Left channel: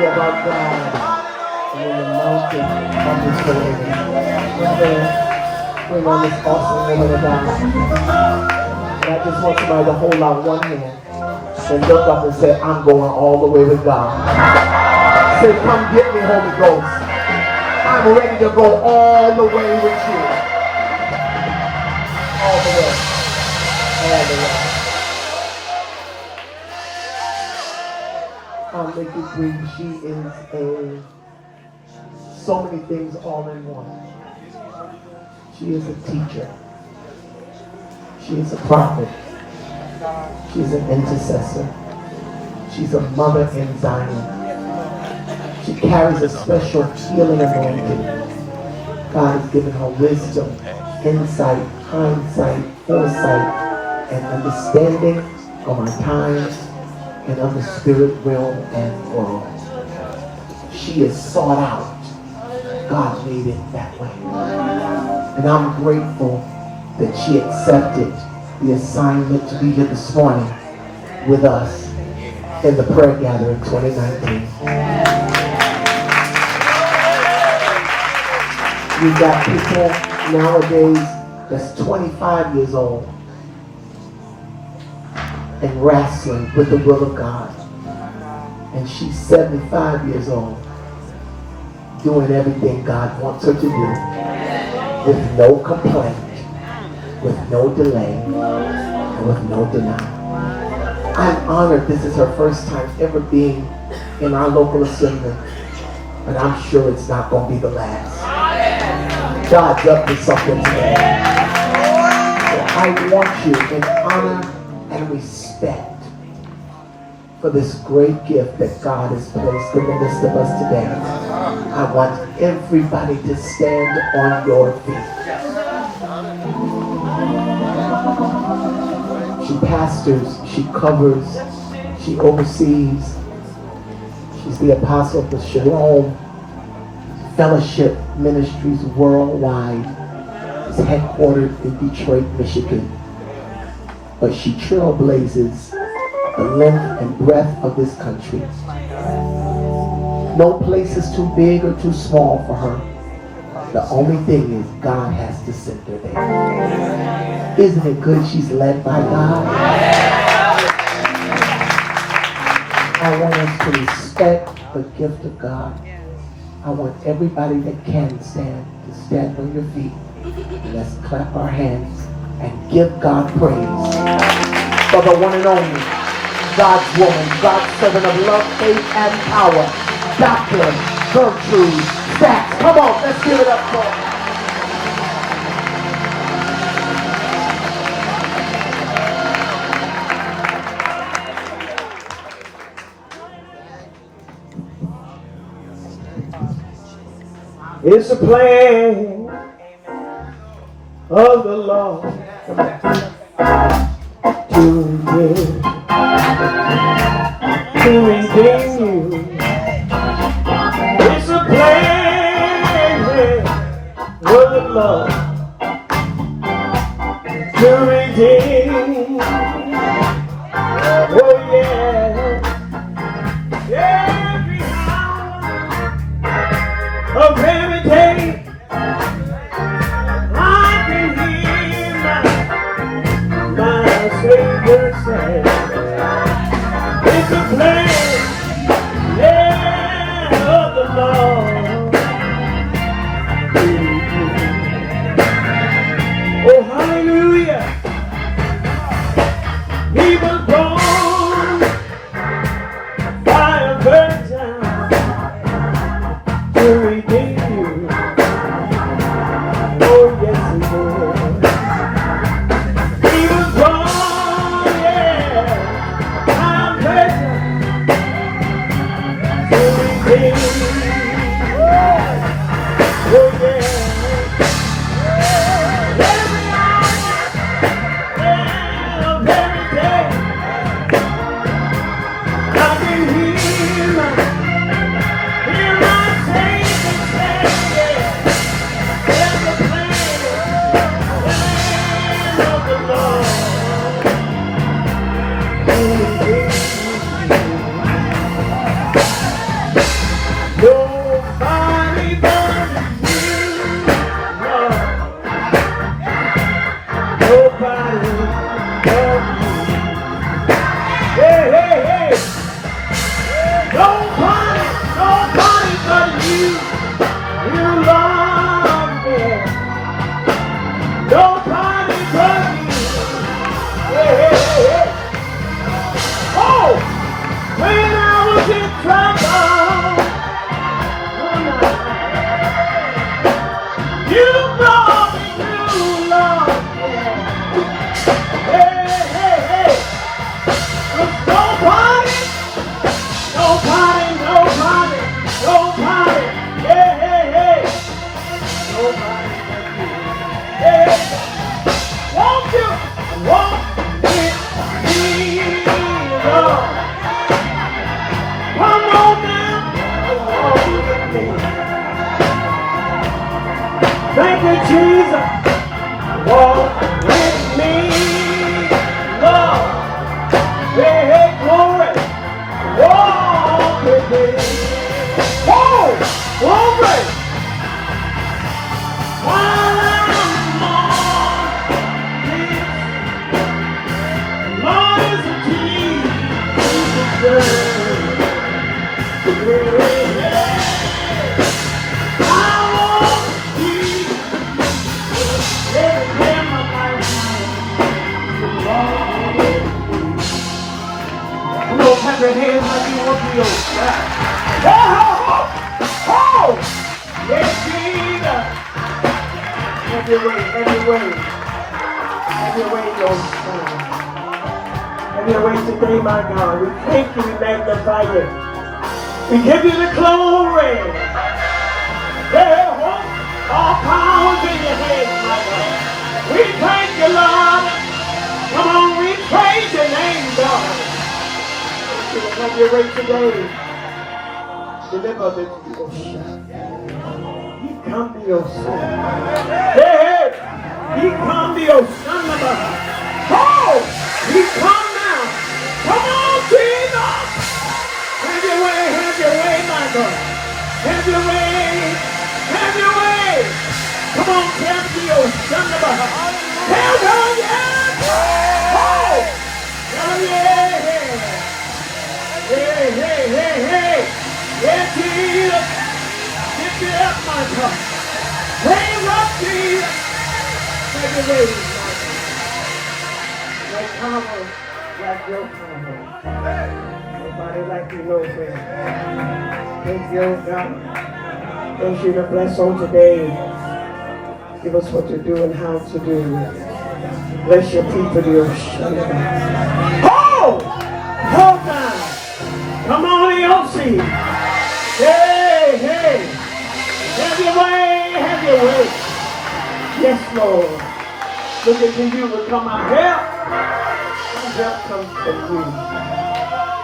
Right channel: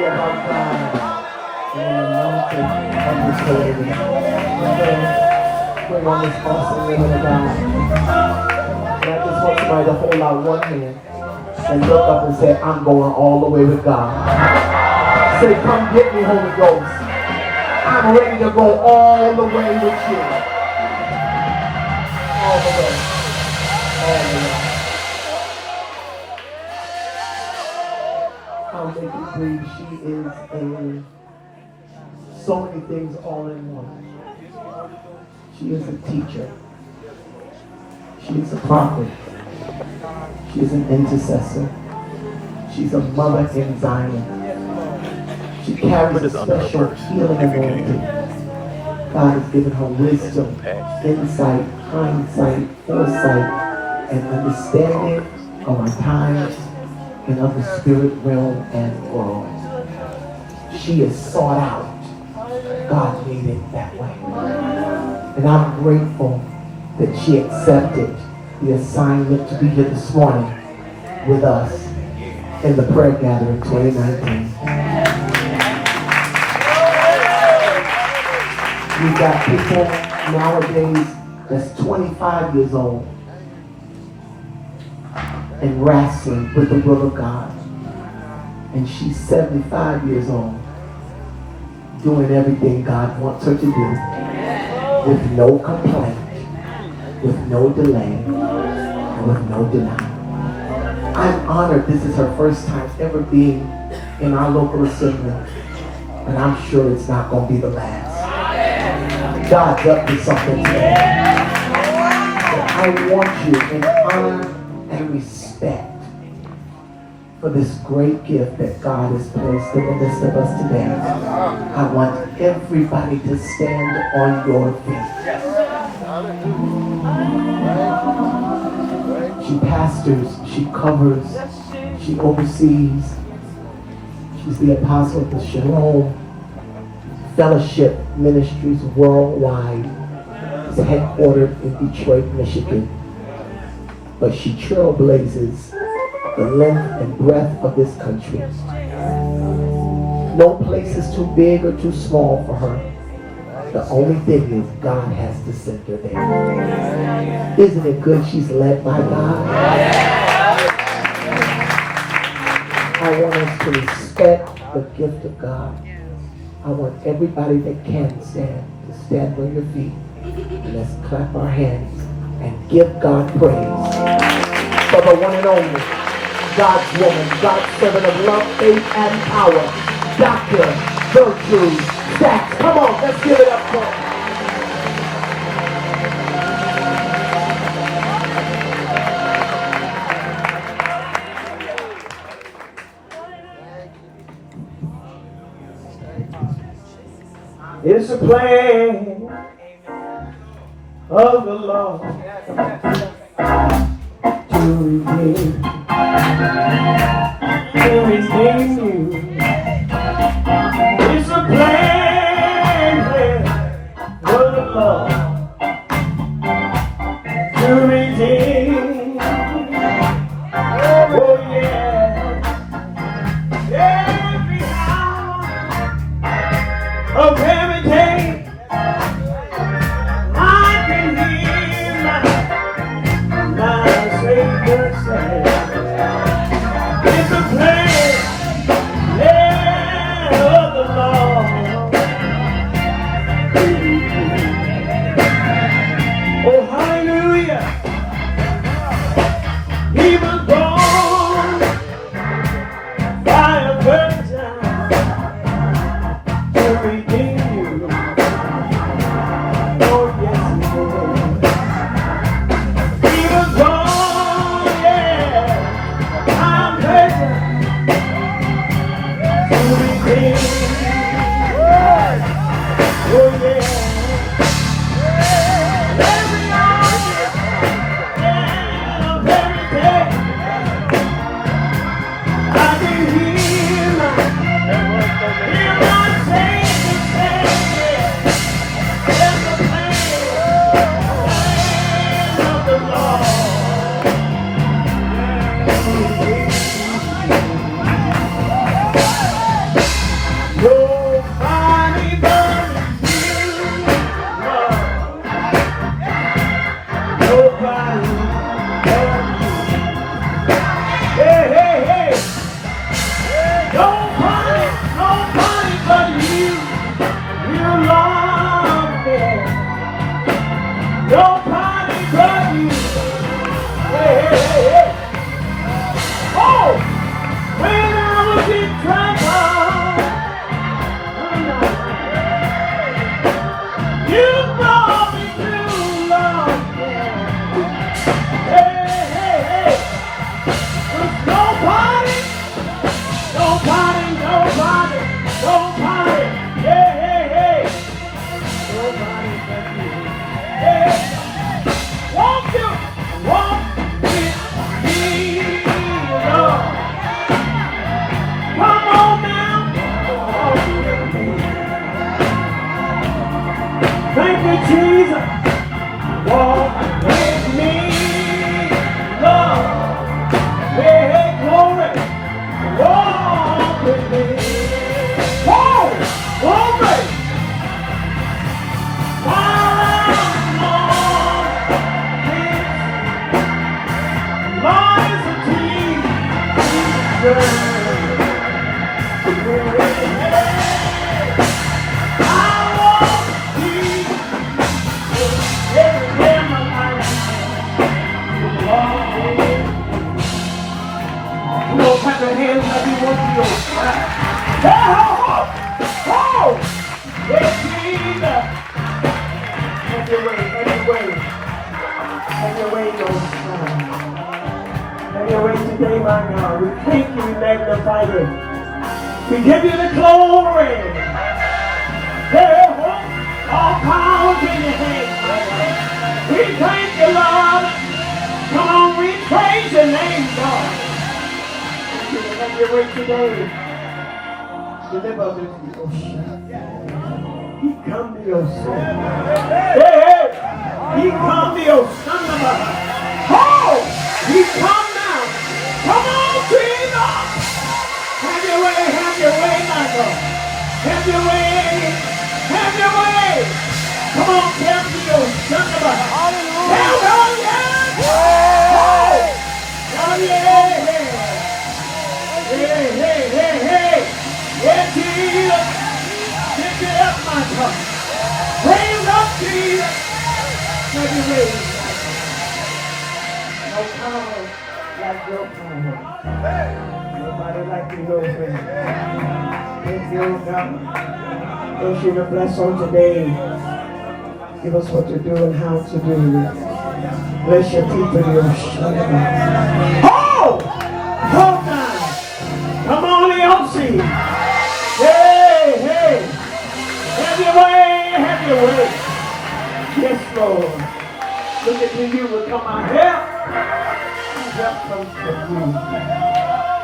glory about God and in the mountain of His holiness. Bring on this awesome woman of God. And I just want somebody to hold out one hand and look up and say, I'm going all the way with God. Say, come get me, Holy Ghost. I'm ready to go all the way with you. All the way. All the way. I'll make it brief. She is so many things all in one. She is a teacher. She is a prophet. She is an intercessor. She's a mother in Zion. She carries a special healing anointing. God has given her wisdom, insight, hindsight, foresight, and understanding of our times and of the spirit realm and world. She is sought out. God made it that way. And I'm grateful that she accepted the assignment to be here this morning with us in the prayer gathering 2019. We've got people nowadays that's 25 years old and wrestling with the will of God. And she's 75 years old, doing everything God wants her to do with no complaint, with no delay, and with no denial. I'm honored this is her first time ever being in our local assembly, but I'm sure it's not going to be the last. God's up to something today. I want you in honor and respect for this great gift that God has placed in the midst of us today. I want everybody to stand on your feet. She pastors, she covers, she oversees. She's the apostle of the Shalom Fellowship Ministries worldwide. It's headquartered in Detroit, Michigan. But she trailblazes the length and breadth of this country. No place is too big or too small for her. The only thing is God has to send her there. Isn't it good she's led by God? I want us to respect the gift of God. I want everybody that can stand to stand on your feet. And let's clap our hands and give God praise for the one and only God's woman, God's servant of love, faith, and power, Dr. Gertrude. Come on, let's give it up for her. It's a plan of the Lord to redeem you. It's a plan of the Lord to redeem. Oh yeah, every hour of every day. I can hear my Savior say, it's a plan, yeah, of the Lord. Oh, hallelujah. He was born by a virgin to redeem you. Jesus, walk with me. Lord, hey, glory, walk with me. Oh, glory. While I'm on this lies of Jesus, I won't be everywhere in my life. Come on, clap your hands like you want to go. Yeah, oh, yes, Jesus. Have your way, have your way. Have your way, Lord. Have your way today, my God. We thank you, we magnify you. We give you the glory. Yeah, all power's in your hands, my God. We thank you, Lord. Come on, we praise your name, God. Have your way today. Deliver the ocean. He come to your soul. Hey, he come to your son. Oh, he come now. Come on, Jesus. Have your way, my God. Have your way, have your way. Come on, come to your son. Tell God, yes. Oh, tell him, yeah. Hey. Yeah, Jesus. Lift it up, my God. Raise up, Jesus. Make it raise, my God. No power like your power. Nobody like you, no friend. Thank you, God. Thank you to bless on today. Give us what to do and how to do. Bless your people, dear. Oh! Hold on. Come on, EOC. Hey. Have your way. Yes, Lord. Looking to you will come our help. Help comes from you. I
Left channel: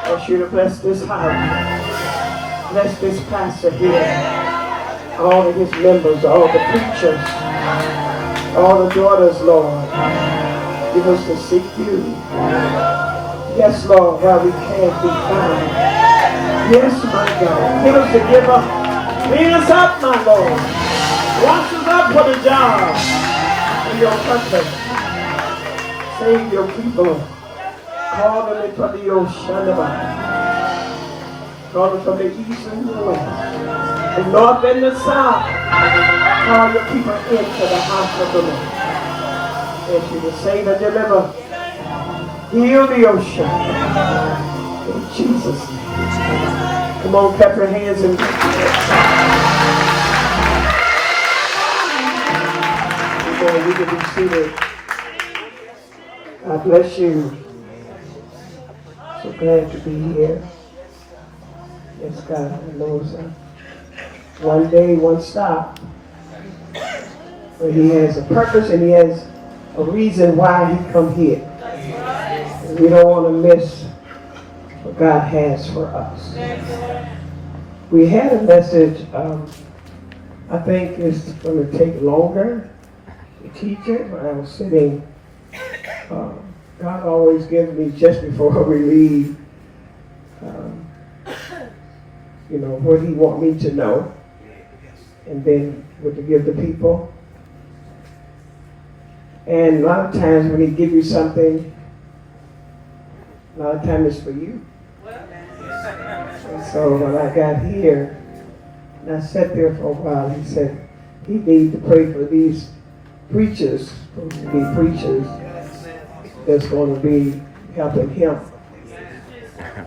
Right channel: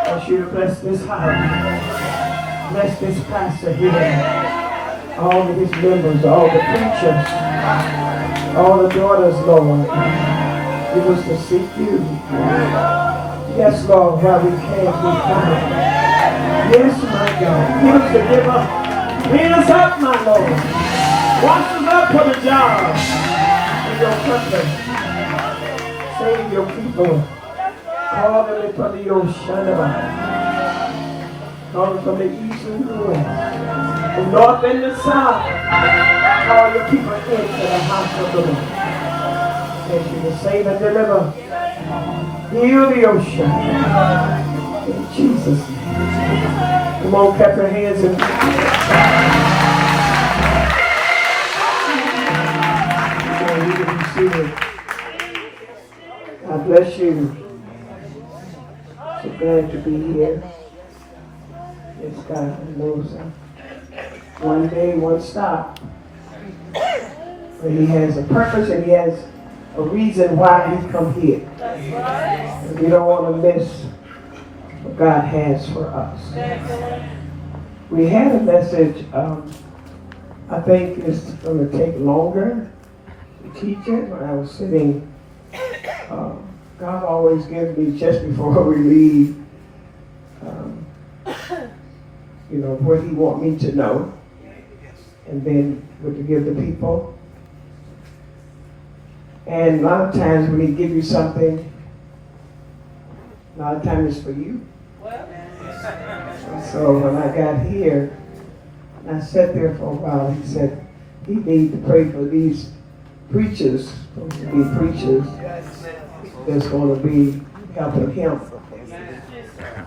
want you to bless this house. Bless this pastor here. All of his members, all the preachers, all the daughters, Lord. Give us to seek you. Yes, Lord, while we can't be found. Yes, my God. Give us to give up. Clean us up, my Lord. Wash us up for the job in your country. Save your people. Call them from the ocean. Call them from the east and the west. The north and the south. Call your people into the house of the Lord. As you will save and deliver. Heal the ocean. In Jesus' name. Come on, clap your hands and you can be seated. God bless you. So glad to be here. Yes, God knows one day, one stop. But he has a purpose and he has a reason why he come here. And we don't want to miss what God has for us. We had a message, I think it's going to take longer to teach it. When I was sitting, God always gives me just before we leave, what he want me to know, and then what to give the people. And a lot of times when he give you something, a lot of times it's for you. And so when I got here, and I sat there for a while, he said, he needs to pray for these preachers, supposed to be preachers, that's going to be helping him.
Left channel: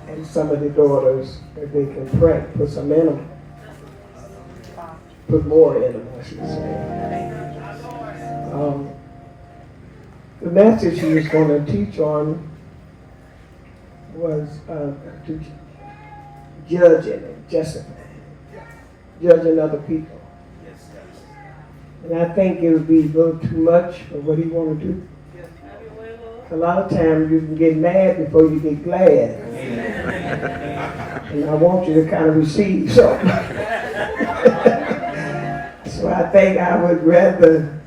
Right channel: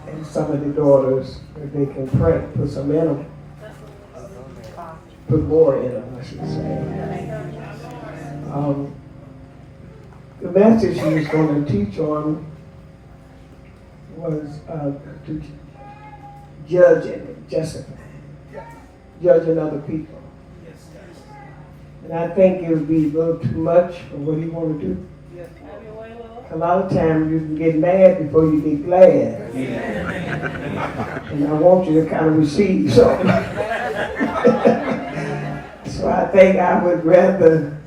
And some of the daughters, that they can pray, put some in them. Put more in them, I should say. The message he was going to teach on was to judging and justifying, judging other people. And I think it would be a little too much for what he wanted to do. A lot of times you can get mad before you get glad. And I want you to kind of receive something. So I think I would rather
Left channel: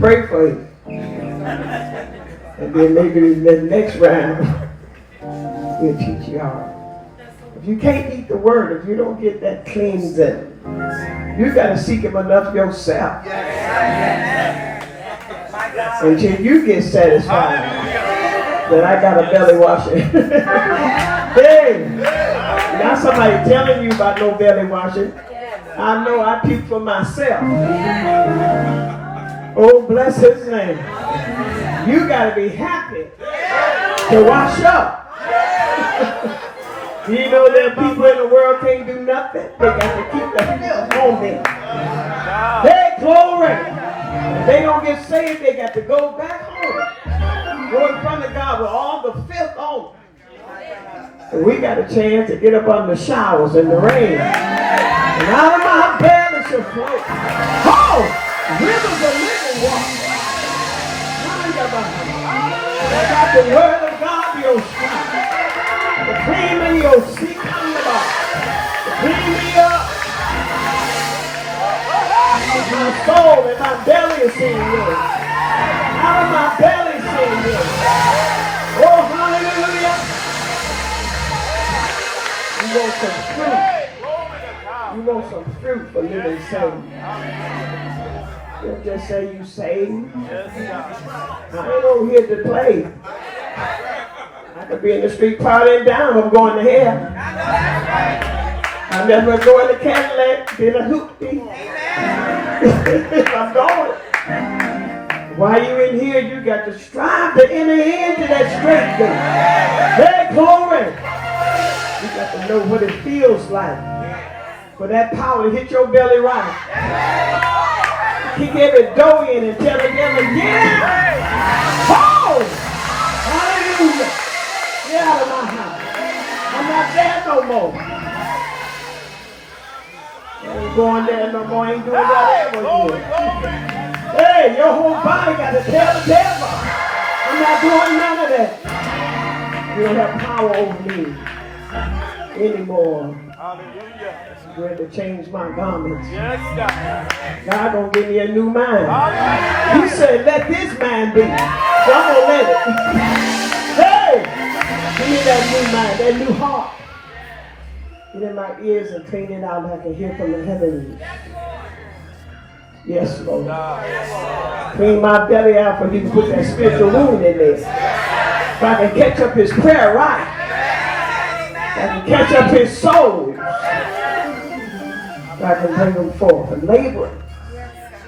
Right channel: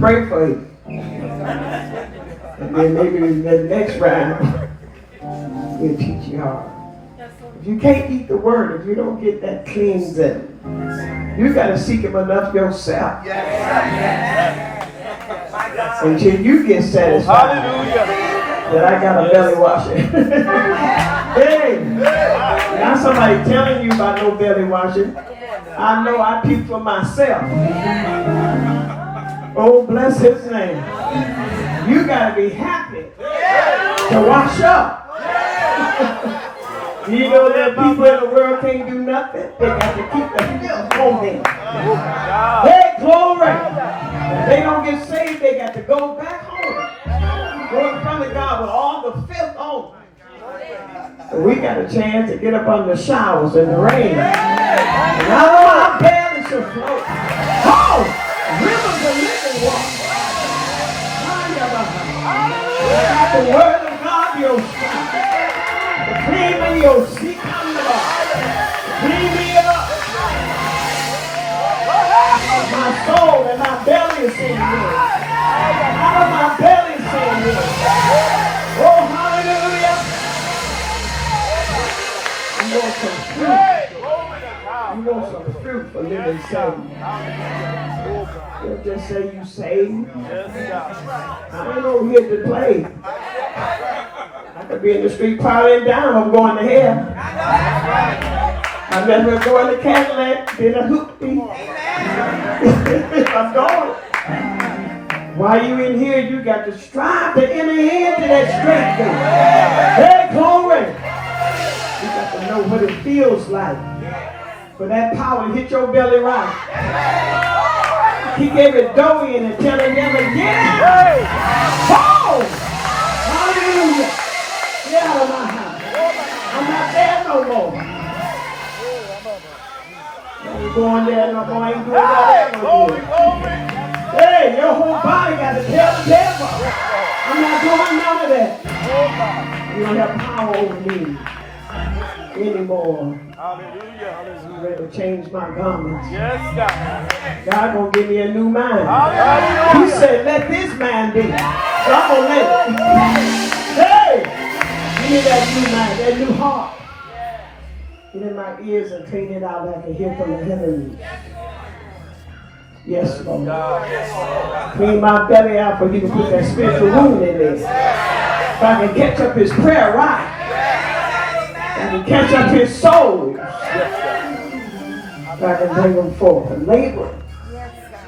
pray for you. And then maybe the next round, we'll teach you how. If you can't eat the word, if you don't get that cleansing, you got to seek him enough yourself. Until you get satisfied that I got a belly washing. Hey, now somebody telling you about no belly washing. I know I puke for myself. Oh, bless his name. You got to be happy to wash up. You know that people in the world can't do nothing. They got to keep the filth on them. Hey, glory. If they don't get saved, they got to go back home. Go in front of God with all the filth on. So we got a chance to get up under the showers in the rain. And out of my belly shall flow. Oh! Rivers of living water. I got the word of God, your strength. The cream in your seat on the bar. Clean me up. My soul and my belly is saying this. Out of my belly is saying this. Oh, hallelujah. You want some fruit. You want some fruit for living saved. You don't just say you saved. I ain't over here to play. I could be in the street partying down. I'm going to hell. I'm never going to go in the Cadillac, being a hoopty. I'm going. While you in here, you got to strive to enter into that straight gate. Hey, glory. You got to know what it feels like for that power to hit your belly right. Kick every door in and tell them never get out. Oh! Hallelujah. Get out of my house. I'm not there no more. I ain't going there no more. I ain't doing whatever it is. Hey, your whole body got to tell the devil. I'm not doing none of that. You don't have power over me anymore. You had to change my garments. Yes, God. God gonna give me a new mind. He said, let this mind be. So I'm gonna let it. Hey! Give me that new mind, that new heart. Get in my ears and clean it out that I can hear from the heavens. Yes, Lord. Clean my belly out for he can put that spiritual wound in there. If I can catch up his prayer right. If I can catch up his soul. I can bring them forth and labor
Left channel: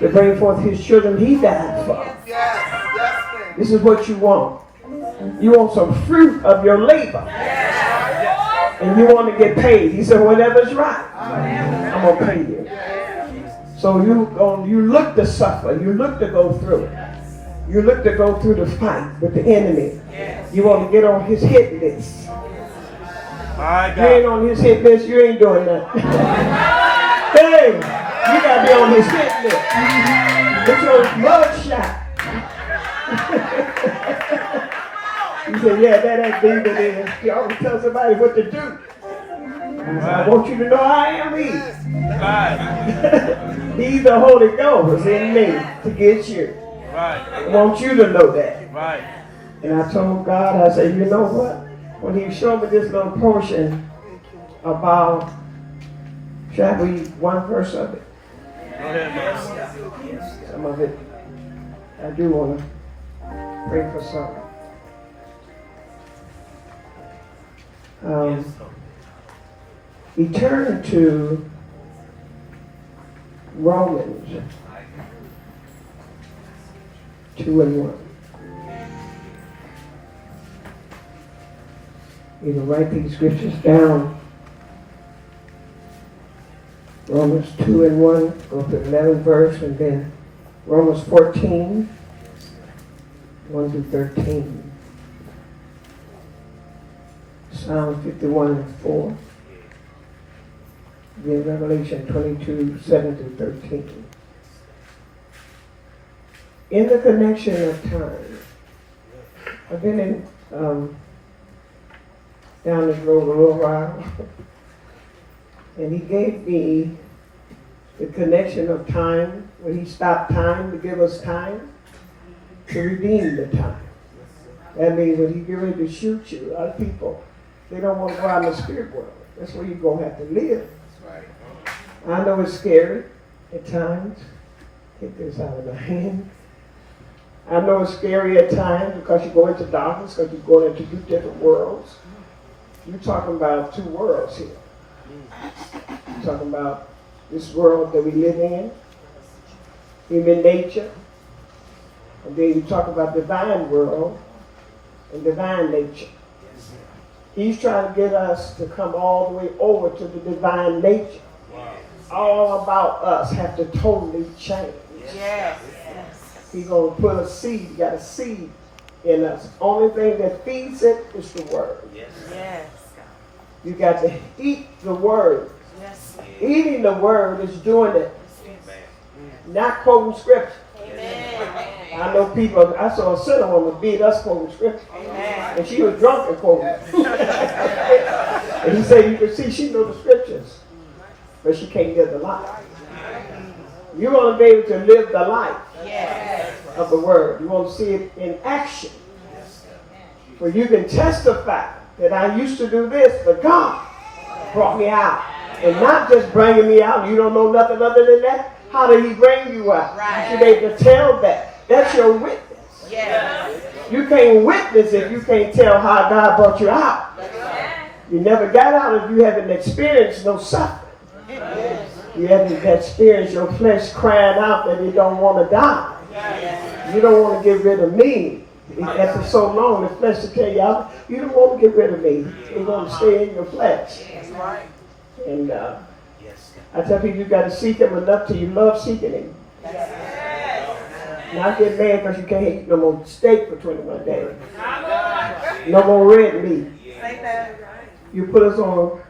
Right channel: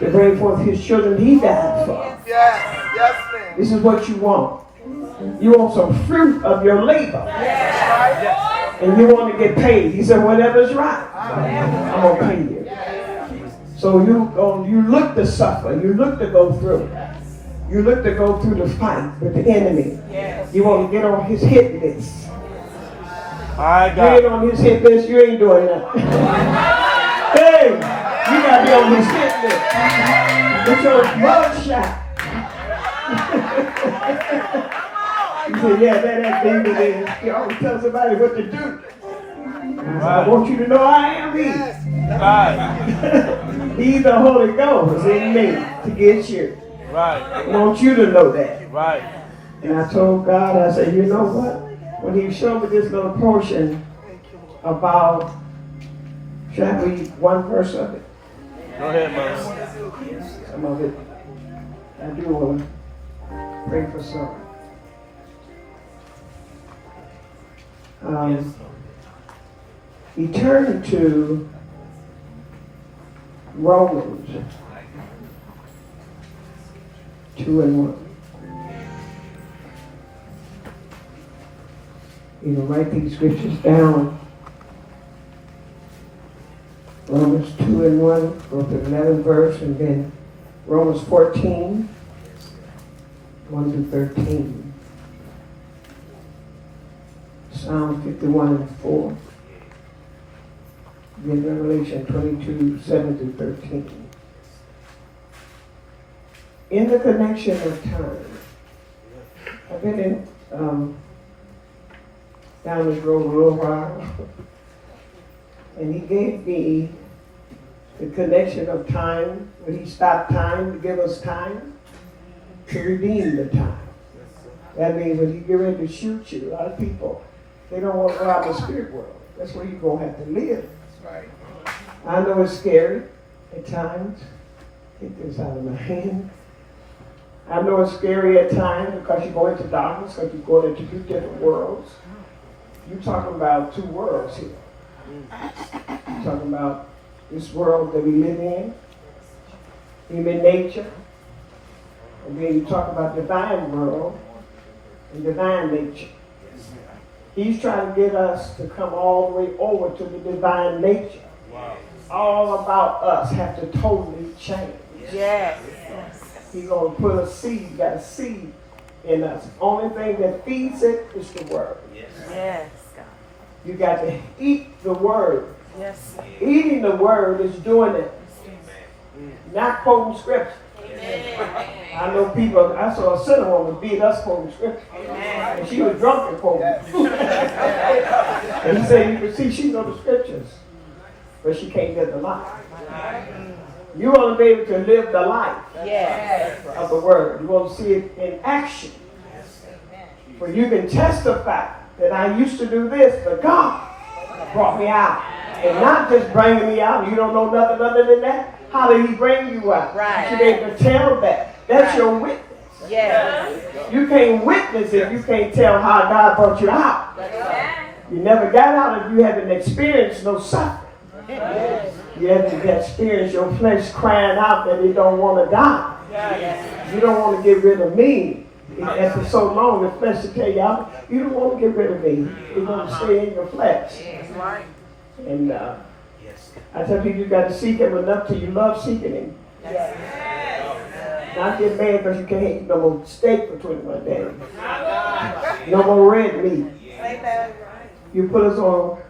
to bring forth his children he died for. Yes, ma'am. This is what you want. You want some fruit of your labor. And you want to get paid. He said, whatever's right, I'm going to pay you. So you look to suffer. You look to go through. You look to go through the fight with the enemy. You want to get on his hit list. You ain't on his hit list, you ain't doing nothing. Hey, you got to be on his hit list. Get your mug shot. He said, yeah, that demon is. He always tells somebody what to do. I want you to know I am he. He's the Holy Ghost in me to get you. I want you to know that. And I told God, I said, you know what? When he showed me this little portion about, should I read one verse of it? Go ahead. Some of it, I do want to pray for some. He turned to Romans 2:1. You can write these scriptures down. Romans 2:1, go to the 11th verse, and then Romans 14, 1-13. Psalm 51:4. Then Revelation 22, 7-13. In the connection of time, I've been in down this road a little while, and he gave me the connection of time, when he stopped time to give us time. to redeem the time. That means when he get ready to shoot you, a lot of people, they don't want to go out in the spirit world. That's where you're going to have to live. That's right. I know it's scary at times. Get this out of my hand. I know it's scary at times because you go into darkness, because you go into two different worlds. You're talking about two worlds here. You're talking about this world that we live in, human nature, and then you talk about divine world and divine nature. He's trying to get us to come all the way over to the divine nature. All about us have to totally change. Yes. He's going to put a seed, got a seed in us. Only thing that feeds it is the word. Yes. You got to eat the word. Yes. Eating the word is doing it. Not quoting scripture. Amen. I know people, I saw a sinner woman beat us quoting scripture. Amen. And she was drunk and quoting. And he said, you can see she knows the scriptures, but she can't live the life. You want to be able to live the life of the word. You want to see it in action. Where you can testify that I used to do this, but God brought me out. And not just bringing me out, you don't know nothing other than that. How did he bring you out? Right. You should be able to tell that. That's your witness. Yes. You can't witness if you can't tell how God brought you out. You never got out if you haven't experienced no suffering. You haven't experienced your flesh crying out that it don't want to die. You don't want to get rid of me. After so long, the flesh will tell you out, you don't want to get rid of me. It's going to stay in your flesh. And I tell people you got to seek him enough till you love seeking him. Not get mad because you can't eat no more steak for 21 days. No more red meat. You put us on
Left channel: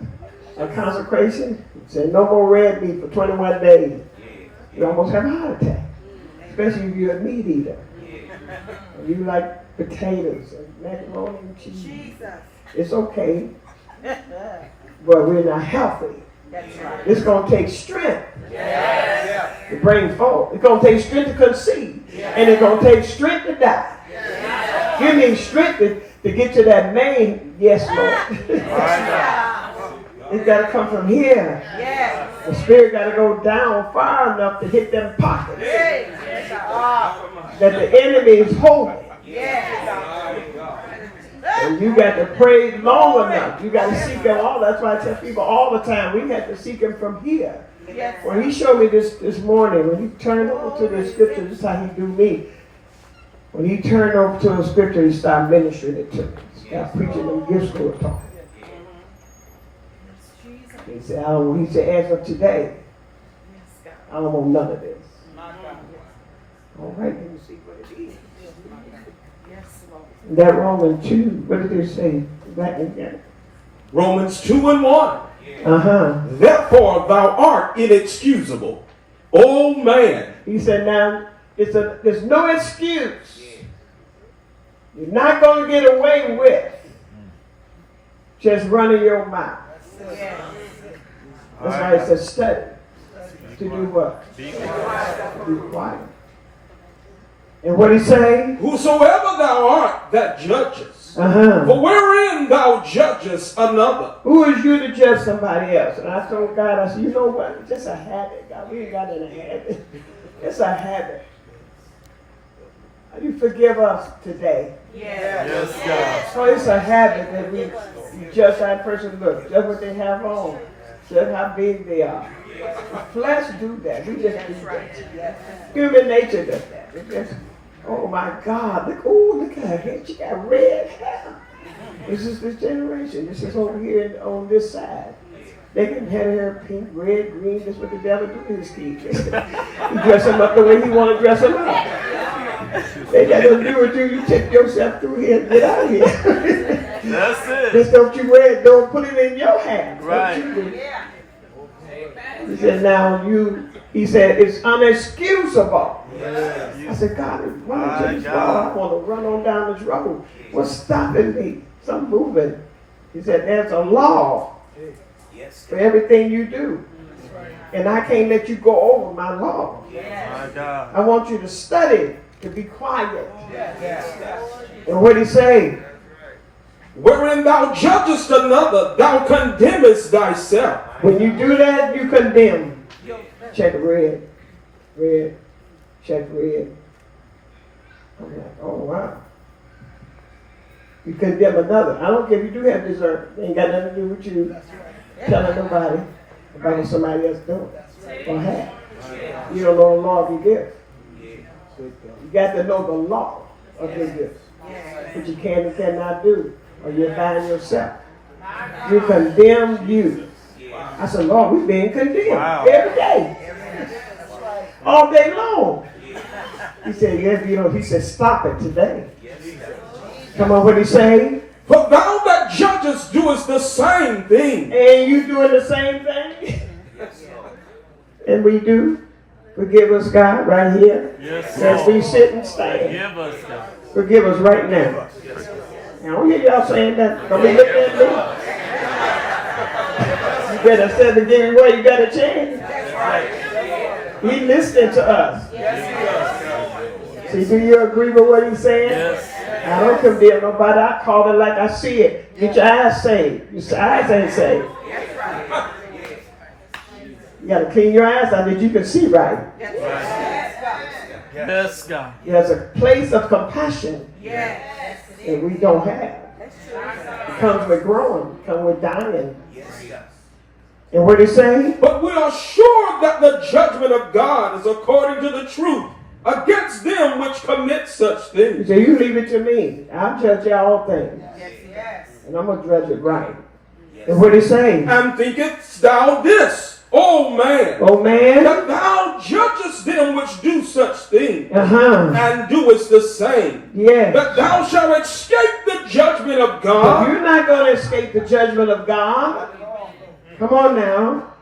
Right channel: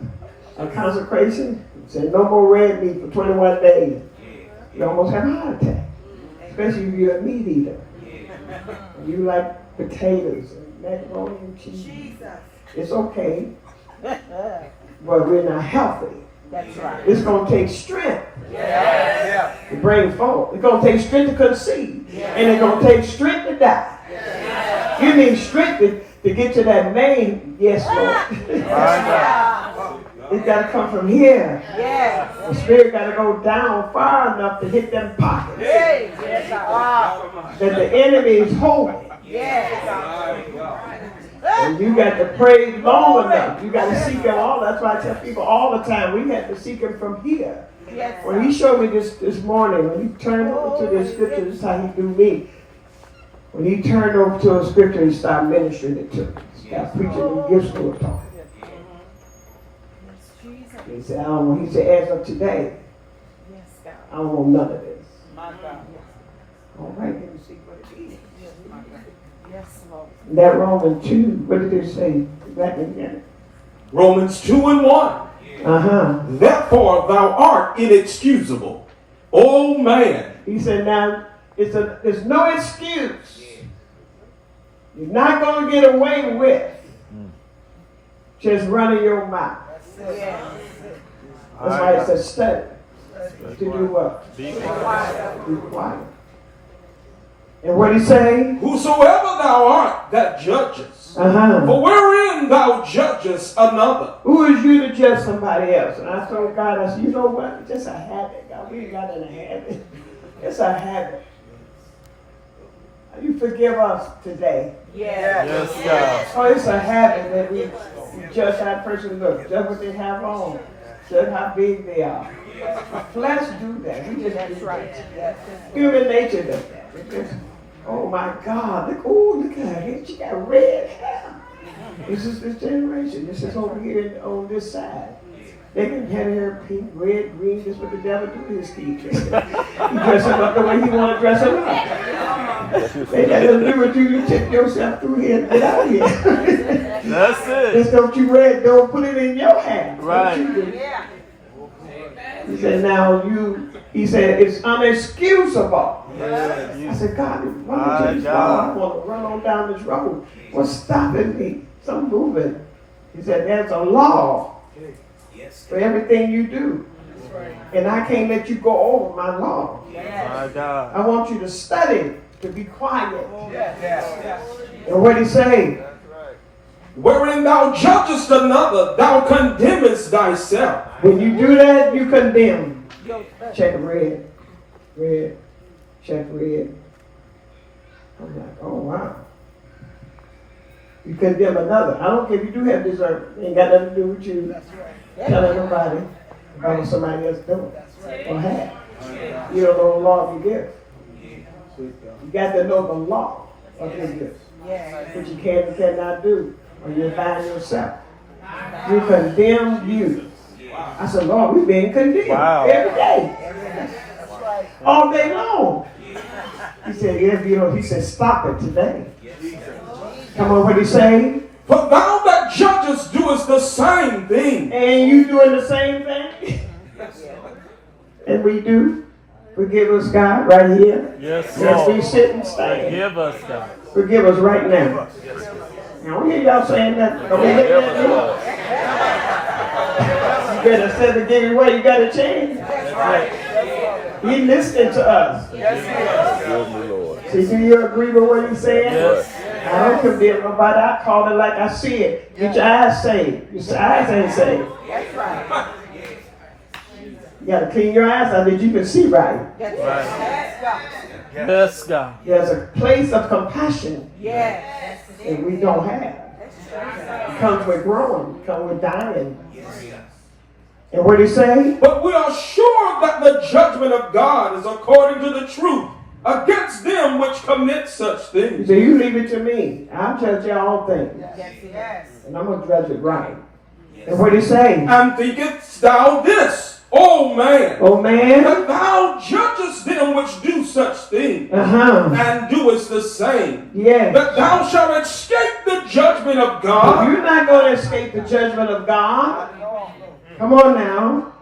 a consecration, say no more red meat for 21 days. You almost have a heart attack. Especially if you're a meat eater. And you like potatoes and macaroni and cheese. It's okay. But we're not healthy. That's right. It's going to take strength to bring forth. It's going to take strength to conceive. And it's going to take strength to die. You need strength to get to that main yes, Lord. It's got to come from here. The spirit got to go down far enough to hit them pockets. That the enemy is holding. And you got to pray long enough. You got to seek him all. That's why I tell people all the time, we have to seek him from here. When he showed me this morning, when he turned over to the scripture, this is how he do me. When he turned over to a scripture, he started ministering it to me. He started preaching the gifts we were talking. He said, as of today, I don't want none of this. All right, let me see what it is. That Romans 2, what did it say? Back again. Romans 2:1. Therefore thou art inexcusable. Oh man. He said now, there's no excuse. You're not going to get away with just running your mouth. That's why it says study. To do what? Be quiet. And what he say? Whosoever thou art that judgest, for wherein thou judgest another. Who is you to judge somebody else? And I told God, I said, you know what? It's just a habit, God. We ain't got any habit. It's a habit. You forgive us today. Yes, God. So it's a habit that we judge that person. Look, judge what they have on. Judge how big they are. The flesh do that. We just do that. Human nature does that. Oh my God, look at her hair. She got red hair. This is this generation. This is over here on this side. They can have hair pink, red, green. That's what the devil do to his kids. He dress them up the way he want to dress them up. They got to do it to you. Take yourself through here and get out of here. That's it. Just don't you wear it. Don't put it in your hand. Right. Don't you do. He said, he said, it's unexcusable. I said, God, I want to run on down this road. What's stopping me? Something moving. He said, there's a law for everything you do. And I can't let you go over my law. I want you to study to be quiet. And what he say? Wherein thou judgest another, thou condemnest thyself. When you do that, you condemn. Check red. Red. Check red. I'm like, oh wow. You condemn another. I don't care if you do have dessert. It ain't got nothing to do with you. Telling nobody about what somebody else doing or have. You don't know the law of your gift. You got to know the law of your gift. What you can and cannot do. Or you bind yourself. You condemn you. I said, Lord, we're being condemned every day. All day long. He said, yes, you know, he said, stop it today. Come on, what he say? For thou that judgest doest the same thing. And you doing the same thing? And we do. Forgive us, God, right here. Yes, as we sit and stand. Forgive us, God. Forgive us right now. Now, we hear y'all saying that. Don't be looking at me. You better say forgive me where you got to change. He listening to us. See, do you agree with what he's saying? Yes. I don't condemn nobody. I call it like I see it. Get your eyes saved. Your eyes ain't saved. You got to clean your eyes out that you can see right. Yes, God. There's a place of compassion that we don't have. It comes with growing. It comes with dying. And what did he say? But we are sure that the judgment of God is according to the truth against them which commit such He things. said, you leave it to me. I'll judge all things. And I'm going to judge it right. And what did he say? And thinkest thou this, O man, that thou judgest them which do such things, and doest the same, that thou shalt escape the judgment of God? But you're not going to escape the judgment of God. Come on now.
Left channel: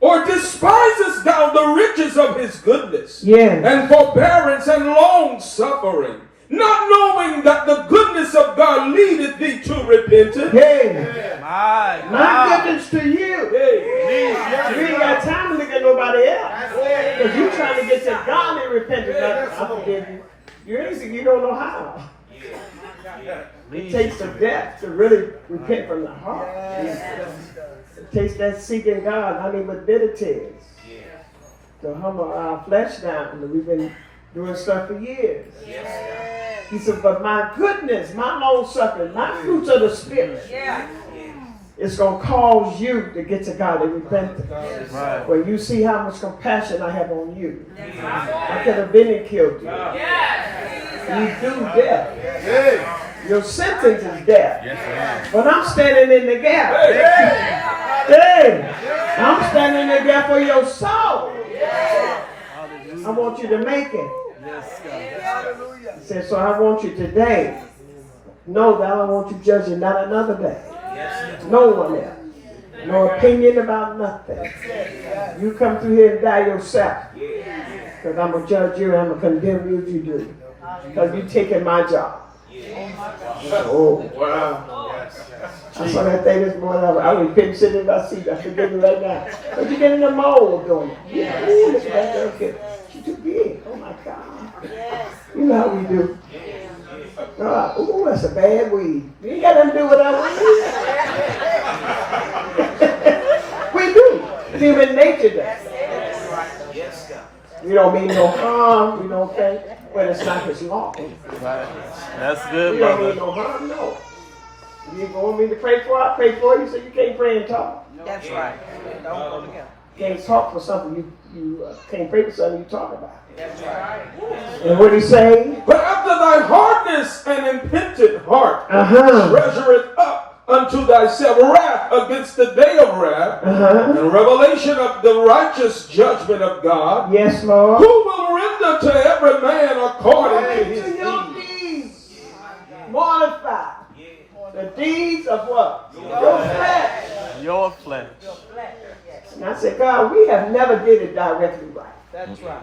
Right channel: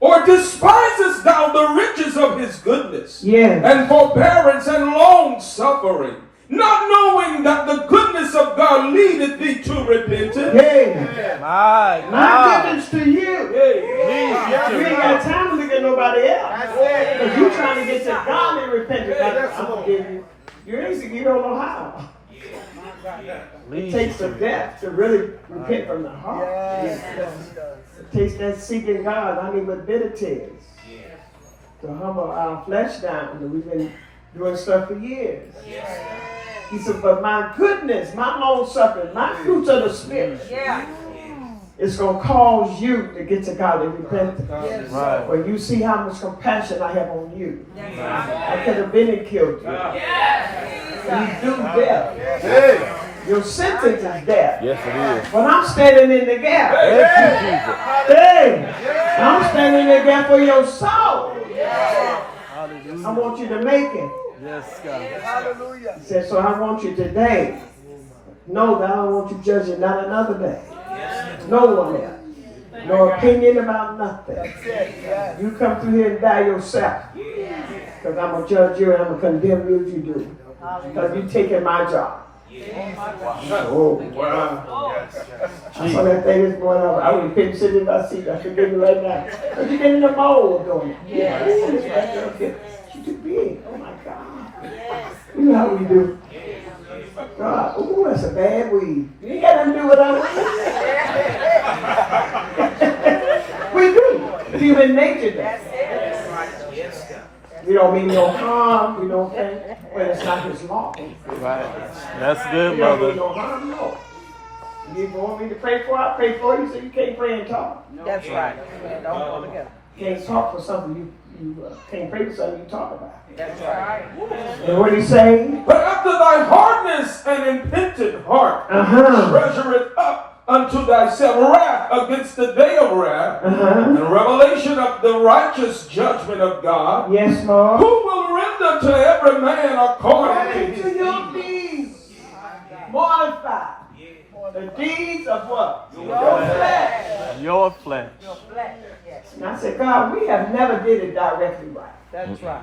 Or despisest thou the riches of his goodness, Yes. and forbearance and long suffering, not knowing that the goodness of God leadeth thee to repentance? My goodness to you. You ain't got time to look at nobody else. Because you're trying to get to God and repentance. I forgive you. You don't know how. It takes the depth to really repent from the heart. It takes that seeking God, with bitter tears. To humble our flesh down. And we've been doing stuff for years. He said, but my goodness, my long suffering, my fruits of the Spirit, it's going to cause you to get to God and repent. When you see how much compassion I have on you. I could have been and killed you. You do death. Your sentence is death. Yes, it is. But I'm standing in the gap. I'm standing in the gap for your soul. I want you to make it. Yes, God. Hallelujah. He said, so I want you today. Know that I don't want you judging not another day. No one else. No opinion about nothing. You come through here and die yourself. Because I'm going to judge you and I'm going to condemn you if you do. Because you're taking my job. Oh, wow. I saw that thing this morning. I was sitting in my seat. I forgive you right now. But you get in the mold doing it. Ooh, look at that girl. She's too big. Oh, my God. You know how we do. God, ooh, that's a bad weed. You ain't got nothing to do with that. We do. Human nature does. We don't mean no harm. We don't think, well, it's not his law. That's good. We don't mean no harm, no. You want me to pray for? I pray for you, so you can't pray and talk. That's right. You can't talk for something you can't pray for something you talk about. That's right. And what he saying? But after thy hardness and impenitent heart treasure it up unto thyself wrath against the day of wrath and revelation of the righteous judgment of God. Yes, Lord. Who will render to every man according to his deeds. Mortify. The deeds of what? Your flesh. Your flesh. And I said, God, we have never did it directly right. That's right.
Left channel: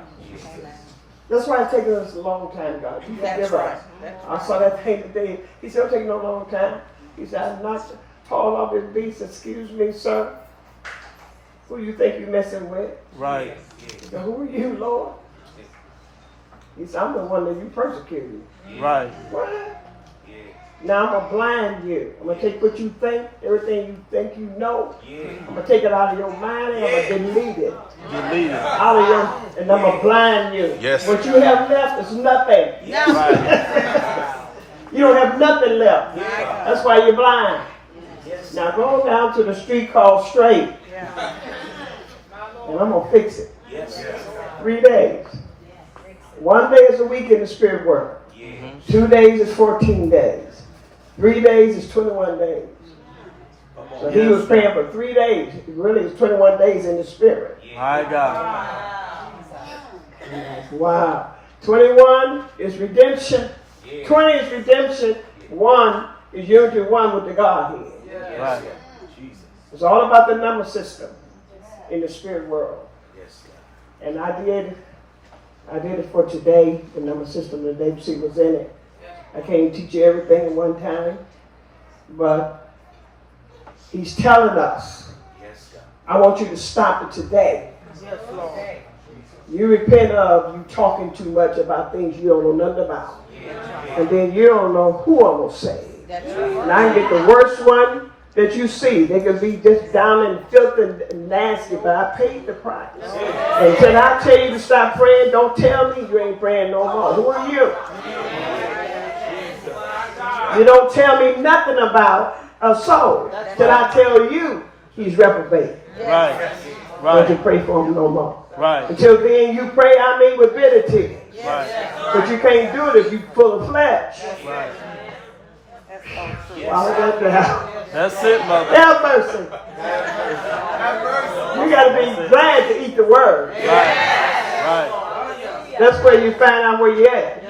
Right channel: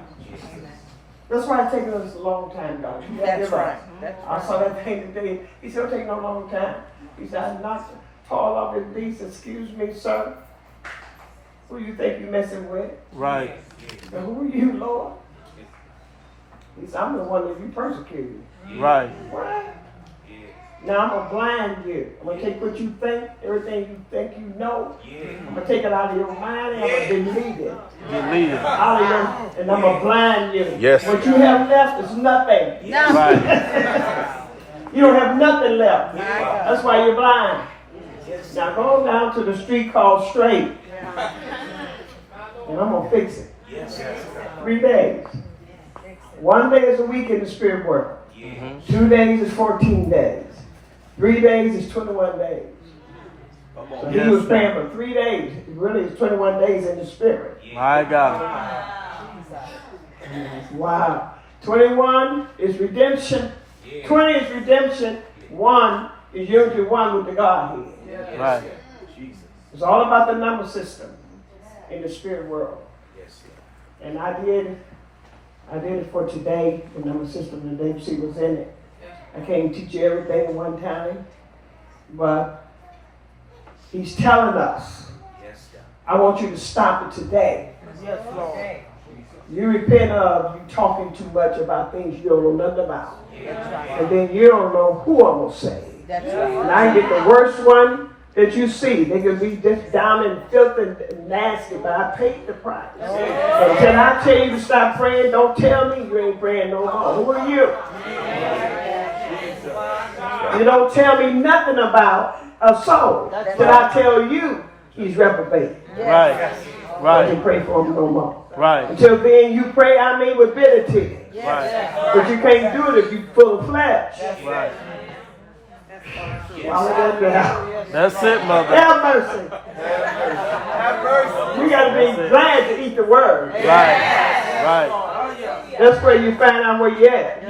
That's why it's taken us a long time, God. You forgive us. I saw that thing today. He said, it'll take no long time. He said, I knocked Paul off his beast. Excuse me, sir. Who you think you're messing with? Right. So who are you, Lord? He said, I'm the one that you persecuted. Right. What? Now I'm going to blind you. I'm going to take what you think, everything you think you know. I'm going to take it out of your mind and I'm going to delete it. Delete it. Out of your, and I'm going to blind you. Yes. What you have left is nothing. You don't have nothing left. That's why you're blind. Now go down to the street called Straight. And I'm going to fix it. 3 days. 1 day is a week in the spirit work. 2 days is 14 days. 3 days is 21 days. So he was paying for 3 days. It really is 21 days in the spirit. My God. Wow. 21 is redemption. 20 is redemption. 1 is unity one with the Godhead. Right. It's all about the number system in the spirit world. And I did it for today, the number system that Dave C was in it. I can't teach you everything at one time, but he's telling us, I want you to stop it today. You repent of you talking too much about things you don't know nothing about. And then you don't know who I'm going to save. And I get the worst one that you see. They could be just down in filth and nasty, but I paid the price. And can I tell you to stop praying? Don't tell me you ain't praying no more. Who are you? You don't tell me nothing about a soul. Till I tell you he's reprobate. Right. Don't you pray for him no more. Right. Until then you pray, with bitter tears. Right. But you can't do it if you're full of flesh. Right. That's it, mother. Have mercy. You got to be glad to eat the word. Right. That's where you find out where you're at.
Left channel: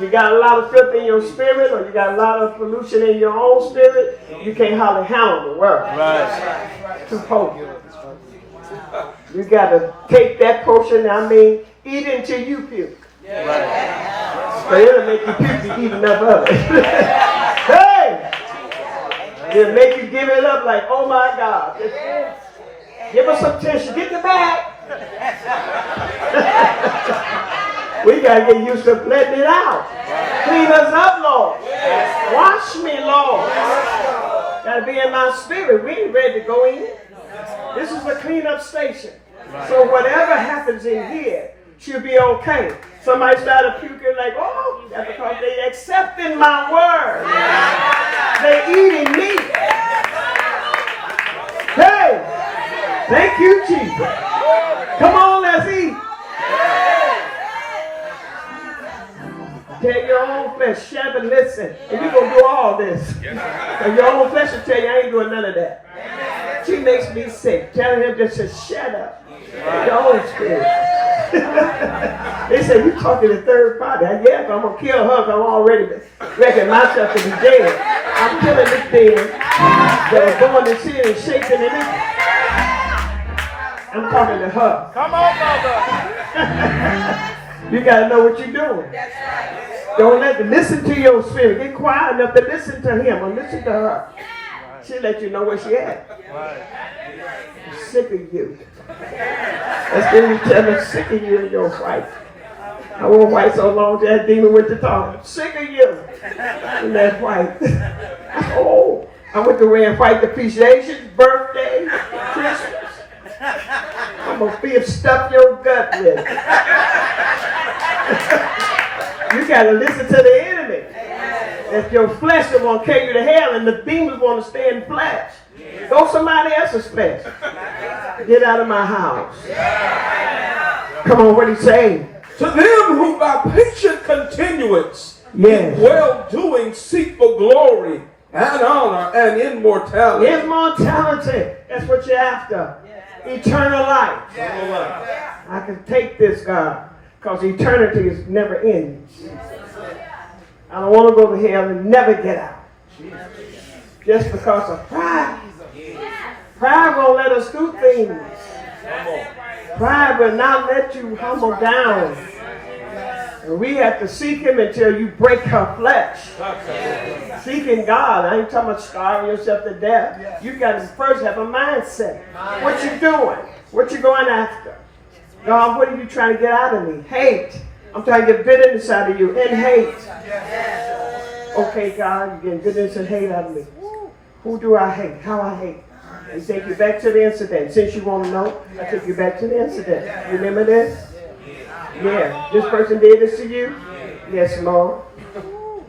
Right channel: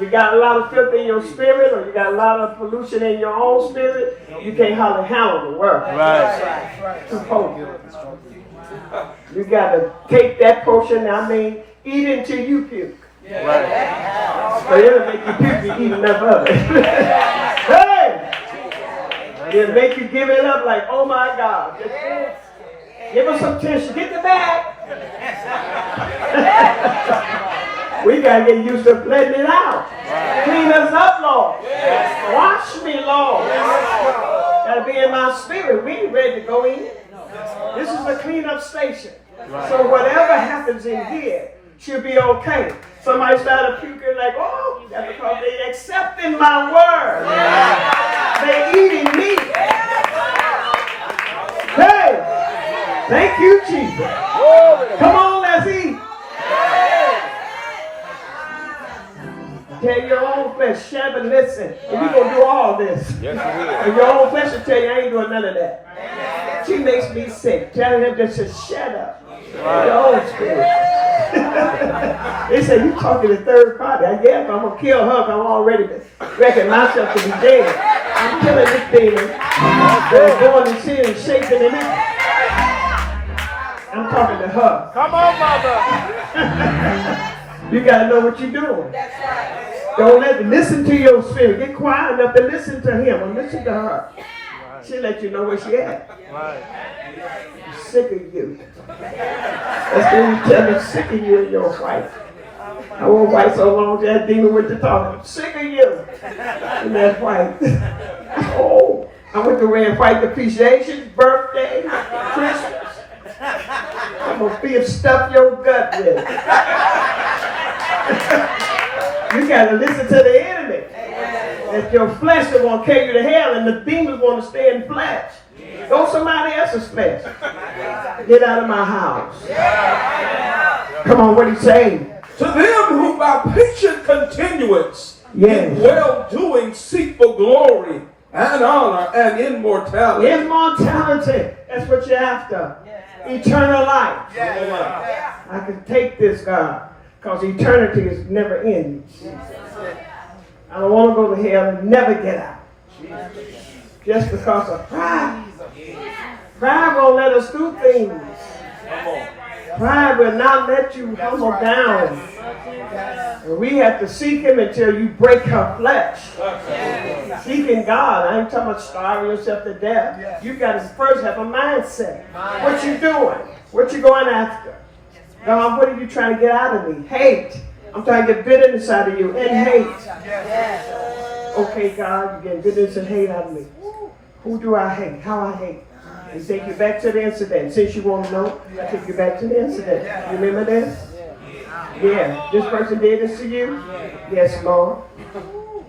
You got a lot of filth in your spirit, or you got a lot of pollution in your own spirit, you can't hardly handle the word. Right. Too potent. You got to take that portion, eat it until you puke. But it'll make you puke to eat enough of it. Hey! It'll make you give it up like, oh my God. Give us some tissue. Get the bag. We got to get used to letting it out. Clean us up, Lord. Wash me, Lord. Got to be in my spirit. We ain't ready to go in. This is a cleanup station. So whatever happens in here should be okay. Somebody started puking like, oh, that's because they accepting my word. They're eating me. Hey, thank you, Jesus. Come on, let's eat. Tell your own flesh, shut and listen. And you're going to do all this. And your own flesh will tell you, I ain't doing none of that. She makes me sick. Telling him just to shut up. Your own spirit. They say, you talking to third party. I guess I'm going to kill her because I'm already reckon myself to be dead. I'm killing this demon that is going to sin and shaking in it. I'm talking to her. Come on, mother. You got to know what you're doing. Don't listen to your spirit. Get quiet enough to listen to him or listen to her. She'll let you know where she at. I'm sick of you. That's when you tell me, sick of you and your wife. I won't fight so long till that demon went to talk. I'm sick of you and that wife. Oh, I went to wear and fight appreciation, birthday, Christmas. I'm going to stuff your gut with it. You got to listen to the enemy. If your flesh is going to carry you to hell and the demons want to stay in flesh, go somebody else's flesh. Get out of my house. Come on, what he's saying. To them who by patient continuance in well-doing seek for glory and honor and immortality. Immortality. That's what you're after. Eternal life. I can take this, God, because eternity is never ending. I don't want to go to hell and never get out. Just because of pride. Pride won't let us do things. Pride will not let you humble down. And we have to seek him until you break her flesh. Seeking God. I ain't talking about starving yourself to death. You got to first have a mindset. What you doing? What you going after? God, what are you trying to get out of me? Hate. I'm trying to get bitterness out of you and hate. Okay, God, you're getting bitterness and hate out of me. Who do I hate? How I hate? And take you back to the incident. Since you want to know, I take you back to the incident. Remember this? Yeah. This person did this to you? Yes, Lord.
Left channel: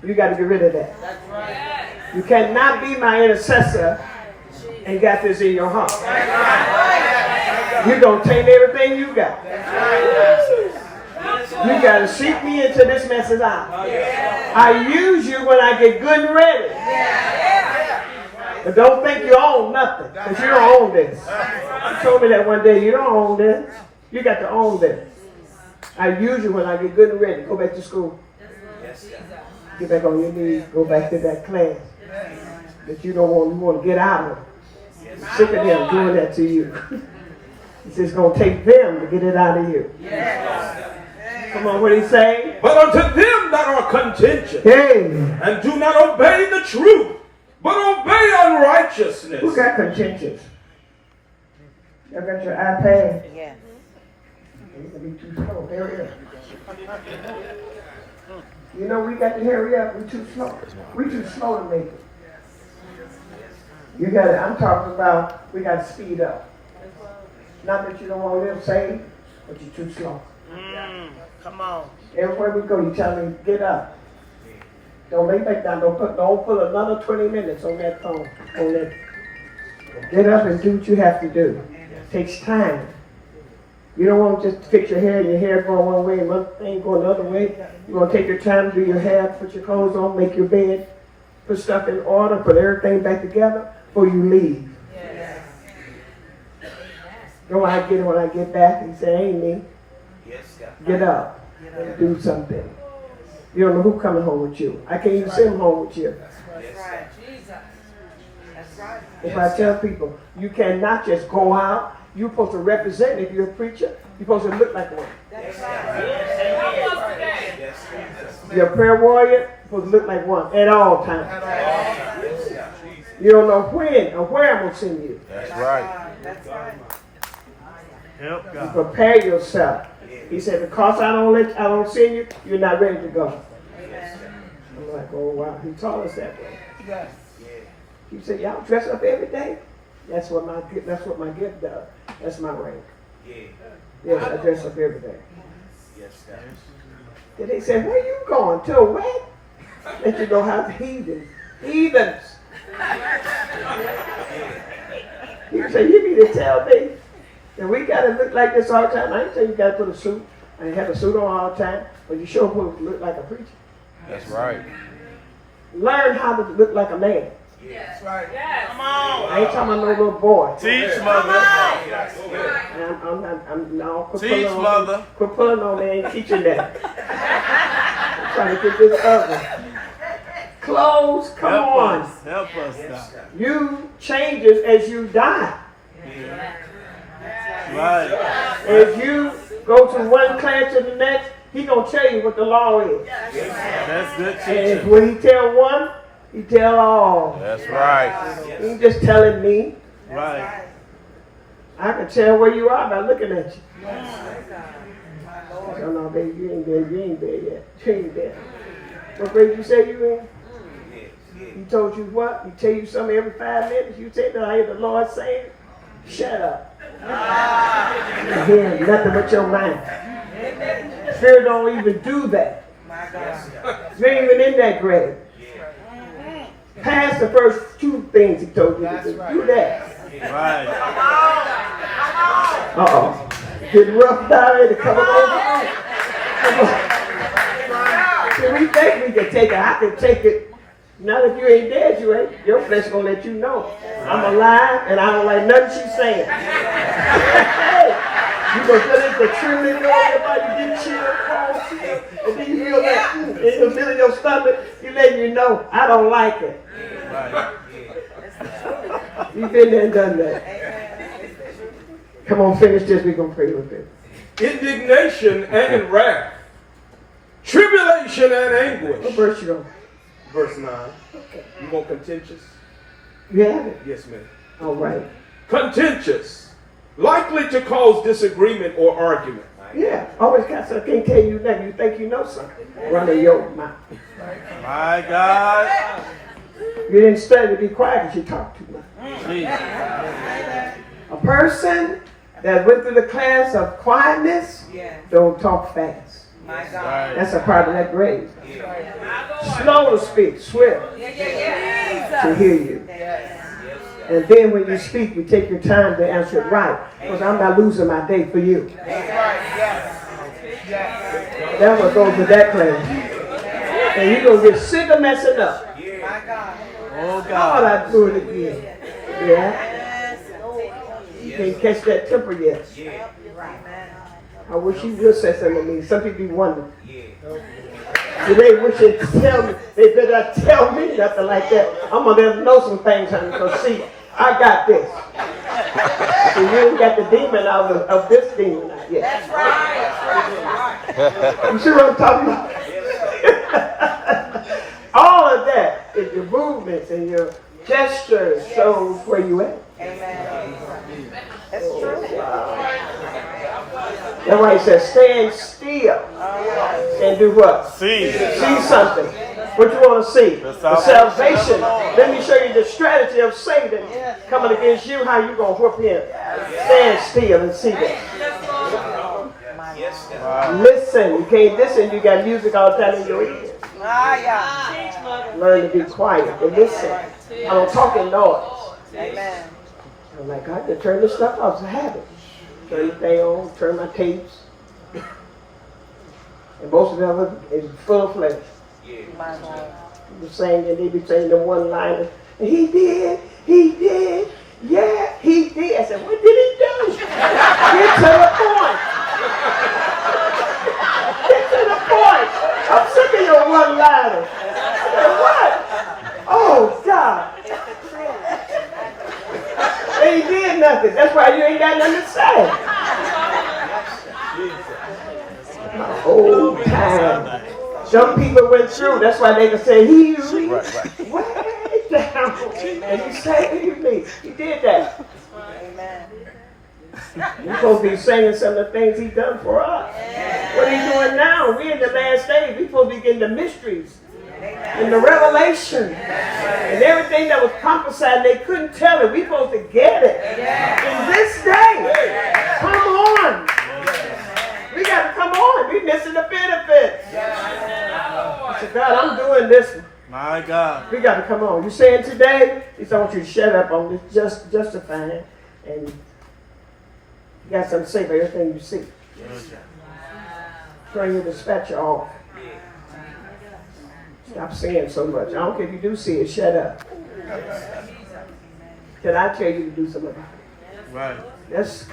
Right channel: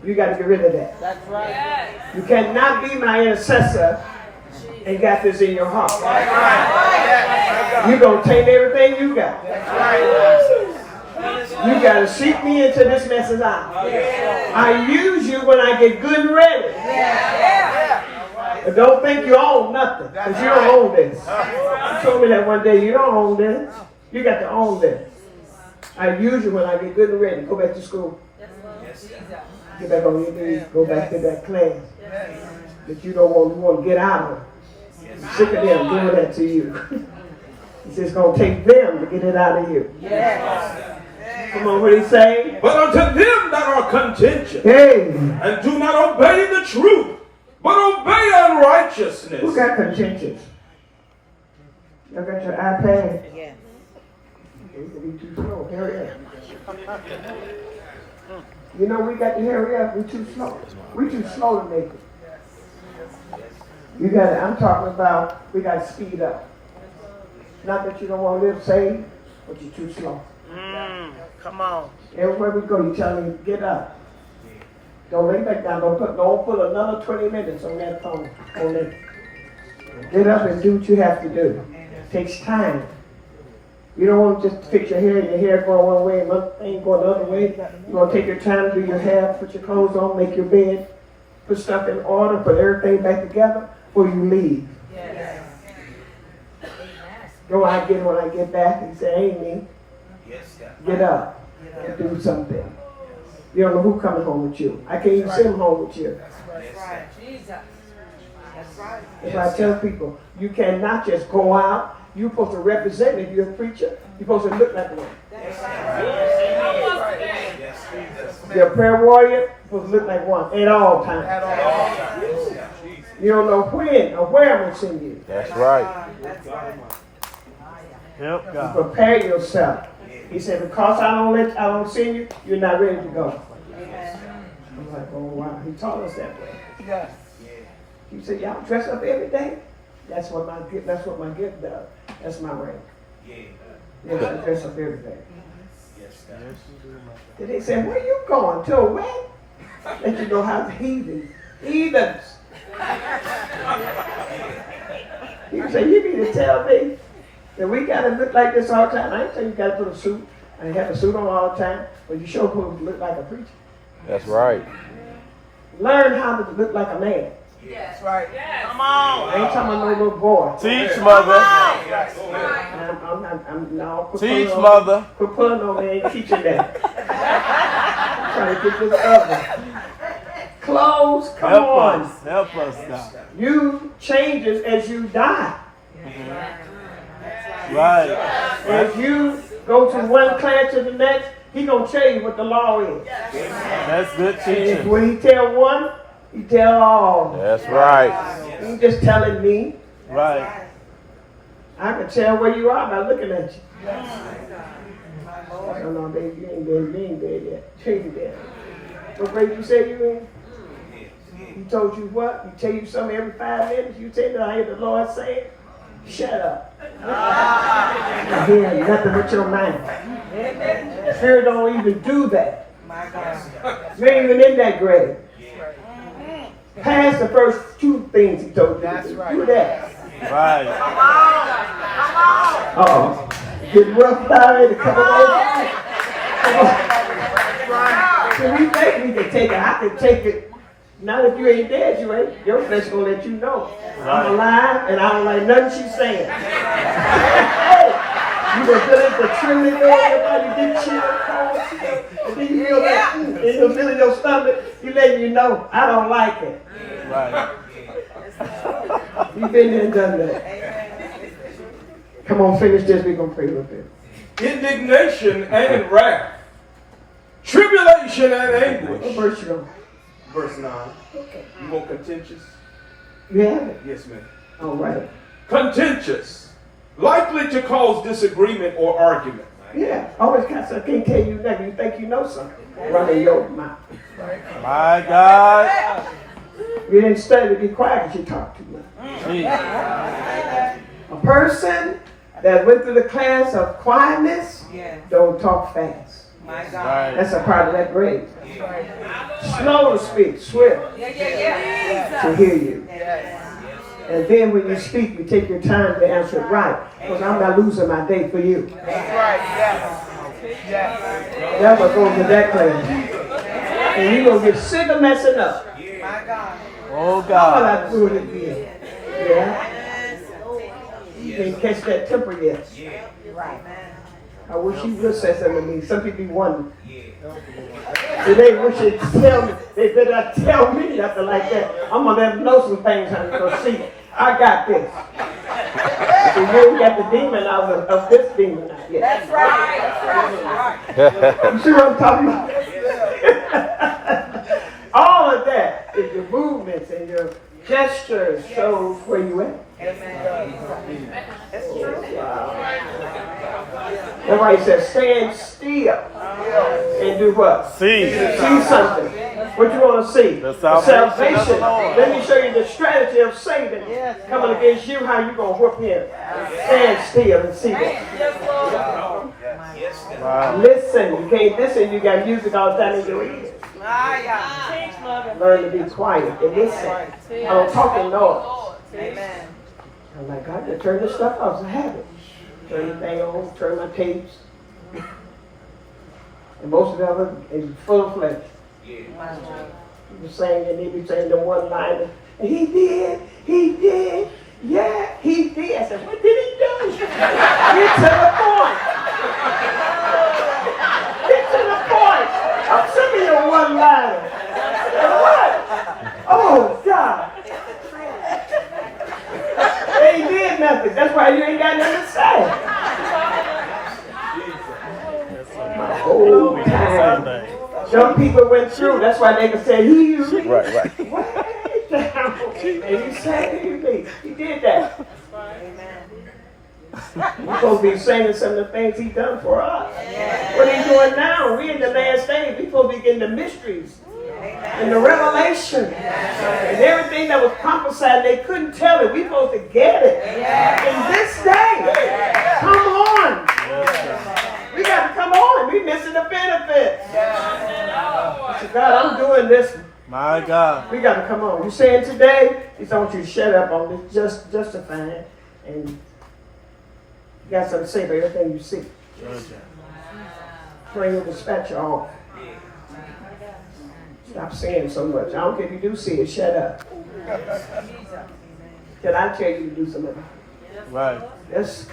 You got to get rid of that. That's right. You cannot be my intercessor and got this in your heart. You're going to take everything you got. You got to seek me until this mess is out. I use you when I get good and ready. And don't think you own nothing, because you don't own this. You told me that one day. You don't own this. You got to own this. I use you when I get good and ready. Go back to school. Get back on your knees. Go back to that class that you don't want to get out of. You're sick of them doing that to you. It's just going to take them to get it out of you. Come on, what did he say? But unto them that are contentious and do not obey the truth, but obey unrighteousness. Who got contentious? Y'all got your iPad? Yeah. You too slow. Hurry up. You know we got to hurry up. We're too slow. We're too slow to make it. You got to, I'm talking about we got to speed up. Not that you don't want to live saved, but you're too slow. Come on. Everywhere we go, you tell me, get up. Don't lay back down. Don't put another 20 minutes on that phone. Get up and do what you have to do. It takes time. You don't want to just fix your hair and your hair going one way and one thing going the other way. You want to take your time to do your hair, put your clothes on, make your bed, put stuff in order, put everything back together before you leave. Yes. When I get back, he said, ain't me. Get up and do something. You don't know who coming home with you. I can't even send him home with you. That's right. Jesus. That's right. If I tell people, you cannot just go out. You're supposed to represent me. If you're a preacher, you're supposed to look like one. If you're a prayer warrior, you're supposed to look like one at all times. You don't know when or where I'm going to send you. That's right. You prepare yourself. He said, because I don't send you, you're not ready to go. I'm like, oh wow, he taught us that way. Yes. He said, y'all dress up every day? That's what my gift does. That's my rank. Yes, I dress up every day. Then they said, where you going? To a wedding? Let you know how heathens. Heathens. He said, you need to tell me that we got to look like this all the time. I ain't saying you got to put a suit and have a suit on all the time, but you sure supposed to look like a preacher. That's right. Learn how to look like a man. That's right. Yes. Come on. I ain't talking about no little boy. Teach, mother. Teach, mother. Quit pulling on me. Ain't teaching that. I'm trying to get this other. Clothes, come on. Help us now. You changes as you die. Right. As you go from one class to the next, he gonna tell you what the law is. That's good And teaching. when he tell one, he tell all. That's right. He ain't just telling me. Right. I can tell where you are by looking at you. Oh no, baby, you ain't there. You ain't there yet. You ain't there. What grade you say you in? He told you what? He tell you something every 5 minutes. You say that I hear the Lord saying, shut up. You're hearing nothing but your mind. Spirit don't even do that. You ain't even in that grade. Pass the first 2 things he told you to do. Do that. Right. Uh-oh. Getting rough already. Come on. So we think we can take it. I can take it. Now that you ain't dead, you ain't. Your flesh gonna let you know. I'm alive and I don't like nothing she's saying. You gonna feel it, the trembling on your body, get chill, cold chill, and then you feel that in the middle of your stomach, he letting you know, I don't like it. You've been there and done that. Come on, finish this, we're gonna pray with it. Indignation and wrath, tribulation and anguish. What verse you on? Verse 9. Okay. You want contentious? You have it? Yes, ma'am. All right. Contentious likely to cause disagreement or argument. Yeah, always got something. Can't tell you nothing. You think you know something. Running your mouth. My God. You didn't study to be quiet because you talk too much. A person that went through the class of quietness don't talk fast. That's a part of that grade. Slow to speak, swift to hear you. And then when you speak, you take your time to answer it right. Because I'm not losing my day for you. That's right, yes. Never go to that class. And you're going to get sick of messing up. Oh, All God. I do it again. Yeah. You can't catch that temper yet. I wish you would say something to me. Some people wonder. Do they wish they'd tell me? They better not tell me nothing like that. I'm going to let them know some things I'm going to see. I got this. So you ain't got the demon out of this demon out yet. That's right. You see what I'm talking about? All of that is your movements and your gestures shows where you at. That's true. Wow. That's why he says, stand still and do what? See. See something. What you want to see? The salvation. Let me show you the strategy of Satan coming against you, how you going to whoop him. Stand still and see that. Listen. You can't listen. You got music all the time in your ears. Learn to be quiet and listen. I don't talk in noise. I'm like, I can turn this stuff off. It's a habit. Turn the thing on, turn my tapes. And most of them is full of flesh. They be saying the one liner. And he did, yeah, he did. I said, what did he do? Get to the point. Get to the point. I'm sick of your one liner. What? Oh, God. They ain't did nothing. That's why you ain't got nothing to say. The whole time. Some people went through. That's why they can say, he reached way down. And he saved me. He did that. We're supposed to be singing some of the things he done for us. What are you doing now? We're in the last days. We're supposed to be getting the mysteries. And the revelation and everything that was prophesied, they couldn't tell it. We're supposed to get it. In this day, come on. We got to come on. We're missing the benefits. I said, God, I'm doing this. My God. We got to come on. You saying today, he said, I want you to shut up on this, just justifying, and you got something to say about everything you see. Turn your dispatcher off. Stop saying so much. I don't care if you do see it, shut up. Can I tell you to do something? Right. That's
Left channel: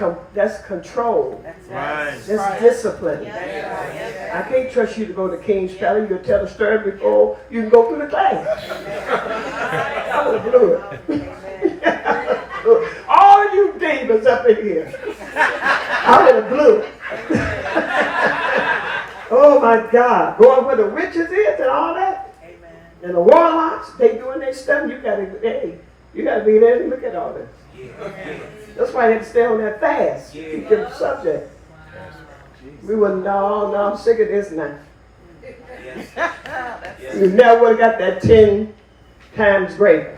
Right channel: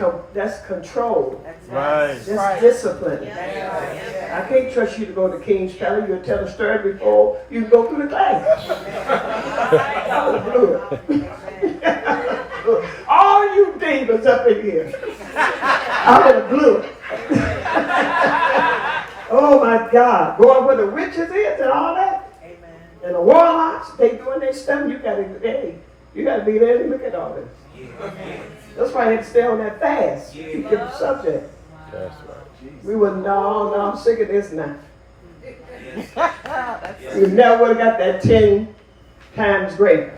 control. Right. That's discipline. I can't trust you to go to King's Palace. You'll tell the story before you can go through the class. I would have blew it. All you demons up in here. I would have blew it. Oh my God. Going where the witches is and all that. And the warlocks, they doing their stuff. You gotta be there to look at all this. That's why they had to stay on that fast. Keep the subject. We wouldn't, no, I'm sick of this now. You never would have got that 10 times greater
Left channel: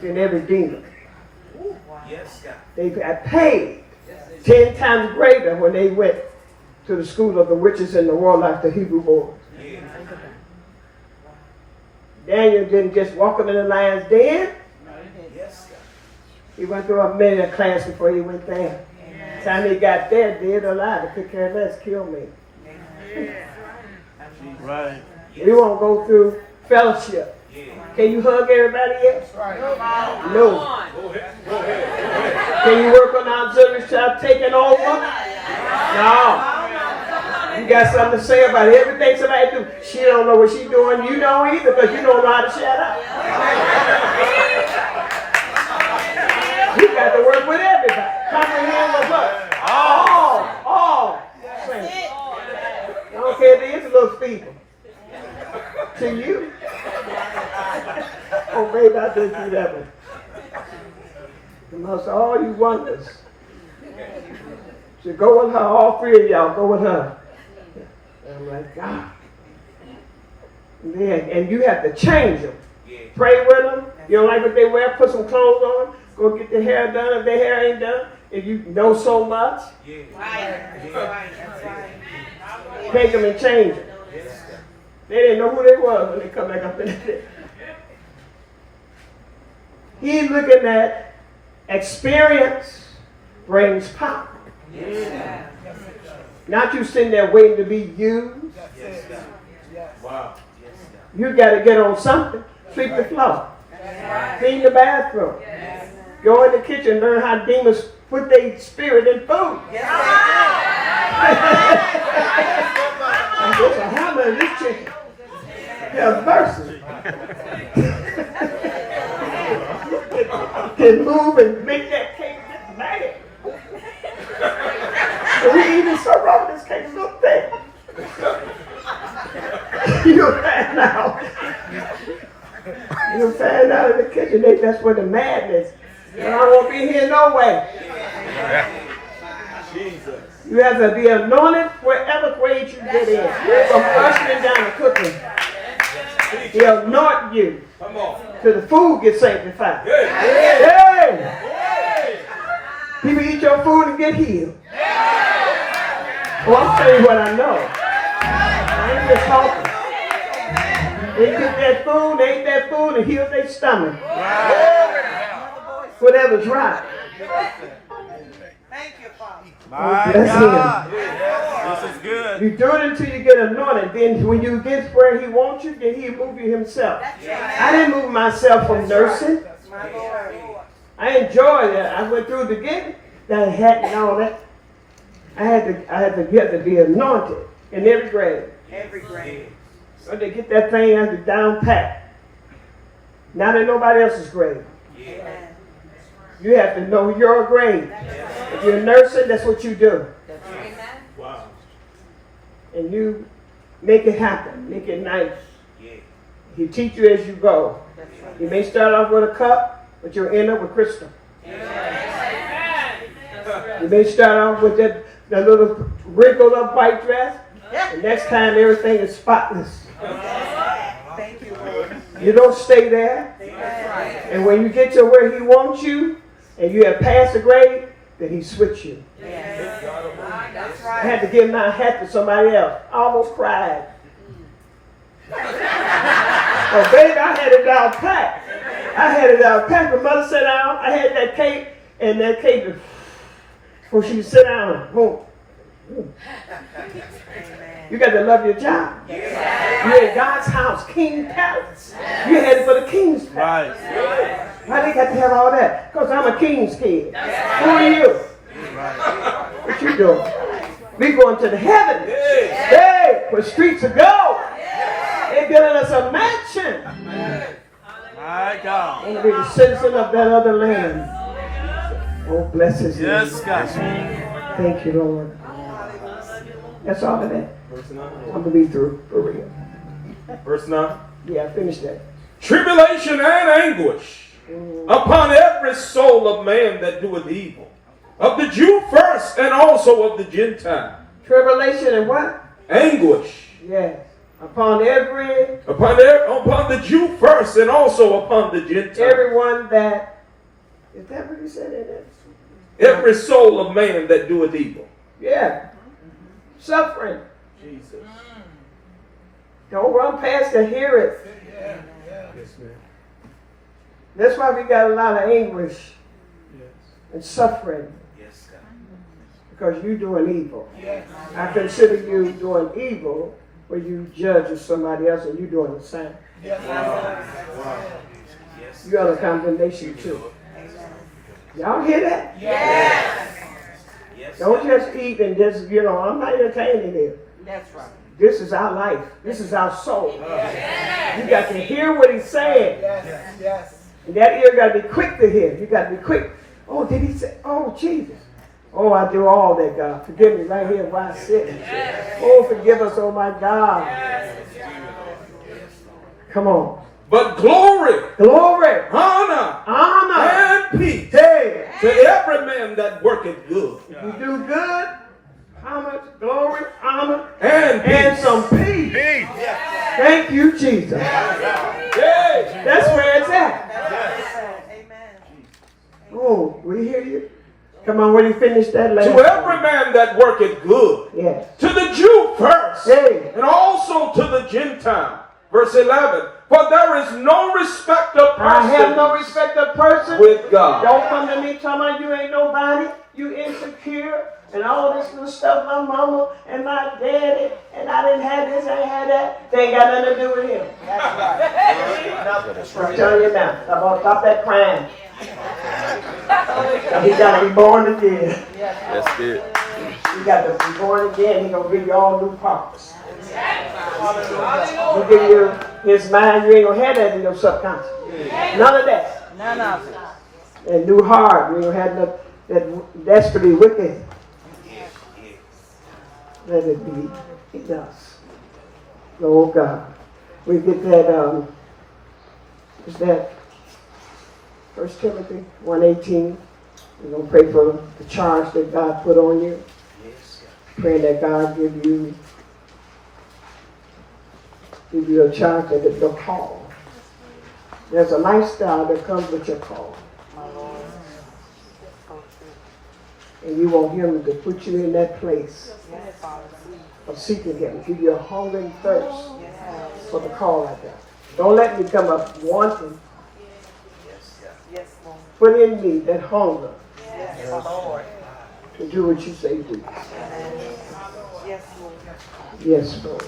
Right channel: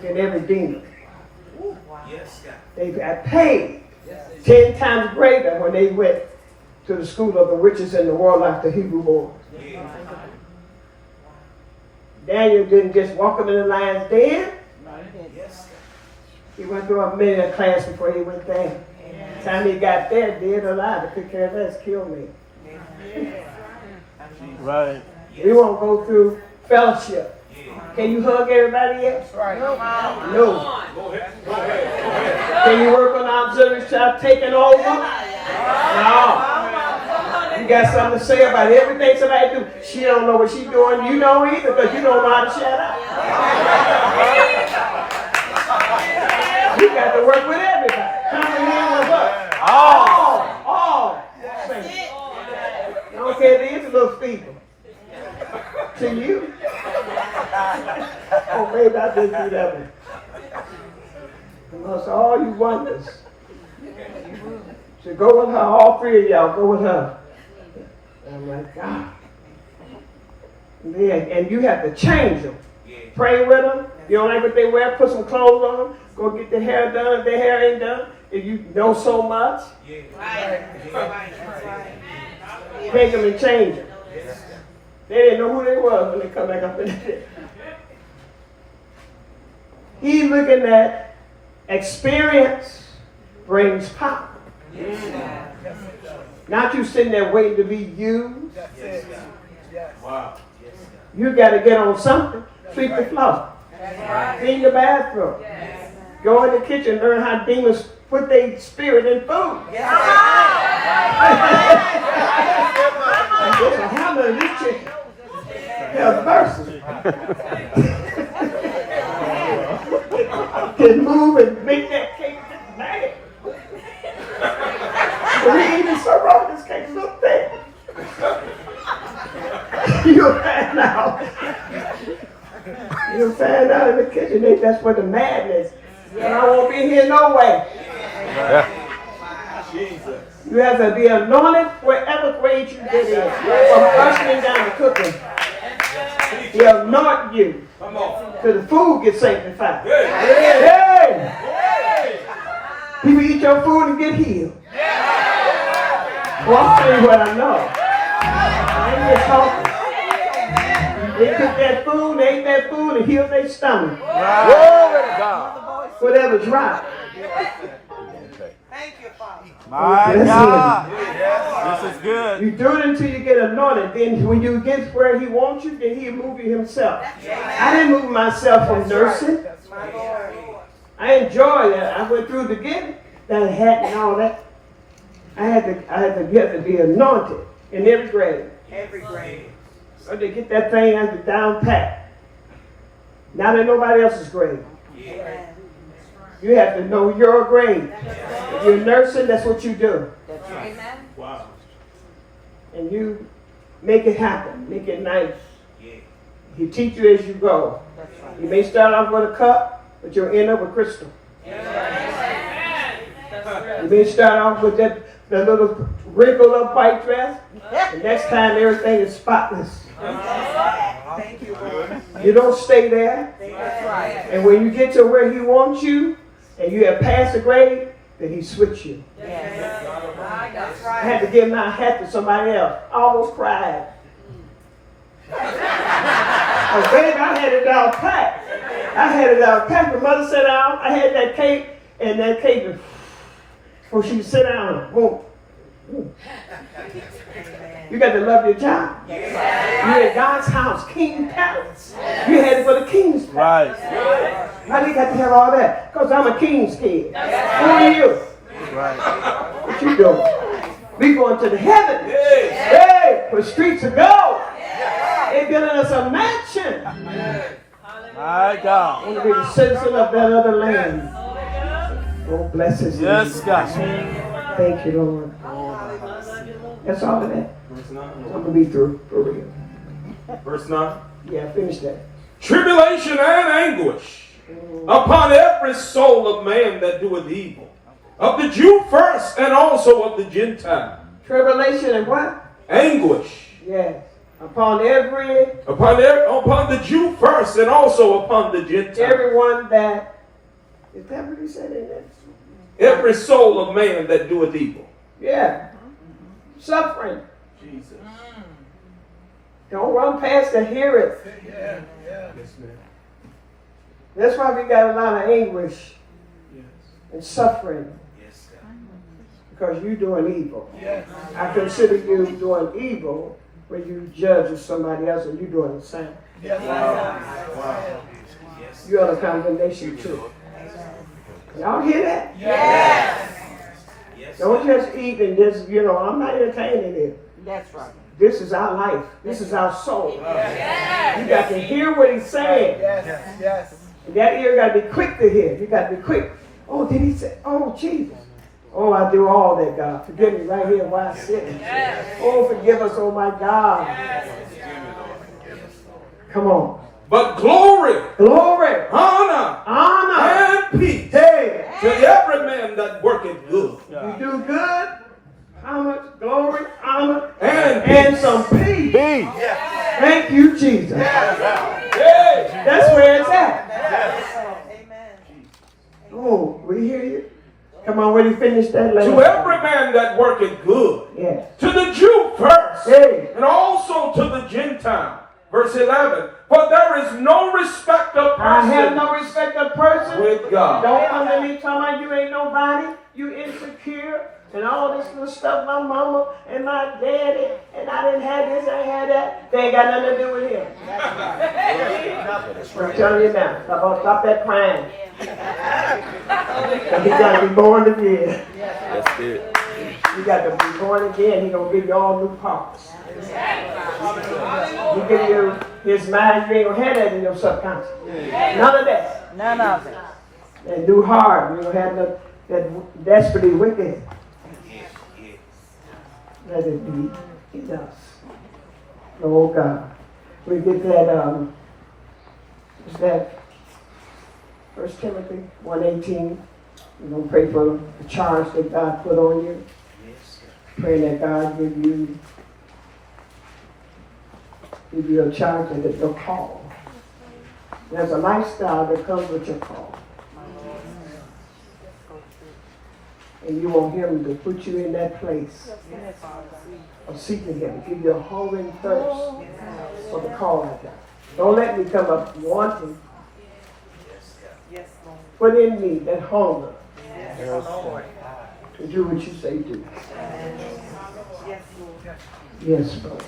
than every demon. They got paid 10 times greater when they went to the school of the witches and the warlocks, the Hebrew boys. Daniel didn't just walk up in the lion's den. He went through a minute class before he went there. By the time he got there, dead or alive, I could care less, kill me. Right. We won't go through fellowship. Can you hug everybody yet? No. Can you work on the auxiliary child taking over? No. You got something to say about everything somebody do. She don't know what she's doing. You don't either because you don't know how to shut up. You got to work with everybody. Comprehend with us. All. I don't care if it is a little feeble. To you. Oh, maybe I didn't do that one. Amongst all you wonders, So go with her, all three of y'all, go with her. And I'm like, God. And you have to change them. Pray with them. You don't like what they wear, put some clothes on them. Go get their hair done if their hair ain't done. If you know so much, take them and change them. They didn't know who they were when they come back up in there. He's looking at experience brings power. Not you sitting there waiting to be used. Wow. You got to get on something. Sweep the floor. Clean the bathroom. Go in the kitchen, learn how demons put their spirit in food. I guess a hammer in this chicken. Have mercy. Can move and make that cake just mad. We eating so wrong, this cake's so thick. You'll find out. You'll find out in the kitchen. That's where the madness. And I won't be here no way. Jesus. You have to be anointed wherever grade you get in. From ushering down to cooking. He'll anoint you. Come on. Till the food gets sanctified. Hey. Hey. People eat your food and get healed. Well, I'll tell you what I know. I ain't just talking. They cook that food, they ate that food and healed their stomach. Whatever's right. Thank you, Father. That's him. This is good. You do it until you get anointed. Then when you get where he wants you, then he'll move you himself. I didn't move myself from nursing. I enjoyed it. I went through the beginning, that hat and all that. I had to be anointed in every grade. Every grade. So they get that thing under down pat. Not in nobody else's grade. You have to know your grade. If you're nursing, that's what you do. Wow. And you make it happen. Make it nice. He teach you as you go. You may start off with a cup, but you'll end up with crystal. You may start off with that little wrinkled up white dress, and next time everything is spotless. You don't stay there. And when you get to where he wants you, and you have passed the grade, then he switch you. I had to give my hat to somebody else. I almost cried. Oh, baby, I had it down pat. I had it down pat. The mother sat down. I had that cake, and that cake, before she sit down, boom. You got to love your job. You're in God's house, King Palace. You headed for the King's Palace. Why they got to have all that? Because I'm a King's kid. Who are you? What you doing? We going to the heavens. Hey, where streets of gold. They're building us a mansion. My God. I want to be the citizen of that other land. Oh, bless his name. Yes, God. Thank you, Lord. That's all of that. Verse 9. I'm going to be through, for real. Verse 9. Yeah, I finished that. Tribulation and anguish upon every soul of man that doeth evil, of the Jew first and also of the Gentile. Tribulation and what? Anguish. Yes. Upon the Jew first and also upon the Gentile. everyone that, is that what he said in that? Every soul of man that doeth evil. Yeah. Suffering. Jesus. Don't run past to hear it. Yes, ma'am. That's why we got a lot of anguish Yes. and suffering. Yes, God. Because you're doing evil. Yes. I consider you doing evil when you judge somebody else and you're doing the same. Yes. Wow. You're under condemnation too. Y'all hear that? Yes. Don't just eat and just, I'm not entertaining it. That's right. This is our life. This is our soul. You got to hear what he's saying. Yes. Yes. And that ear got to be quick to hear. You got to be quick. Oh, did he say? Oh, Jesus. Oh, I do all that, God. Forgive me right here while I sit. Oh, forgive us, oh my God. Come on. But glory, honor, and peace hey, to every man that worketh good. if you do good, how much glory, honor, And and some peace. Thank you, Jesus. Hey. That's where it's at. Oh, we hear you. Come on, when you finish that To last. every man that worketh good. Yes. To the Jew first. Hey. And also to the Gentile. Verse 11. For there is no respect of I have no persons respect of person. with God. Don't come to me talking about you ain't nobody. You insecure. And all this little stuff, my mama and my daddy, and I didn't have this, I had that. They ain't got nothing to do with him. I'm telling you now. Stop that crying. He got to be born again. That's good. You got to be born again. He's going to give you all new parts. He give you his mind, you ain't going to have that in your subconscious. None of that. None of it. And new heart, you don't have that desperately wicked. Let it be in us. Oh God. We get that, is that 1 Timothy 1:18? We're going to pray for the charge that God put on you. Pray that God give you a charge that is your call. There's a lifestyle that comes with your call. And you want him to put you in that place of seeking him. Give you a hunger and thirst for the call out there. Don't let me come up wanting. Put in me that hunger to do what you say do. Yes, Lord.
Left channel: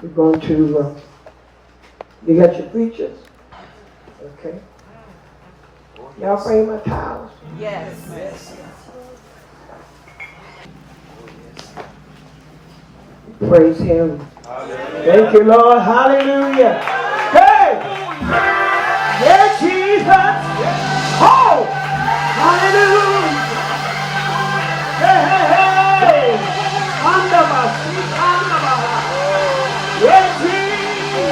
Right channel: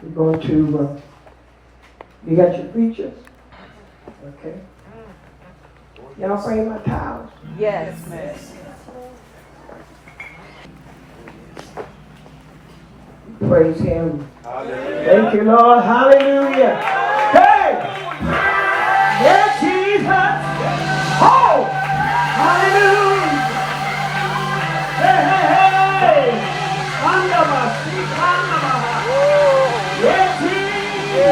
We're going to, you got your preachers? Okay. Y'all bring my towels? Yes. Praise him. Thank you, Lord. Hallelujah. Hey! Yeah, Jesus. Oh! Hallelujah. Hey, hey, hey. Yeah, Jesus.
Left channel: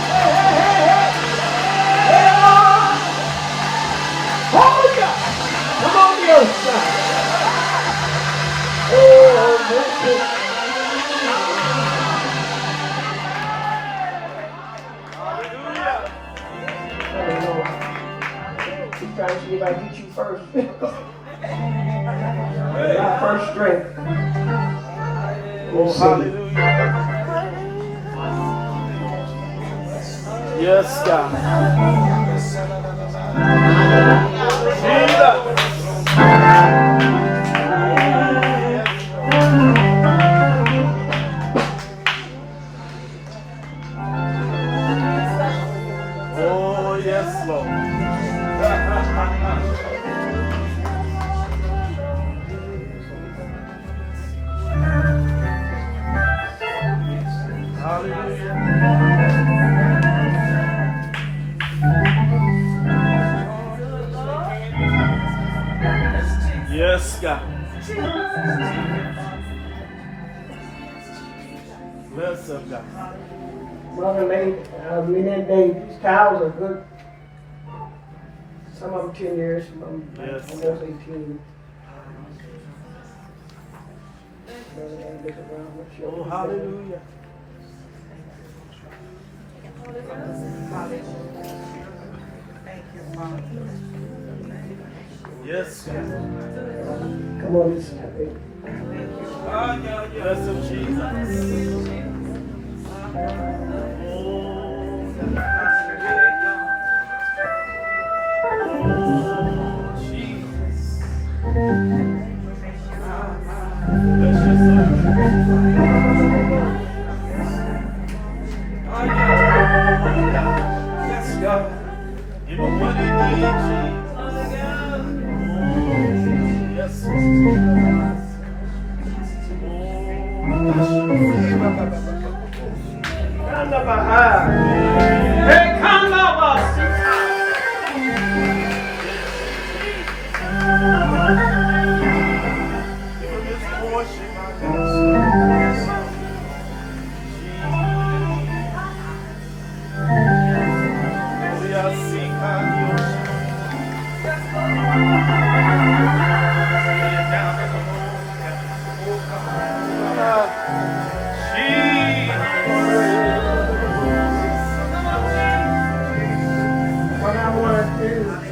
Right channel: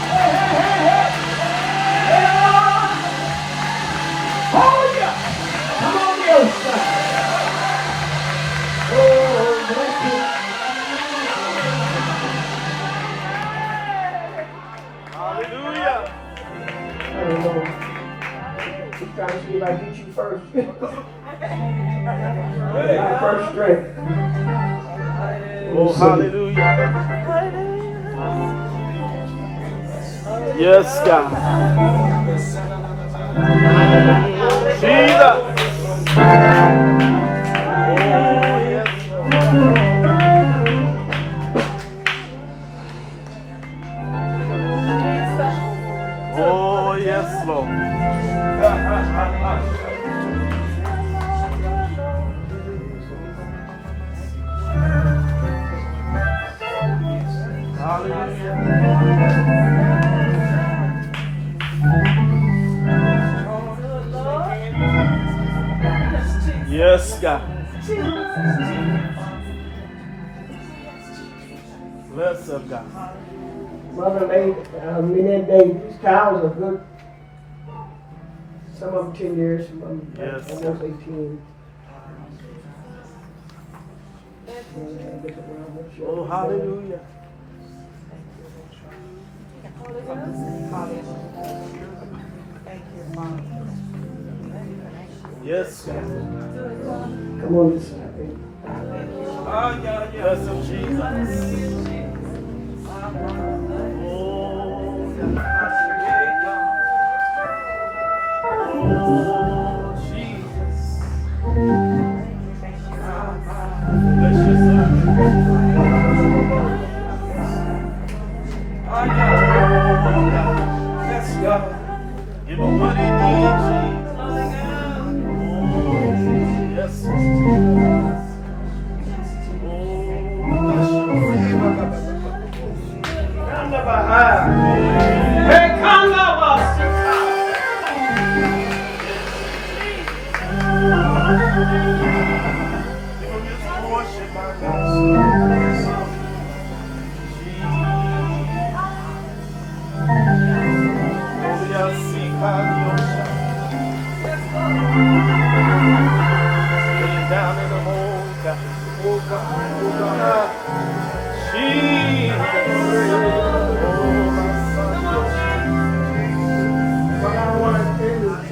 Hey, hey, hey, hey. Hey, Lord. Oh, yeah. Come on, the outside. Oh, thank you. Sometimes you like get you first. Not first strength. Hallelujah. Yes, God. Oh, yes, Lord. Yes, God. Bless up, God. Mother lady, these cows are good. Some of them 10 years, some of them Yes. almost 18. Oh, hallelujah. Yes. Come on, just step in. Bless him, Jesus. Oh, Jesus. Bless your son. Yes, God. In the mighty name of Jesus. Yes.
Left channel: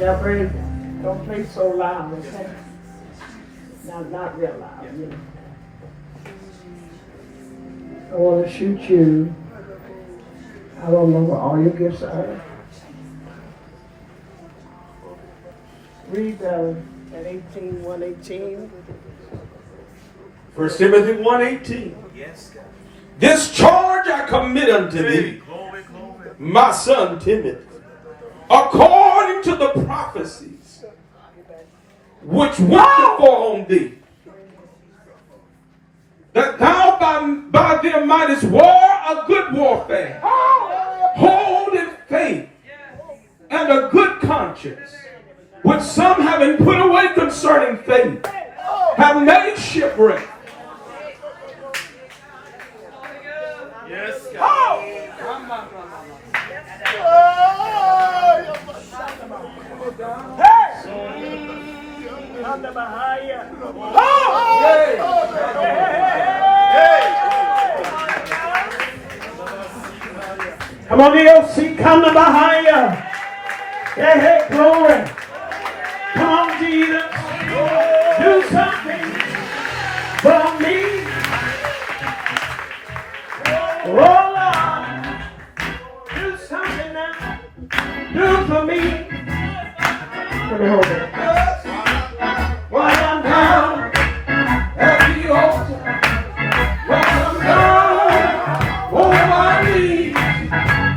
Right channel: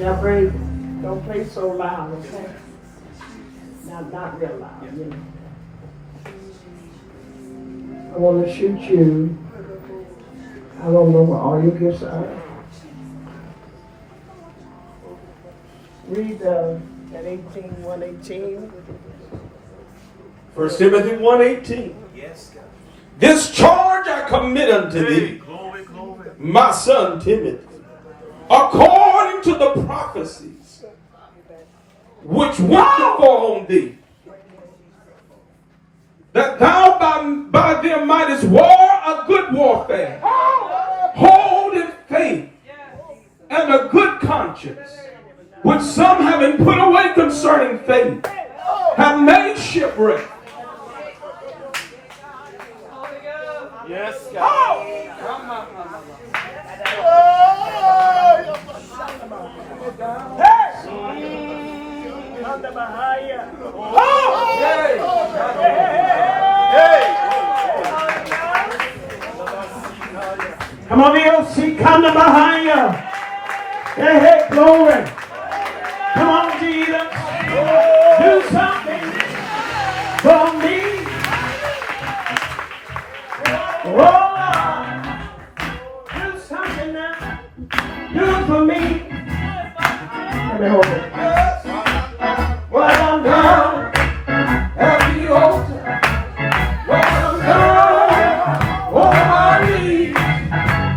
Now, Vereen, don't play so loud, okay? Not real loud, you know. I want to shoot you. I don't know what all your gifts are. Read that 118. 1 Timothy 1:18. Yes, God. This charge I commit unto thee, Glory, glory. my son Timothy, according to the prophecies which went before on thee, that thou by them mightest war a good warfare, hold in faith and a good conscience, which some having put away concerning faith, have made shipwreck. Yes, God. Come on, DLC, come to behind you. Hey, hey, glory. Come on, Jesus. Do something for me. Oh, Lord. Do something now. Do for me. Let me hold it. While I'm down at the altar, while I'm down on my knees,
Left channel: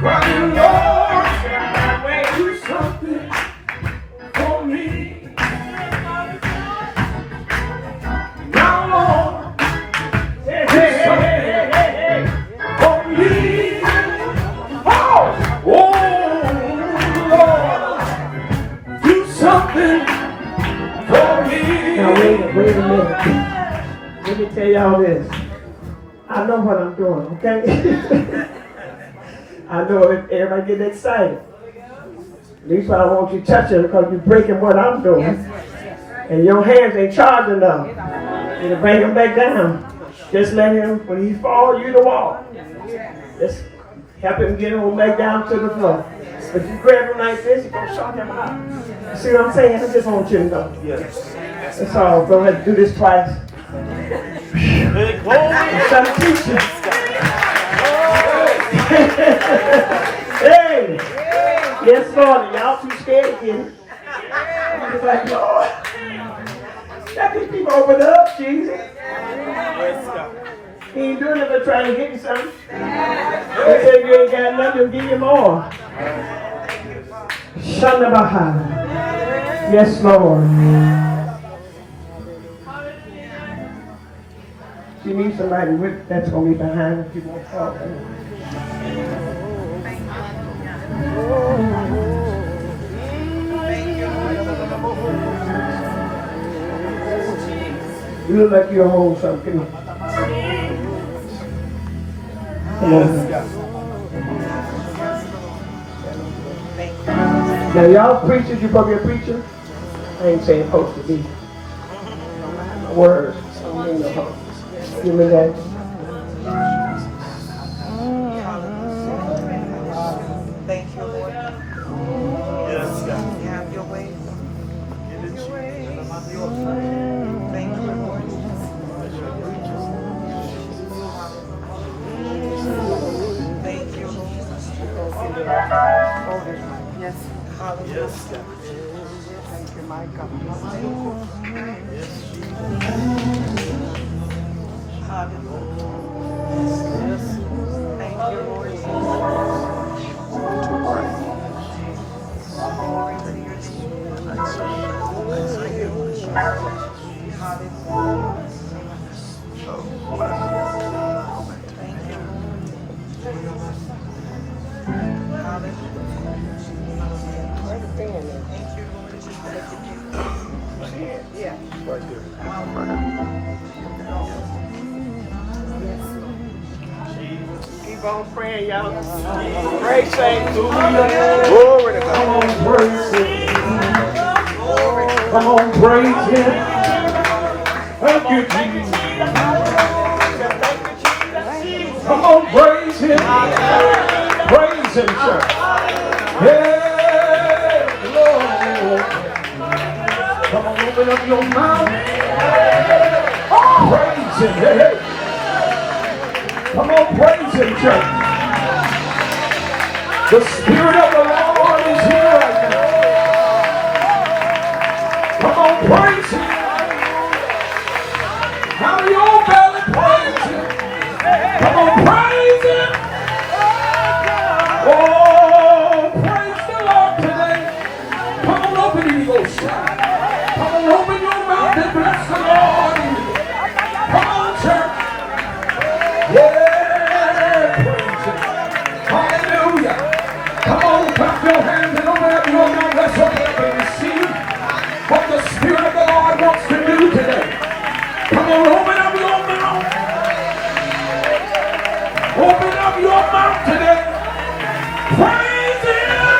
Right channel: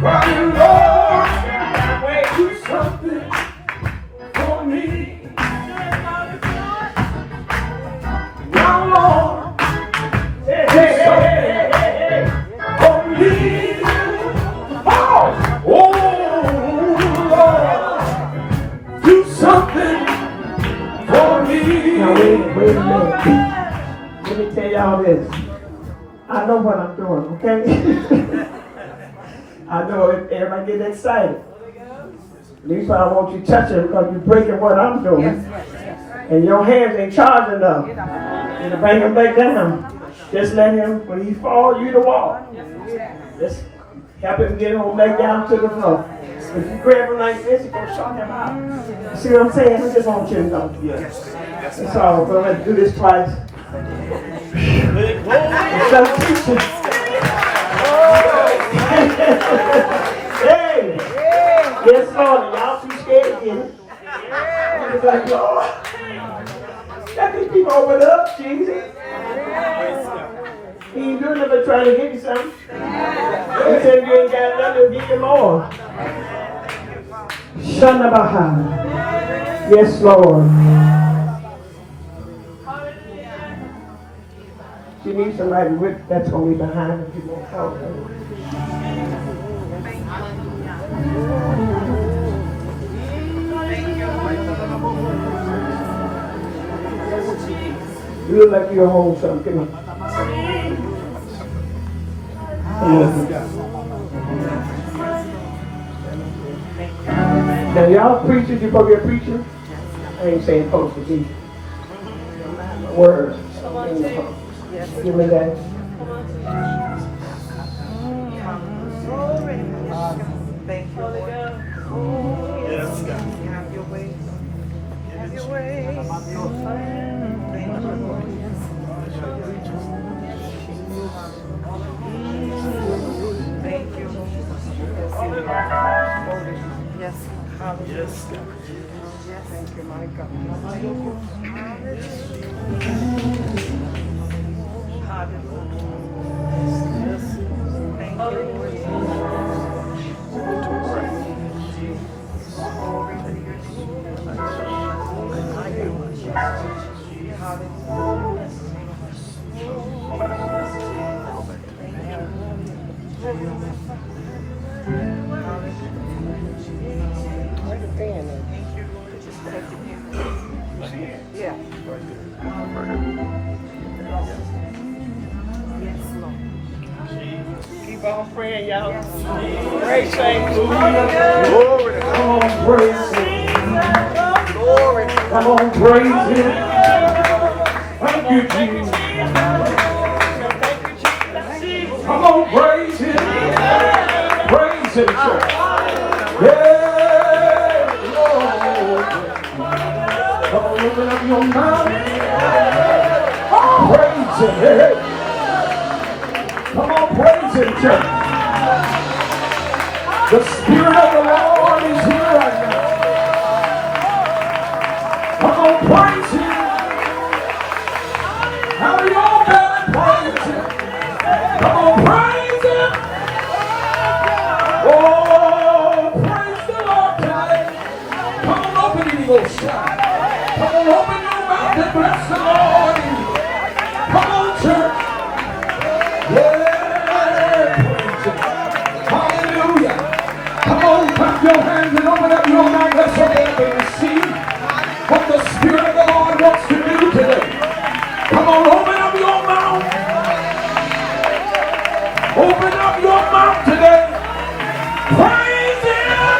crying, Lord, do something for me. Now, Lord, hey, hey, hey, hey, hey, for me. Oh, Lord, do something for me. Now, wait a minute. Let me tell y'all this. I know what I'm doing, okay? I know everybody getting excited. At least I don't want you touching because you're breaking what I'm doing. And your hands ain't charged enough. To bring him back down. Just let him, when he falls, you to walk. Just help him get him back down to the floor. If you grab him like this, you're going to shock him out. You see what I'm saying? I just want you to know. That's all. Go ahead and do this twice. Some teaching. Hey! Yes, Lord. Y'all too scared to get it. I'm just like, Lord. Let these people open up, Jesus. He ain't doing nothing but trying to get you something. He said you ain't got nothing to give you more. Shanda Baha. Yes, Lord. She needs somebody with that's going to be behind her if you won't talk. You look like you're home something. Come on. Now y'all preachers, you probably a preacher. I ain't saying supposed to be. Words. Give me that. Thank you, Lord. Yes, God. Have your way. Thank you, Lord. Thank you, Lord. Yes. Hallelujah. Thank you, my God. Thank you. Hallelujah. Thank you, Lord. Keep on praying, y'all. Pray, saints. Glory to God. Come on, praise Him. Come on, praise Him. Thank you, Jesus. Come on, praise Him. Praise Him, church. Hey, Lord. up your mouth. Oh, praise him. Hey, hey. Come on, praise him, church. The Spirit of the Lord is here right now. Come on, praise him. How do you all better praise him? Come on, praise him. Oh, praise the Lord today. Come on, open your shout. Come on, open your mouth and bless the Lord. Come on, church. Yeah, praise him. Hallelujah. Come on, clap your hands and open up your mouth. Let's open up and receive what the Spirit of the Lord wants to do today. Come on, open up your mouth. Open up your mouth today. Praise him.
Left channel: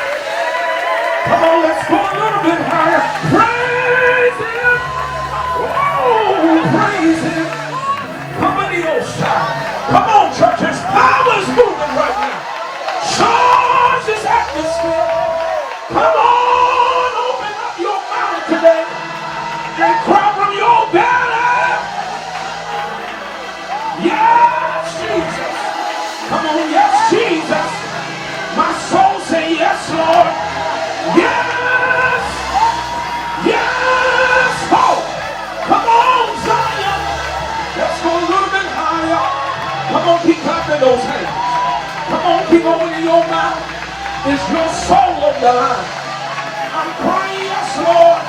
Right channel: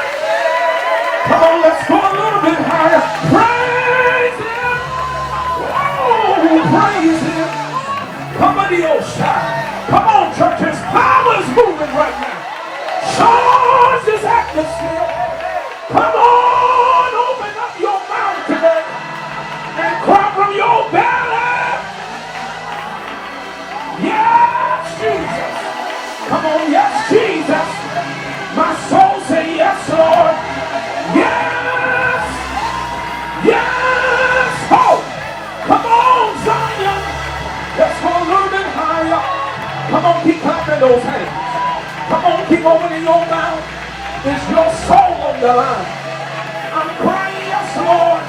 Come on, let's go a little bit higher. Praise him. Oh, praise him. Come on, the old shout. Come on, church. His power's moving right now. Charge his atmosphere. Come on, open up your mouth today and cry from your belly. Yes, Jesus. Come on, yes, Jesus. My soul say yes, Lord. Yes. Yes. Oh, come on, Zion. Let's go a little bit higher. Come on, keep clapping those hands. Come on, keep opening your mouth. Is your soul on the line? I'm crying, yes, Lord.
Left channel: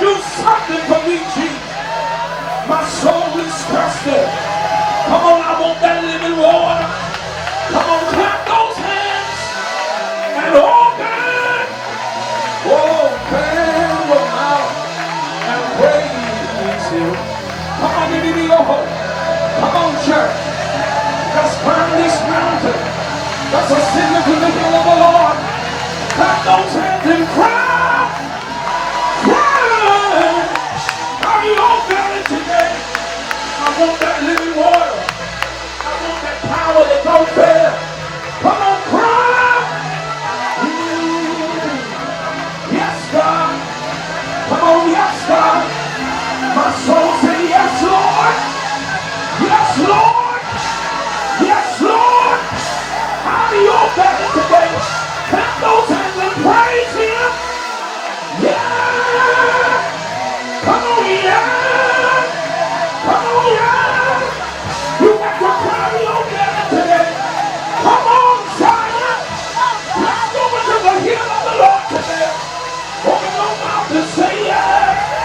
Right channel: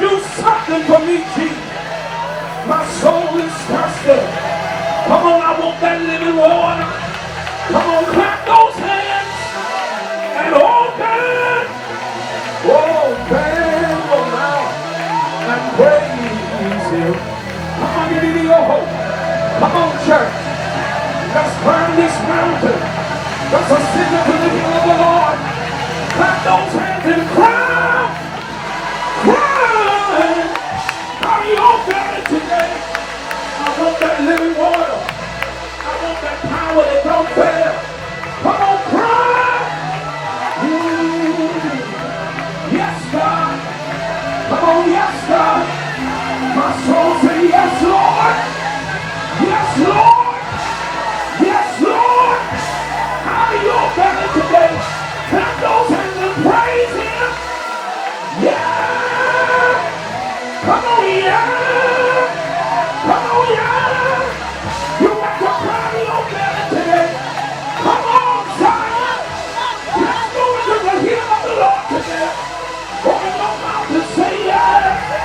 Do something for me, Jesus. My soul is thirsty. Come on, I want that living water. Come on, clap those hands and open. Open your mouth and praise him. Come on, give me your hope. Come on, church. Let's burn this mountain. Let's ascend to the hill of the Lord. Clap those hands and cry. Cry. Are you all better today? I want that living water. I want that power that don't fail. Come on, cry. Yes, God. Come on, yes, God. My soul say yes, Lord. Yes, Lord. Yes, Lord. How do you all better today? Clap those hands and praise him. Yeah. Come on, yeah. Come on, yeah. You got to cry your belly today. Come on, Zion. Let's go into the hill of the Lord today. Open your mouth and say yes.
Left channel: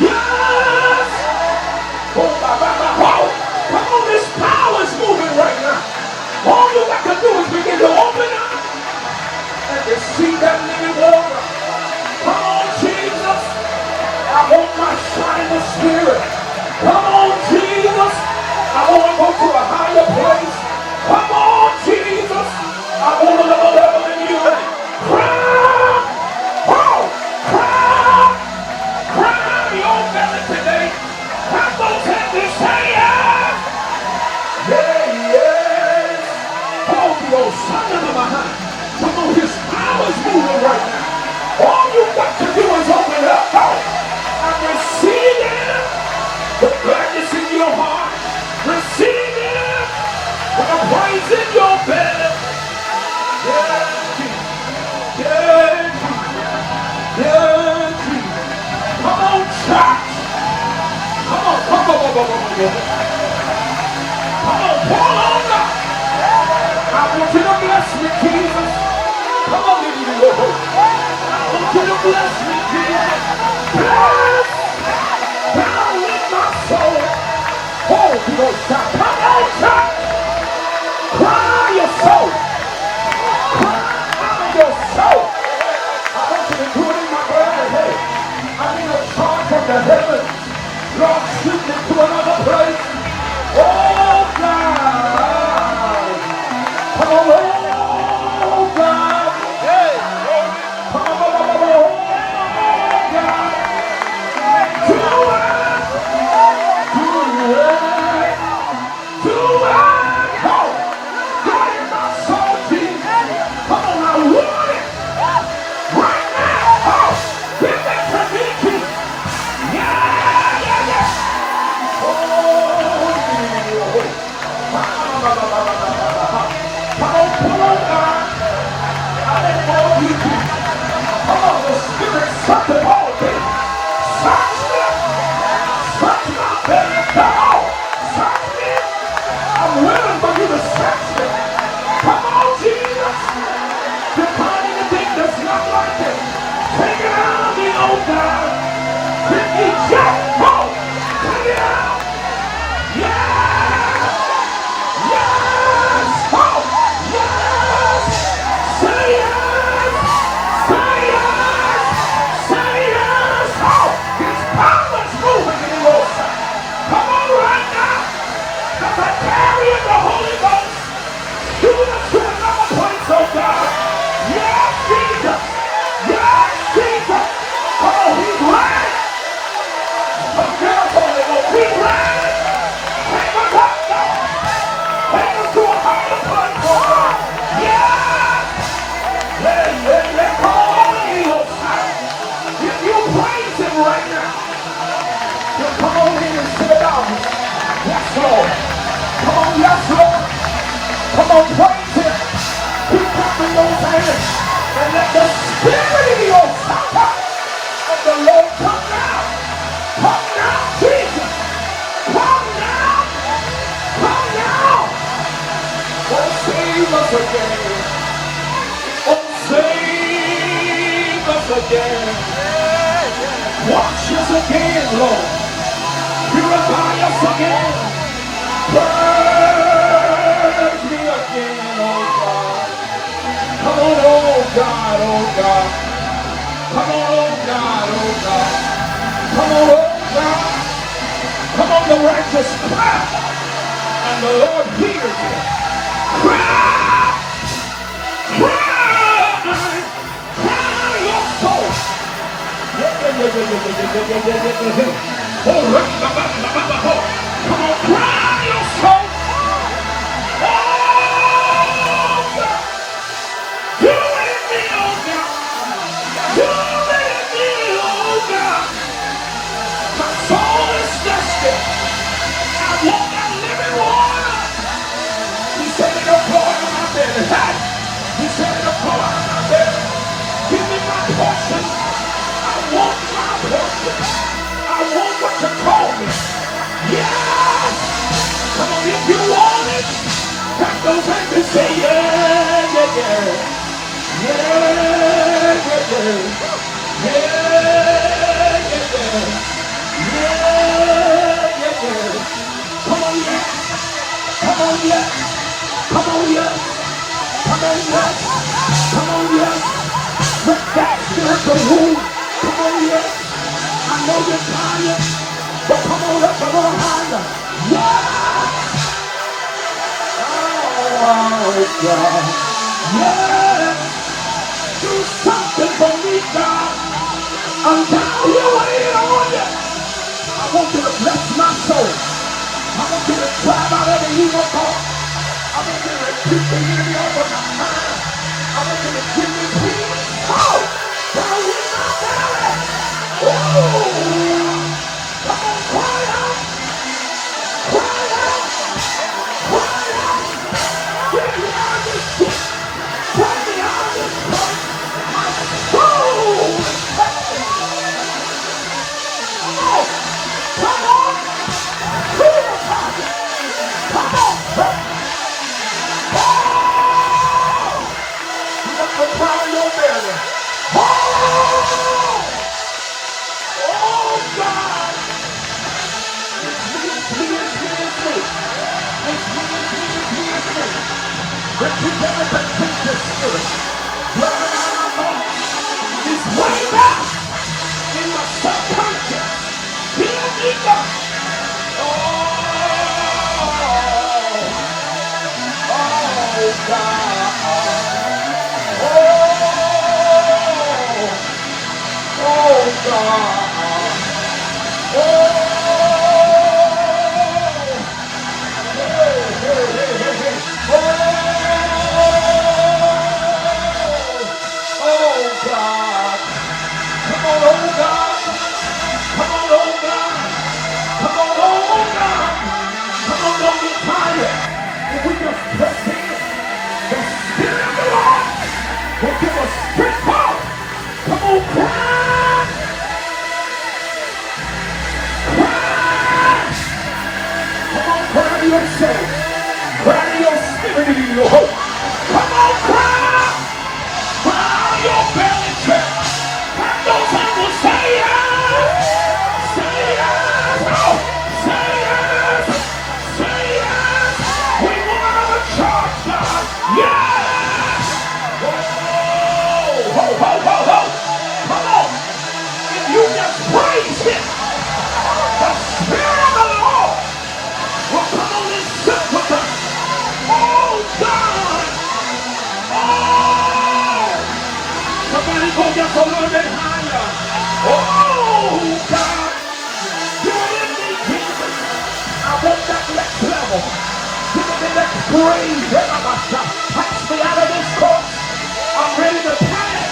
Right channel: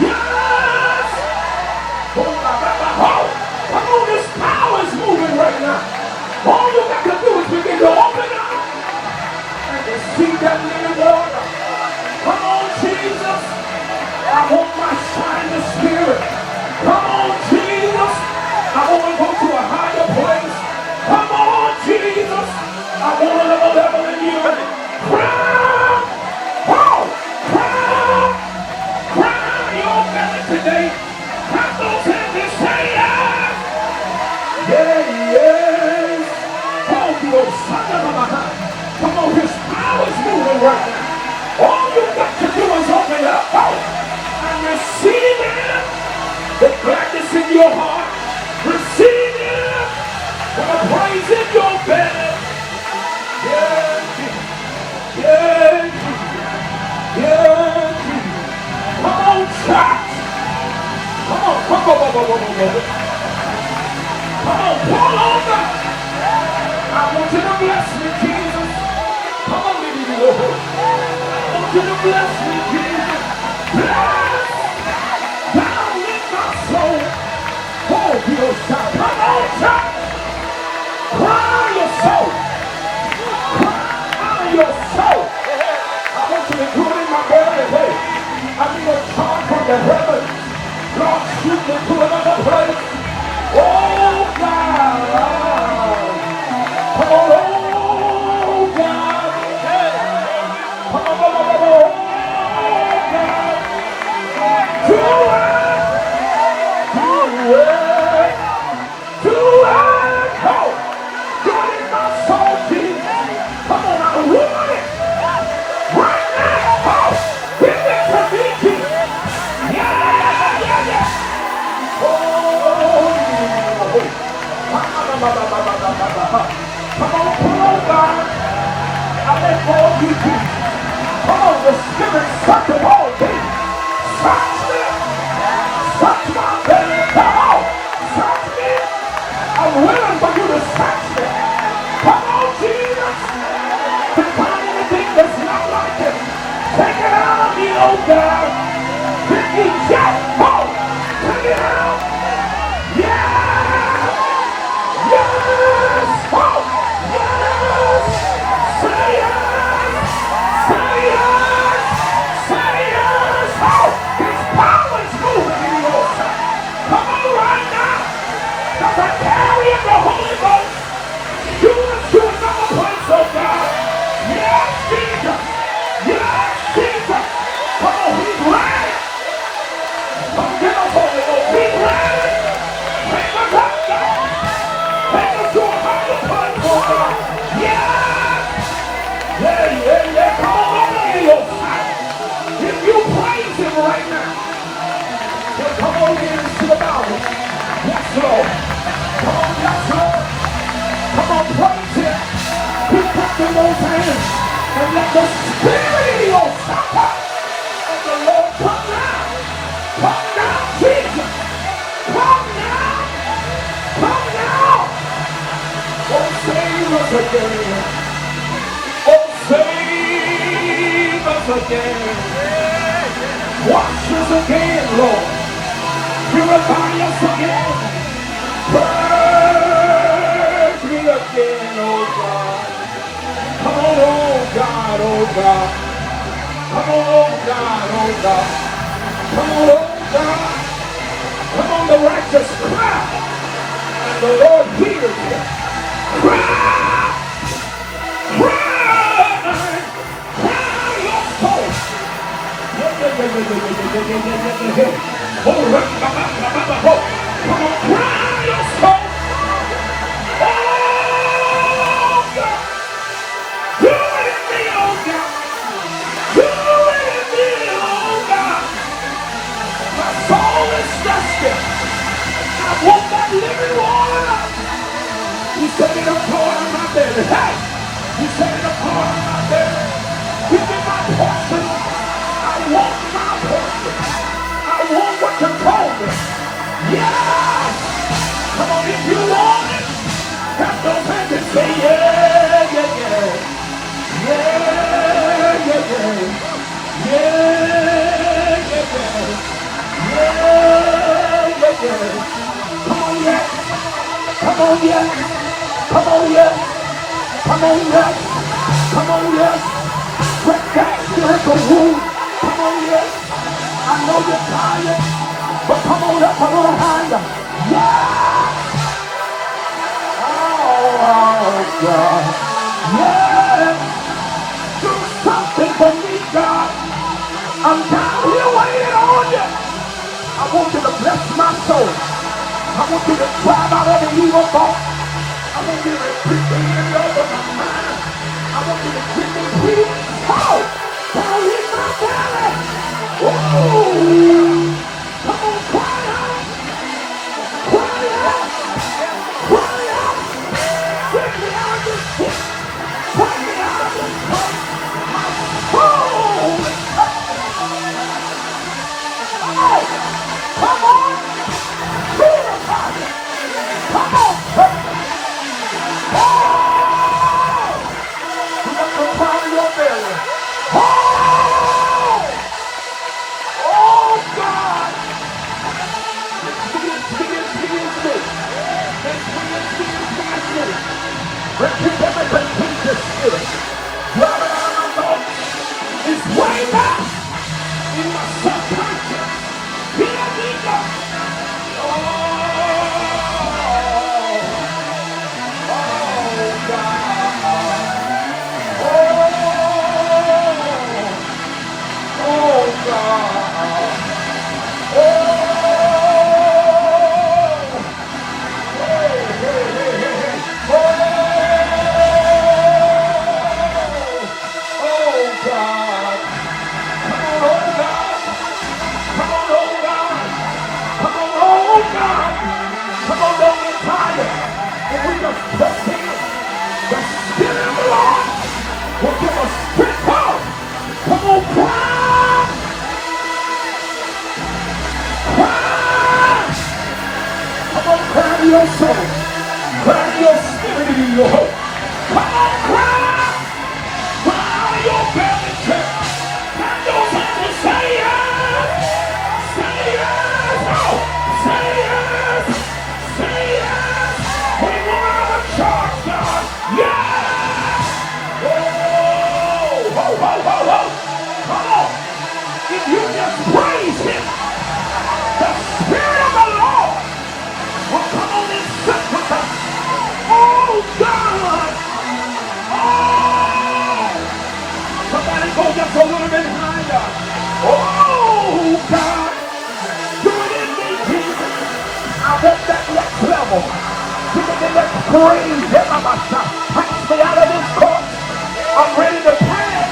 Yes. Oh, come on, this power is moving right now. All you got to do is begin to open up and receive that living water. Come on, Jesus. I want my shining spirit. Come on, Jesus. I want to go to a higher place. Come on, Jesus. I want another level in you. Cry. Oh, cry. Cry your belly today. Clap those hands and say yes. Yeah, yes. Come on, you old son of a behind. Come on, his power's moving right now. All you got to do is open up. Oh, and receive it. The gladness in your heart. Receive it. The praise in your belly. Yeah, Jesus. Yeah, Jesus. Yeah, Jesus. Come on, church. Come on, come on, come on, come on. Come on, pull on up. I want you to bless me, Jesus. Come on, give me the Lord. I want you to bless me, Jesus. Bless. God, let my soul. Oh, you don't stop. Come on, church. Cry out your soul. Cry out your soul. I want you to do it in my prayer today. I need a charge from the heavens. Lord, shoot me to another place. Oh, God. Come on, oh, God. Come on, not like it. Take it out of me, oh God. Can you shout? Oh, take it out. Yes. Yes. Oh, yes. Say yes. Say yes. Say yes. Oh, his power is moving in your side. Come on right now. The carry of the Holy Ghost. Do it to another place, oh God. Yes, Jesus. Yes, Jesus. Come on, he's ready. Come here, Holy Ghost. He's ready. Take us up, God. Take us to a higher place, oh God. Yes. Yeah. Come on, Elohim. If you praise him right now, then come on in and sit about it. Yes, Lord. Come on, yes, Lord. Come on, praise him. Pick up in those hands and let the Spirit of your Father of the Lord come down. Come down, Jesus. Come down. Come down. Oh, save us again. Oh, save us again. Wash us again, Lord. Purify us again. Purge me again, oh God. Come on, oh God, oh God. Come on, oh God, oh God. Come on, oh God. Come on, the righteous cry, and the Lord hears you. Cry! Cry! Cry your soul! Oh, come on, cry your soul! Oh, God! Do it in me, oh God! Do it in me, oh God! My soul is thirsty. I want that living water. You set it up on my belly. Hey! You set it up on my belly. Give me my portion. I want my portion. I want what you told me. Yeah! Come on, if you want it, clap those hands and say, yeah, yeah, yeah. Yeah, yeah, yeah. Yeah, yeah, yeah. Yeah, yeah, yeah. Come on, yeah. Come on, yeah. Come on, yeah. Come on, yeah. Come on, yeah. Let that miracle move. Come on, yeah. I know you're tired, but come on up a little higher. Yeah. Oh, God. Yeah. Do something for me, God. I'm tired of you waiting on you. I want you to bless my soul. I want you to drive out every evil thought. I want you to repeat the enemy over my mind. I want you to give me peace. Oh, down in my belly. Oh, come on, cry out. Cry out. Cry out. Bring me out of this pit. Bring me out of this place. My soul is thirsty. Come on. Come on. Purify it. Come on. Oh! You got to cry in your belly. Oh! Oh, God! It's me. Repeat everything, Jesus Spirit. It's way down in the subconscious. Hear me, God. Oh, your soul, cry your spirit in your hope. Come on, cry out of your belly. go just a little bit higher. Oh, God. Do it in me, Jesus. I want that next level. Give me the next praise. Pass me out of this course. I'm ready to pass.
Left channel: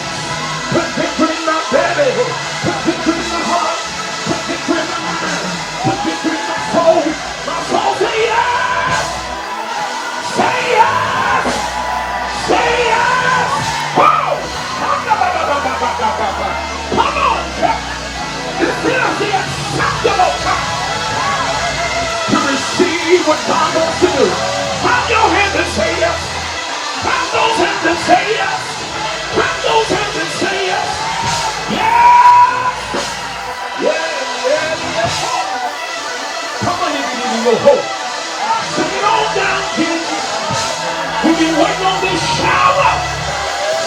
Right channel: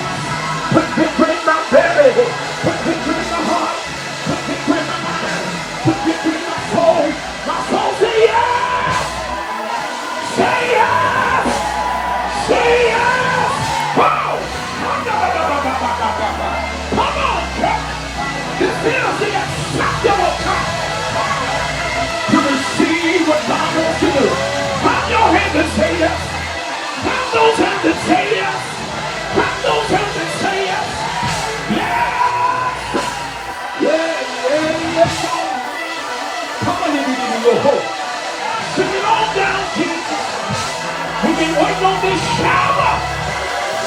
Put victory in my belly. Put victory in my heart. Put victory in my mind. Put victory in my soul. My soul say yes. Say yes. Say yes. Wow. Come on, church. This is the acceptable time to receive what God wants to do. Clap your hands and say yes. Clap those hands and say yes. Clap those hands and say yes. Yeah. Yeah. Come on, if you need a little hope. Sing it all down, kids. We've been waiting on this shower.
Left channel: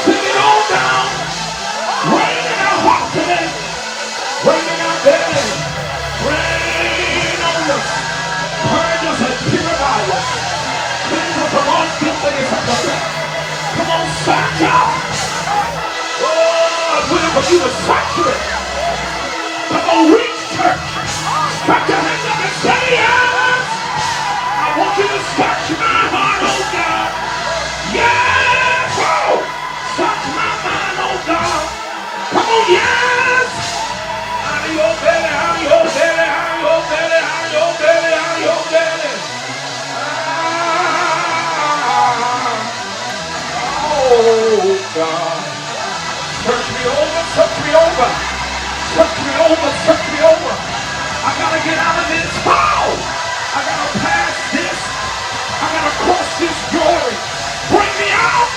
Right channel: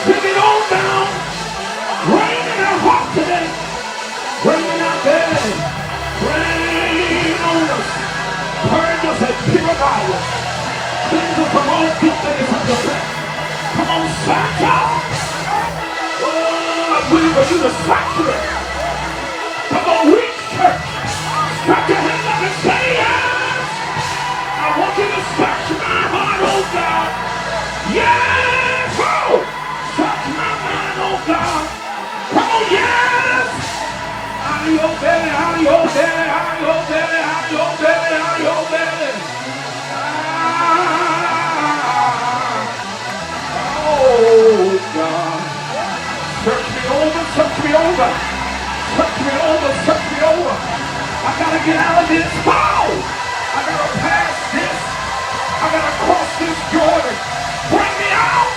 Sing it all down. Rain in our heart today. Rain in our belly. Rain on us. Purge us and purify us. Cleanse us from all filthiness of the flesh. Come on, search out. Oh, I'm waiting for you to saturate. Come on, reach, church. Stretch your hands up and say yes. I want you to search my heart, oh God. Yes. Oh, search my mind, oh God. Come on, yes. Out of your belly, out of your belly, out of your belly, out of your belly, out of your belly. Oh God. Search me over, search me over. Search me over, search me over. I gotta get out of this. Oh! I gotta pass this. I gotta cross this Jordan. Bring me out.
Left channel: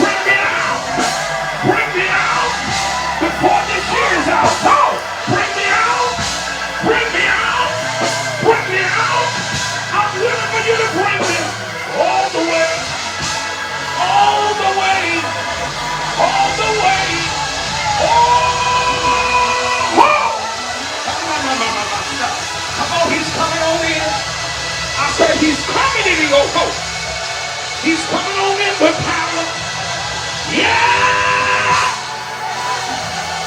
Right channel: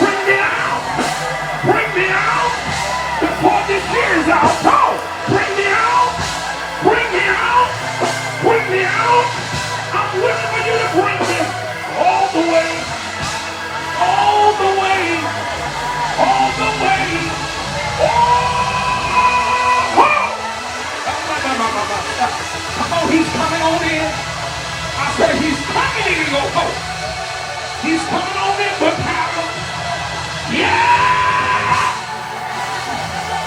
Bring me out. Bring me out. Before this year is out. Oh! Bring me out. Bring me out. Bring me out. I'm waiting for you to bring me all the way. All the way. All the way. Come on, he's coming on in. I said he's coming in your coat. He's coming on in with power. Yeah!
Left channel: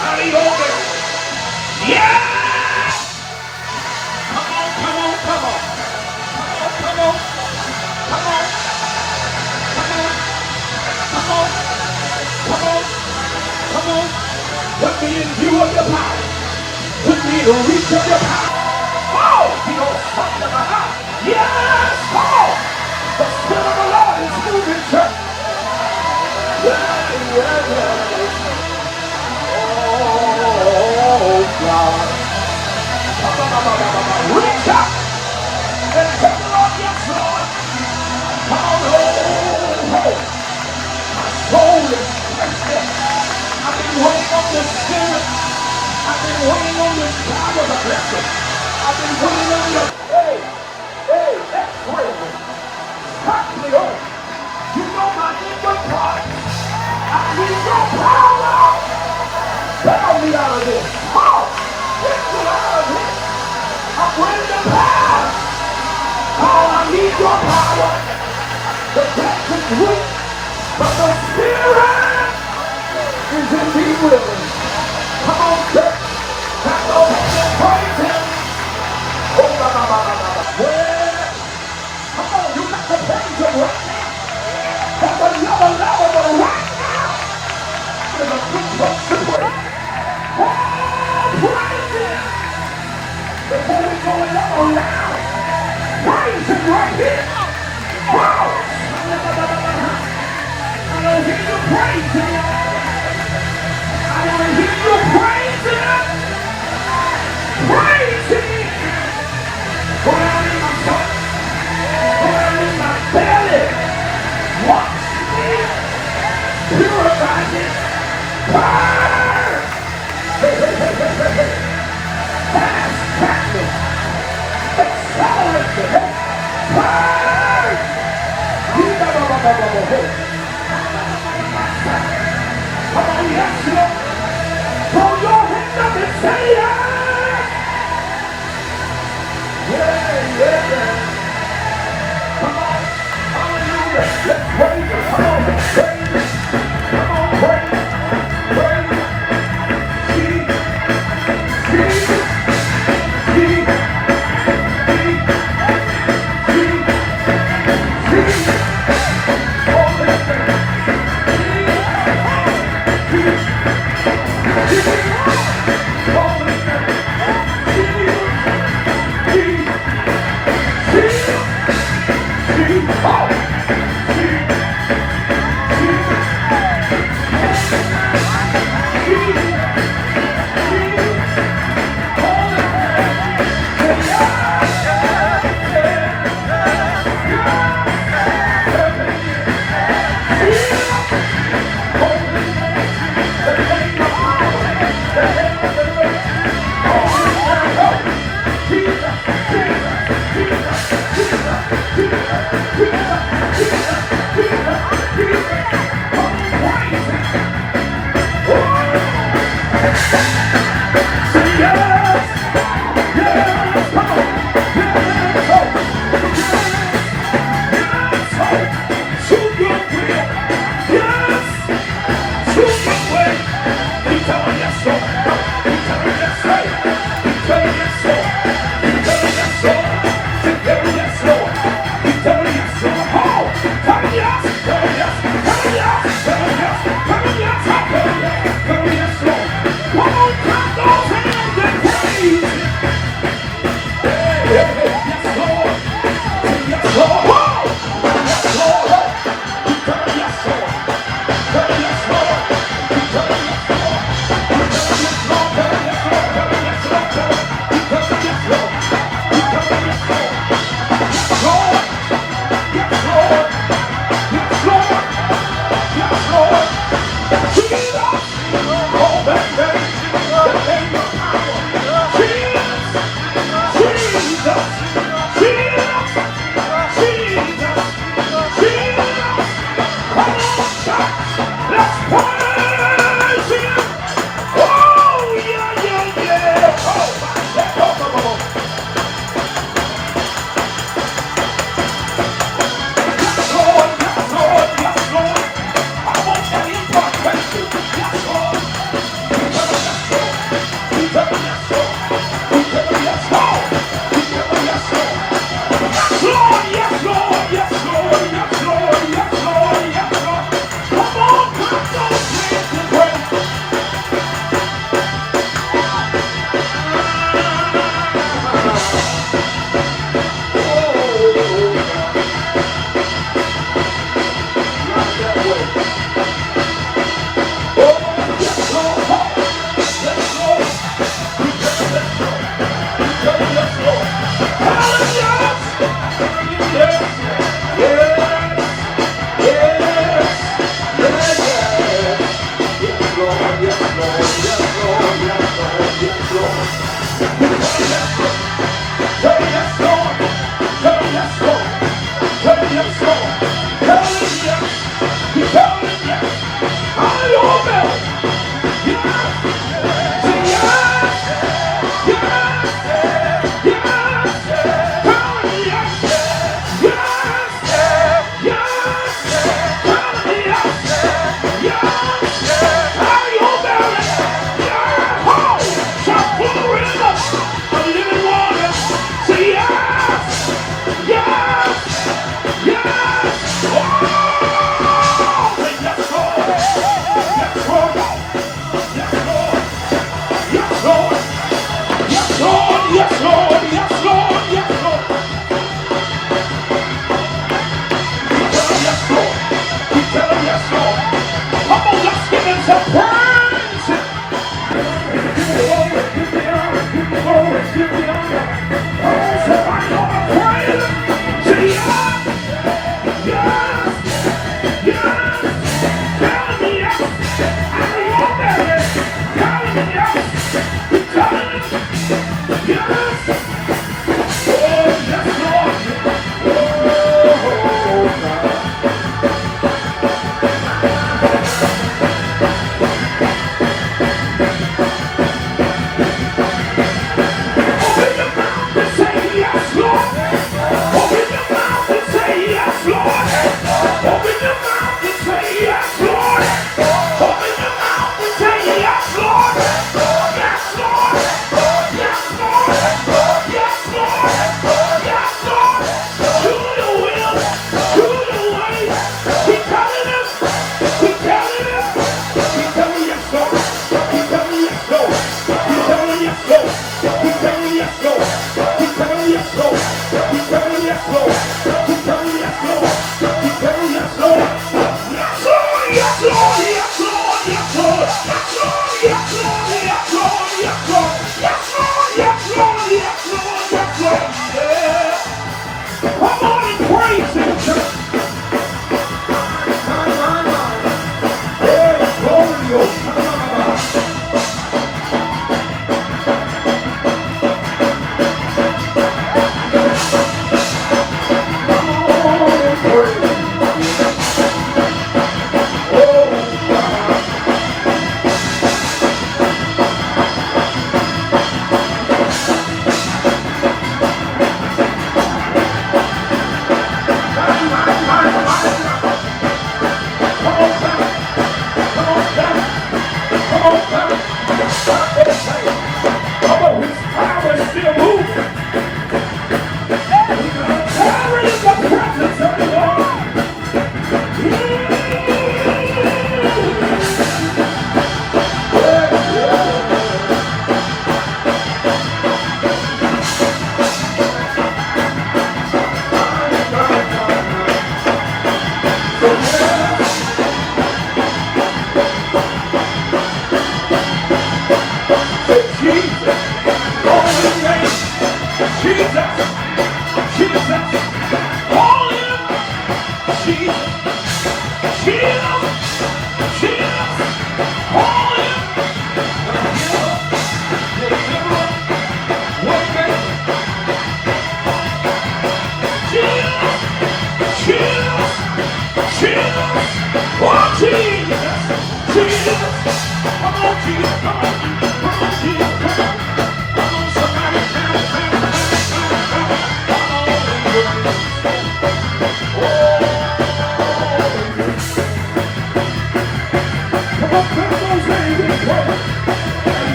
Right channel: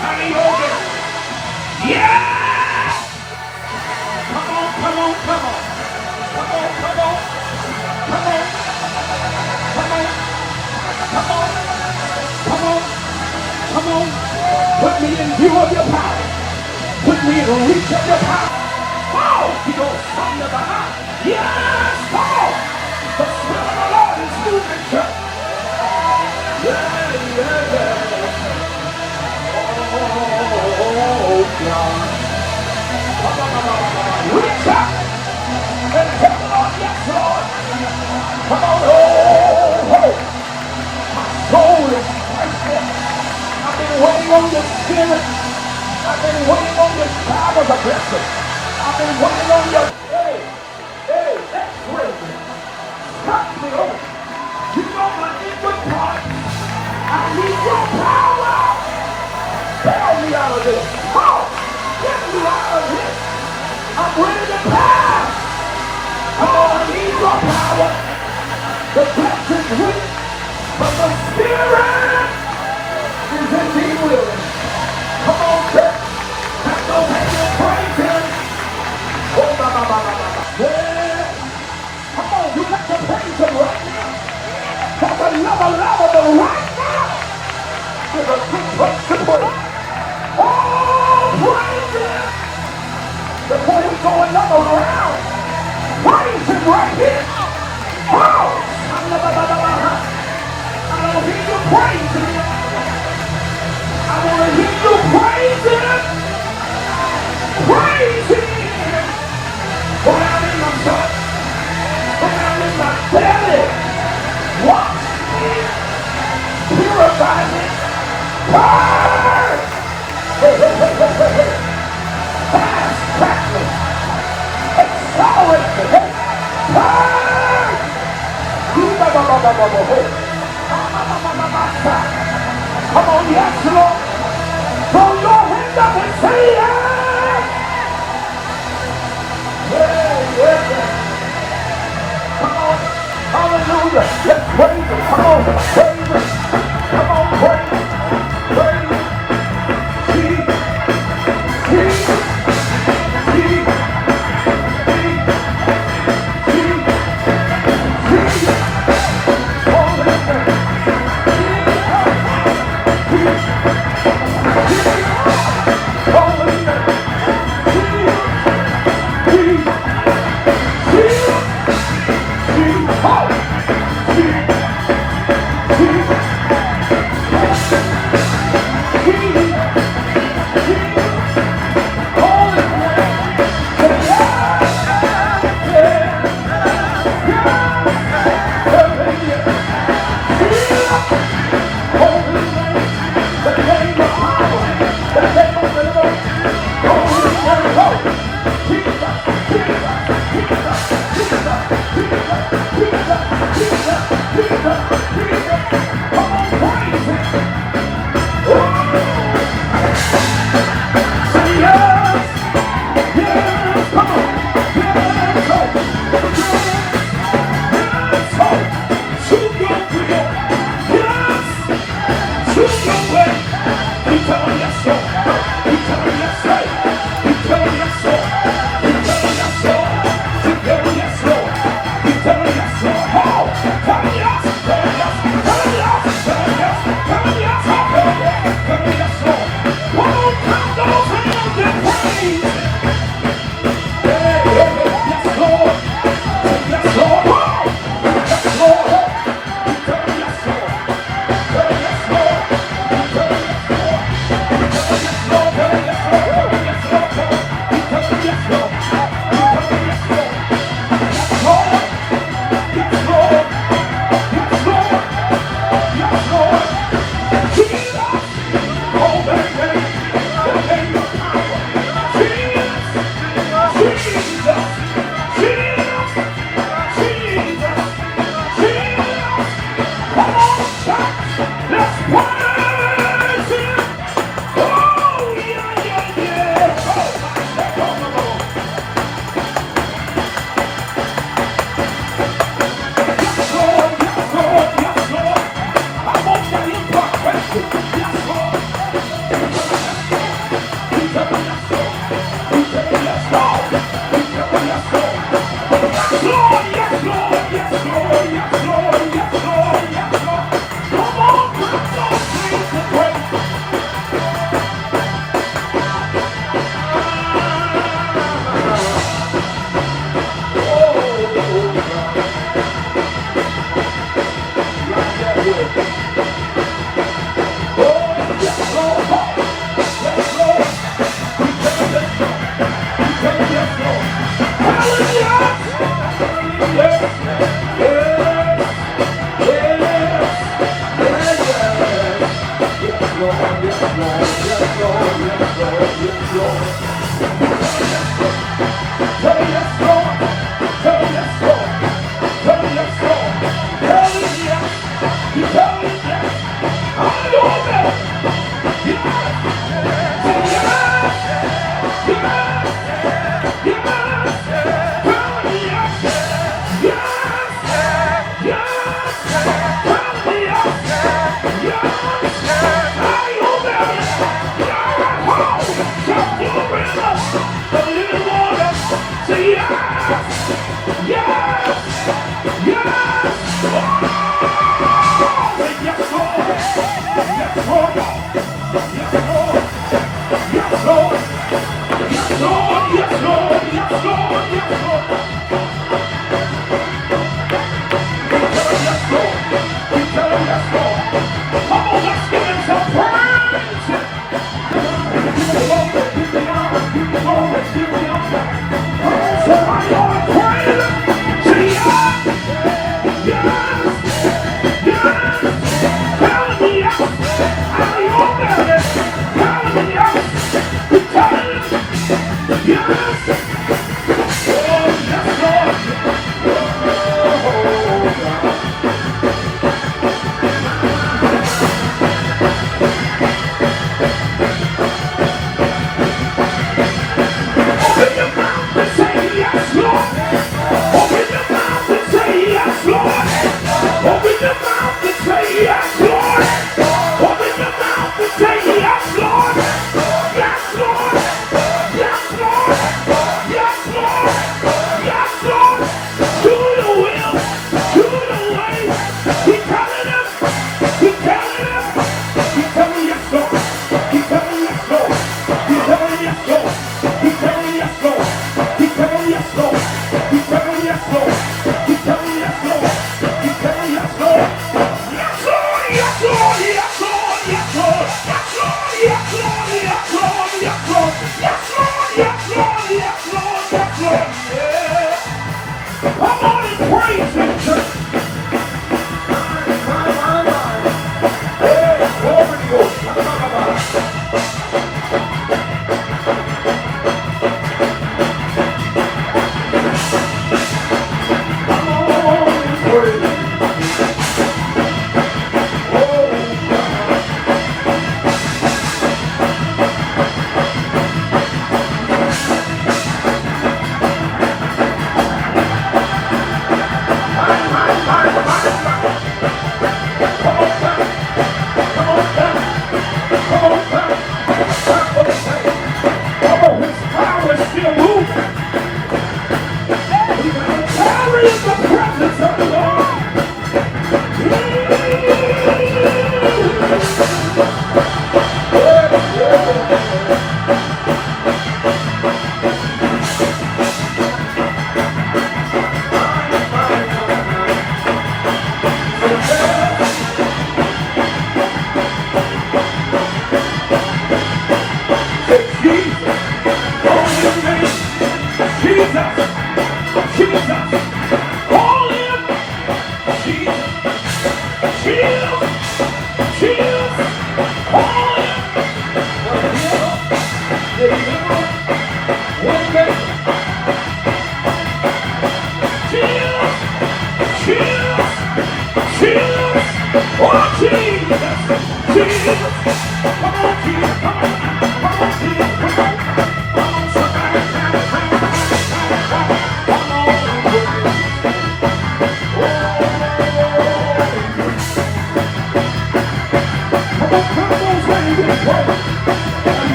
How do you hold it? Yeah! Come on, come on, come on. Come on, come on. Come on. Come on. Come on. Come on. Come on. Put me in view of your power. Put me in reach of your power. Oh, he goes from the behind. Yes, come on. The Spirit of the Lord is moving, church. Oh, God. Reach up. Come on, yes, Lord. Come on, oh. Soul is thirsty. I've been waiting on the Spirit. I've been waiting on this power of the blessing. I've been waiting on the... Hey, that's real. Cut me off. You know I need your power. I need your power. Bail me out of this. Oh, get me out of this. I'm ready to pass. Oh, I need your power. The blessing's weak, but the Spirit is indeed willing. Come on, church. Clap those hands and praise him. Oh, my. Well, come on, you got to praise him right now. For the love, but right now is a good place to pray. Oh, praise him. Before you go another round, praise him right here. Wow. I don't hear you praise him. I want to hear you praise him. Praise him. Go out in my soul. Go out in my belly. Wash me. Purify me. Burn. Hey. Fast track me. Accelerate me. Burn. Come on, yes, Lord. Throw your hands up and say yes. Yeah. Come on. Hallelujah. Let's praise him. Come on, praise him. Come on, praise him. Praise Keep telling me yes, Lord. Keep telling me yes, Lord. Keep telling me yes, Lord. Keep telling me yes, Lord. Keep telling me yes, Lord. Keep telling me yes, Lord. Keep telling me yes, Lord. Yes, Lord. Yes, Lord. Yes, Lord. Yes, Lord. Yes, Lord. Yes, Lord. Yes, Lord. Yes, Lord. Yes, Lord. Yes, Lord. Yes, Lord. Yes, Lord. Yeah. Come on and praise Him, church. Yeah, glory to God.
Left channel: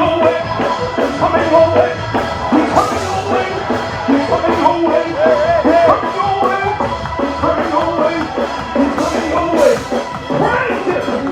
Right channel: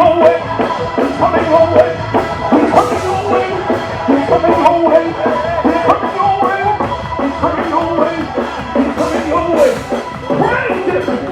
your way. He's coming your way. He's coming your way. He's coming your way. He's coming your way. He's coming your way. He's coming your way. Praise him.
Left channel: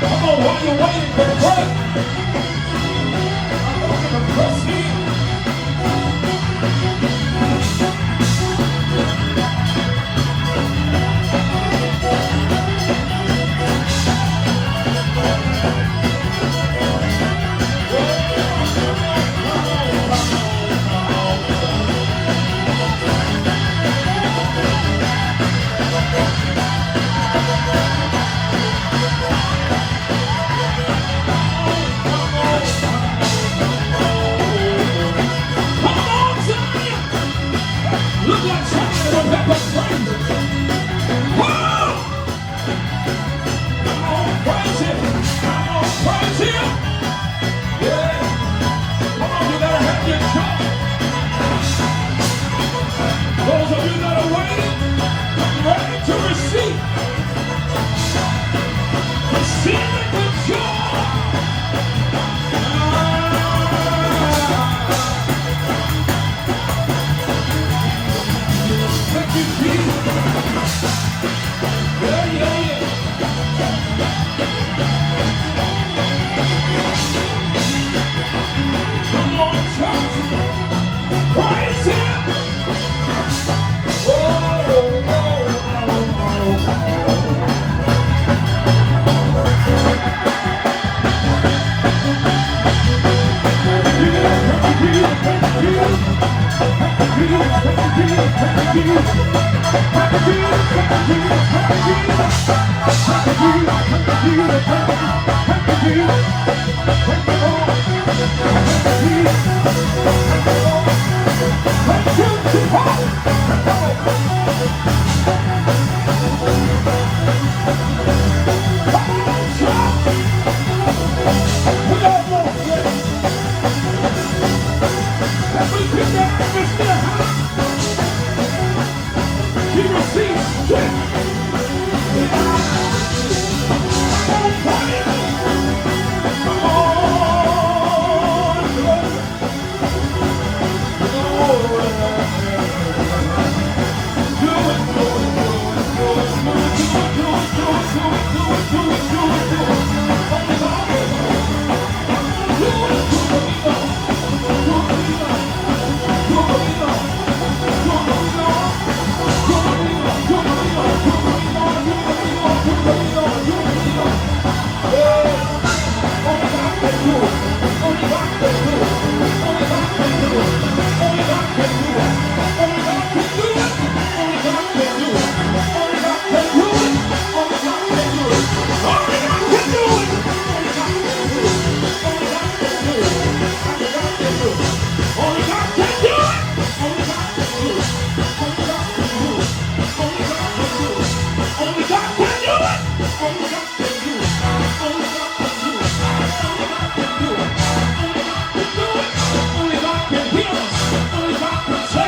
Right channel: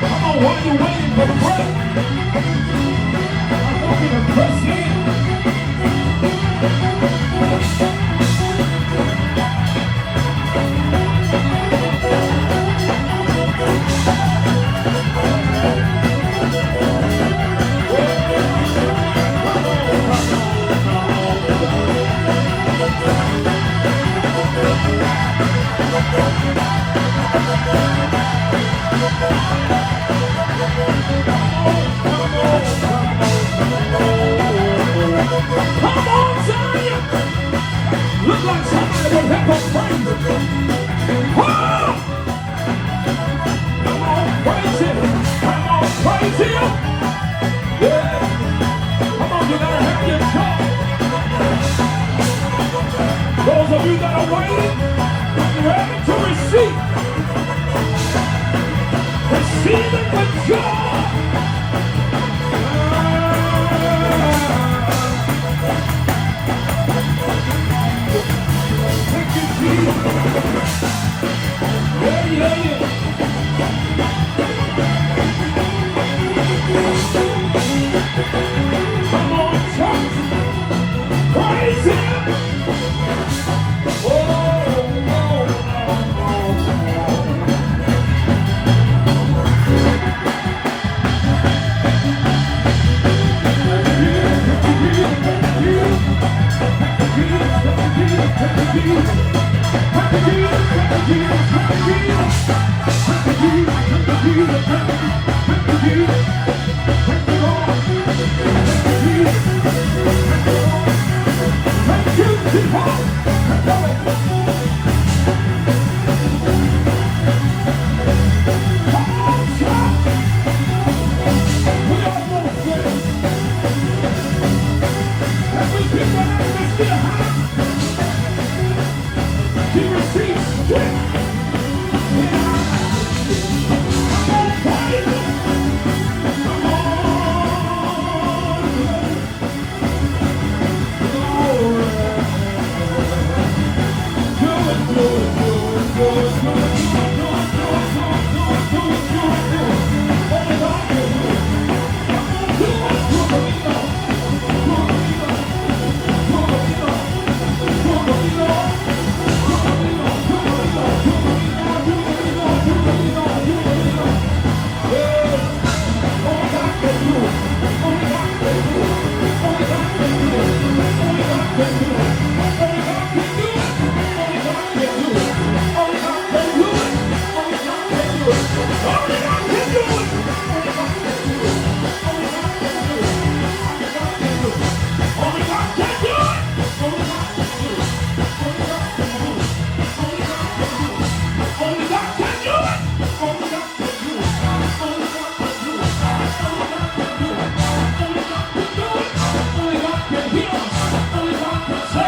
Come on, while you're waiting for the break, I want you to press in. Look like somebody would have a praise. Whoa! Come on, praise him. Come on, praise him. Yeah. Come on, you gotta have your joy. Those of you that are waiting, get ready to receive. Receive it with joy. Come on, church. Praise him. He receives strength. Only God can save.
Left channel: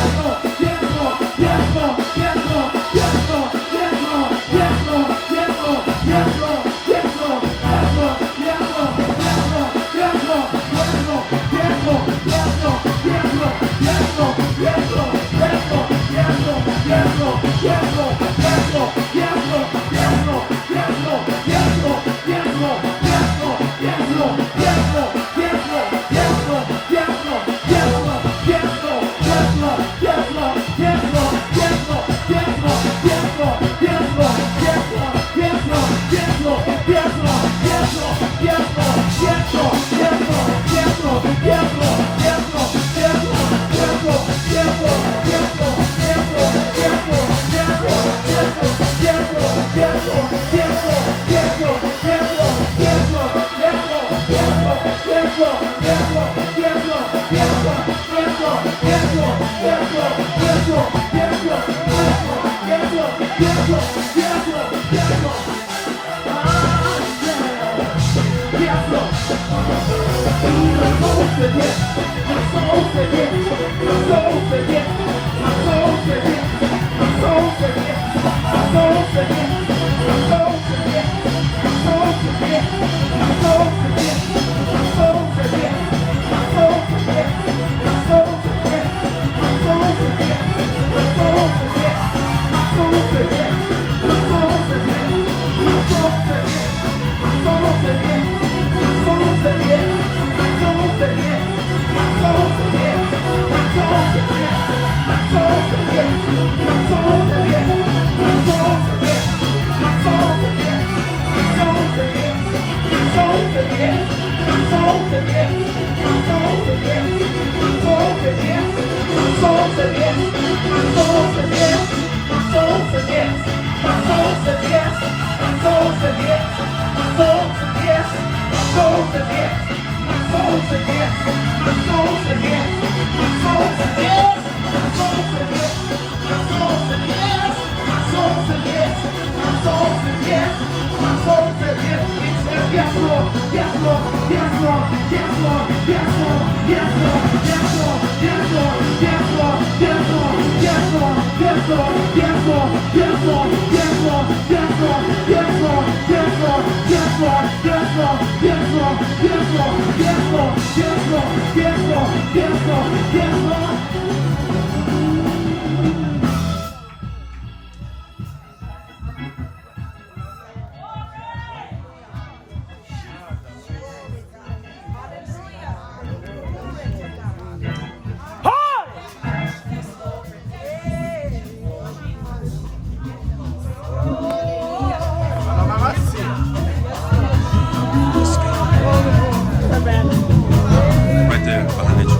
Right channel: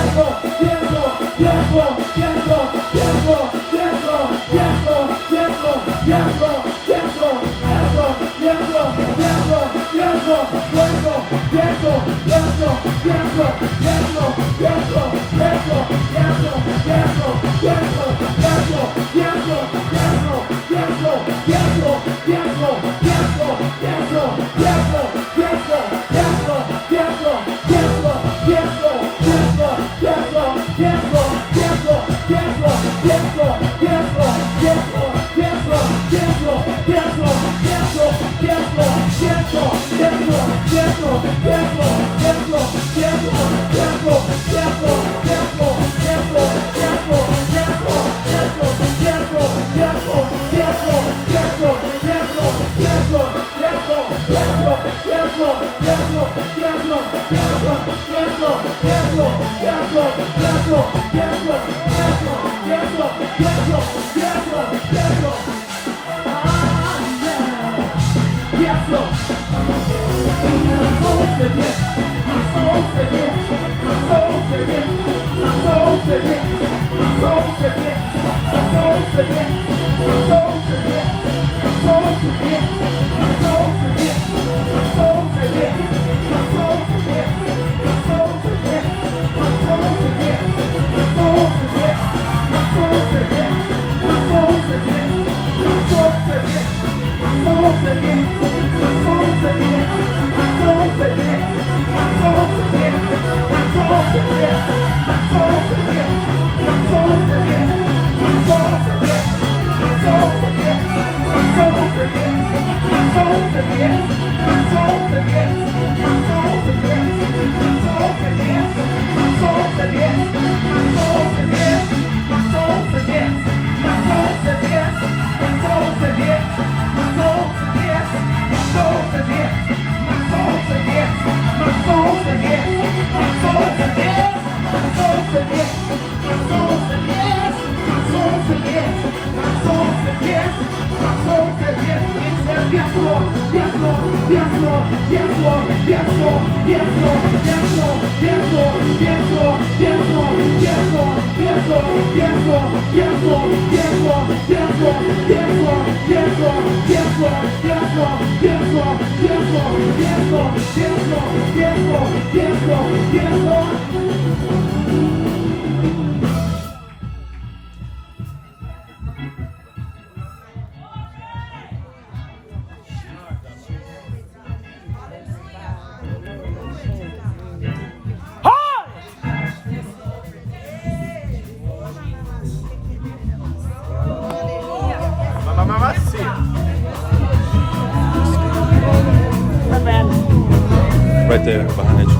Right there, behind you.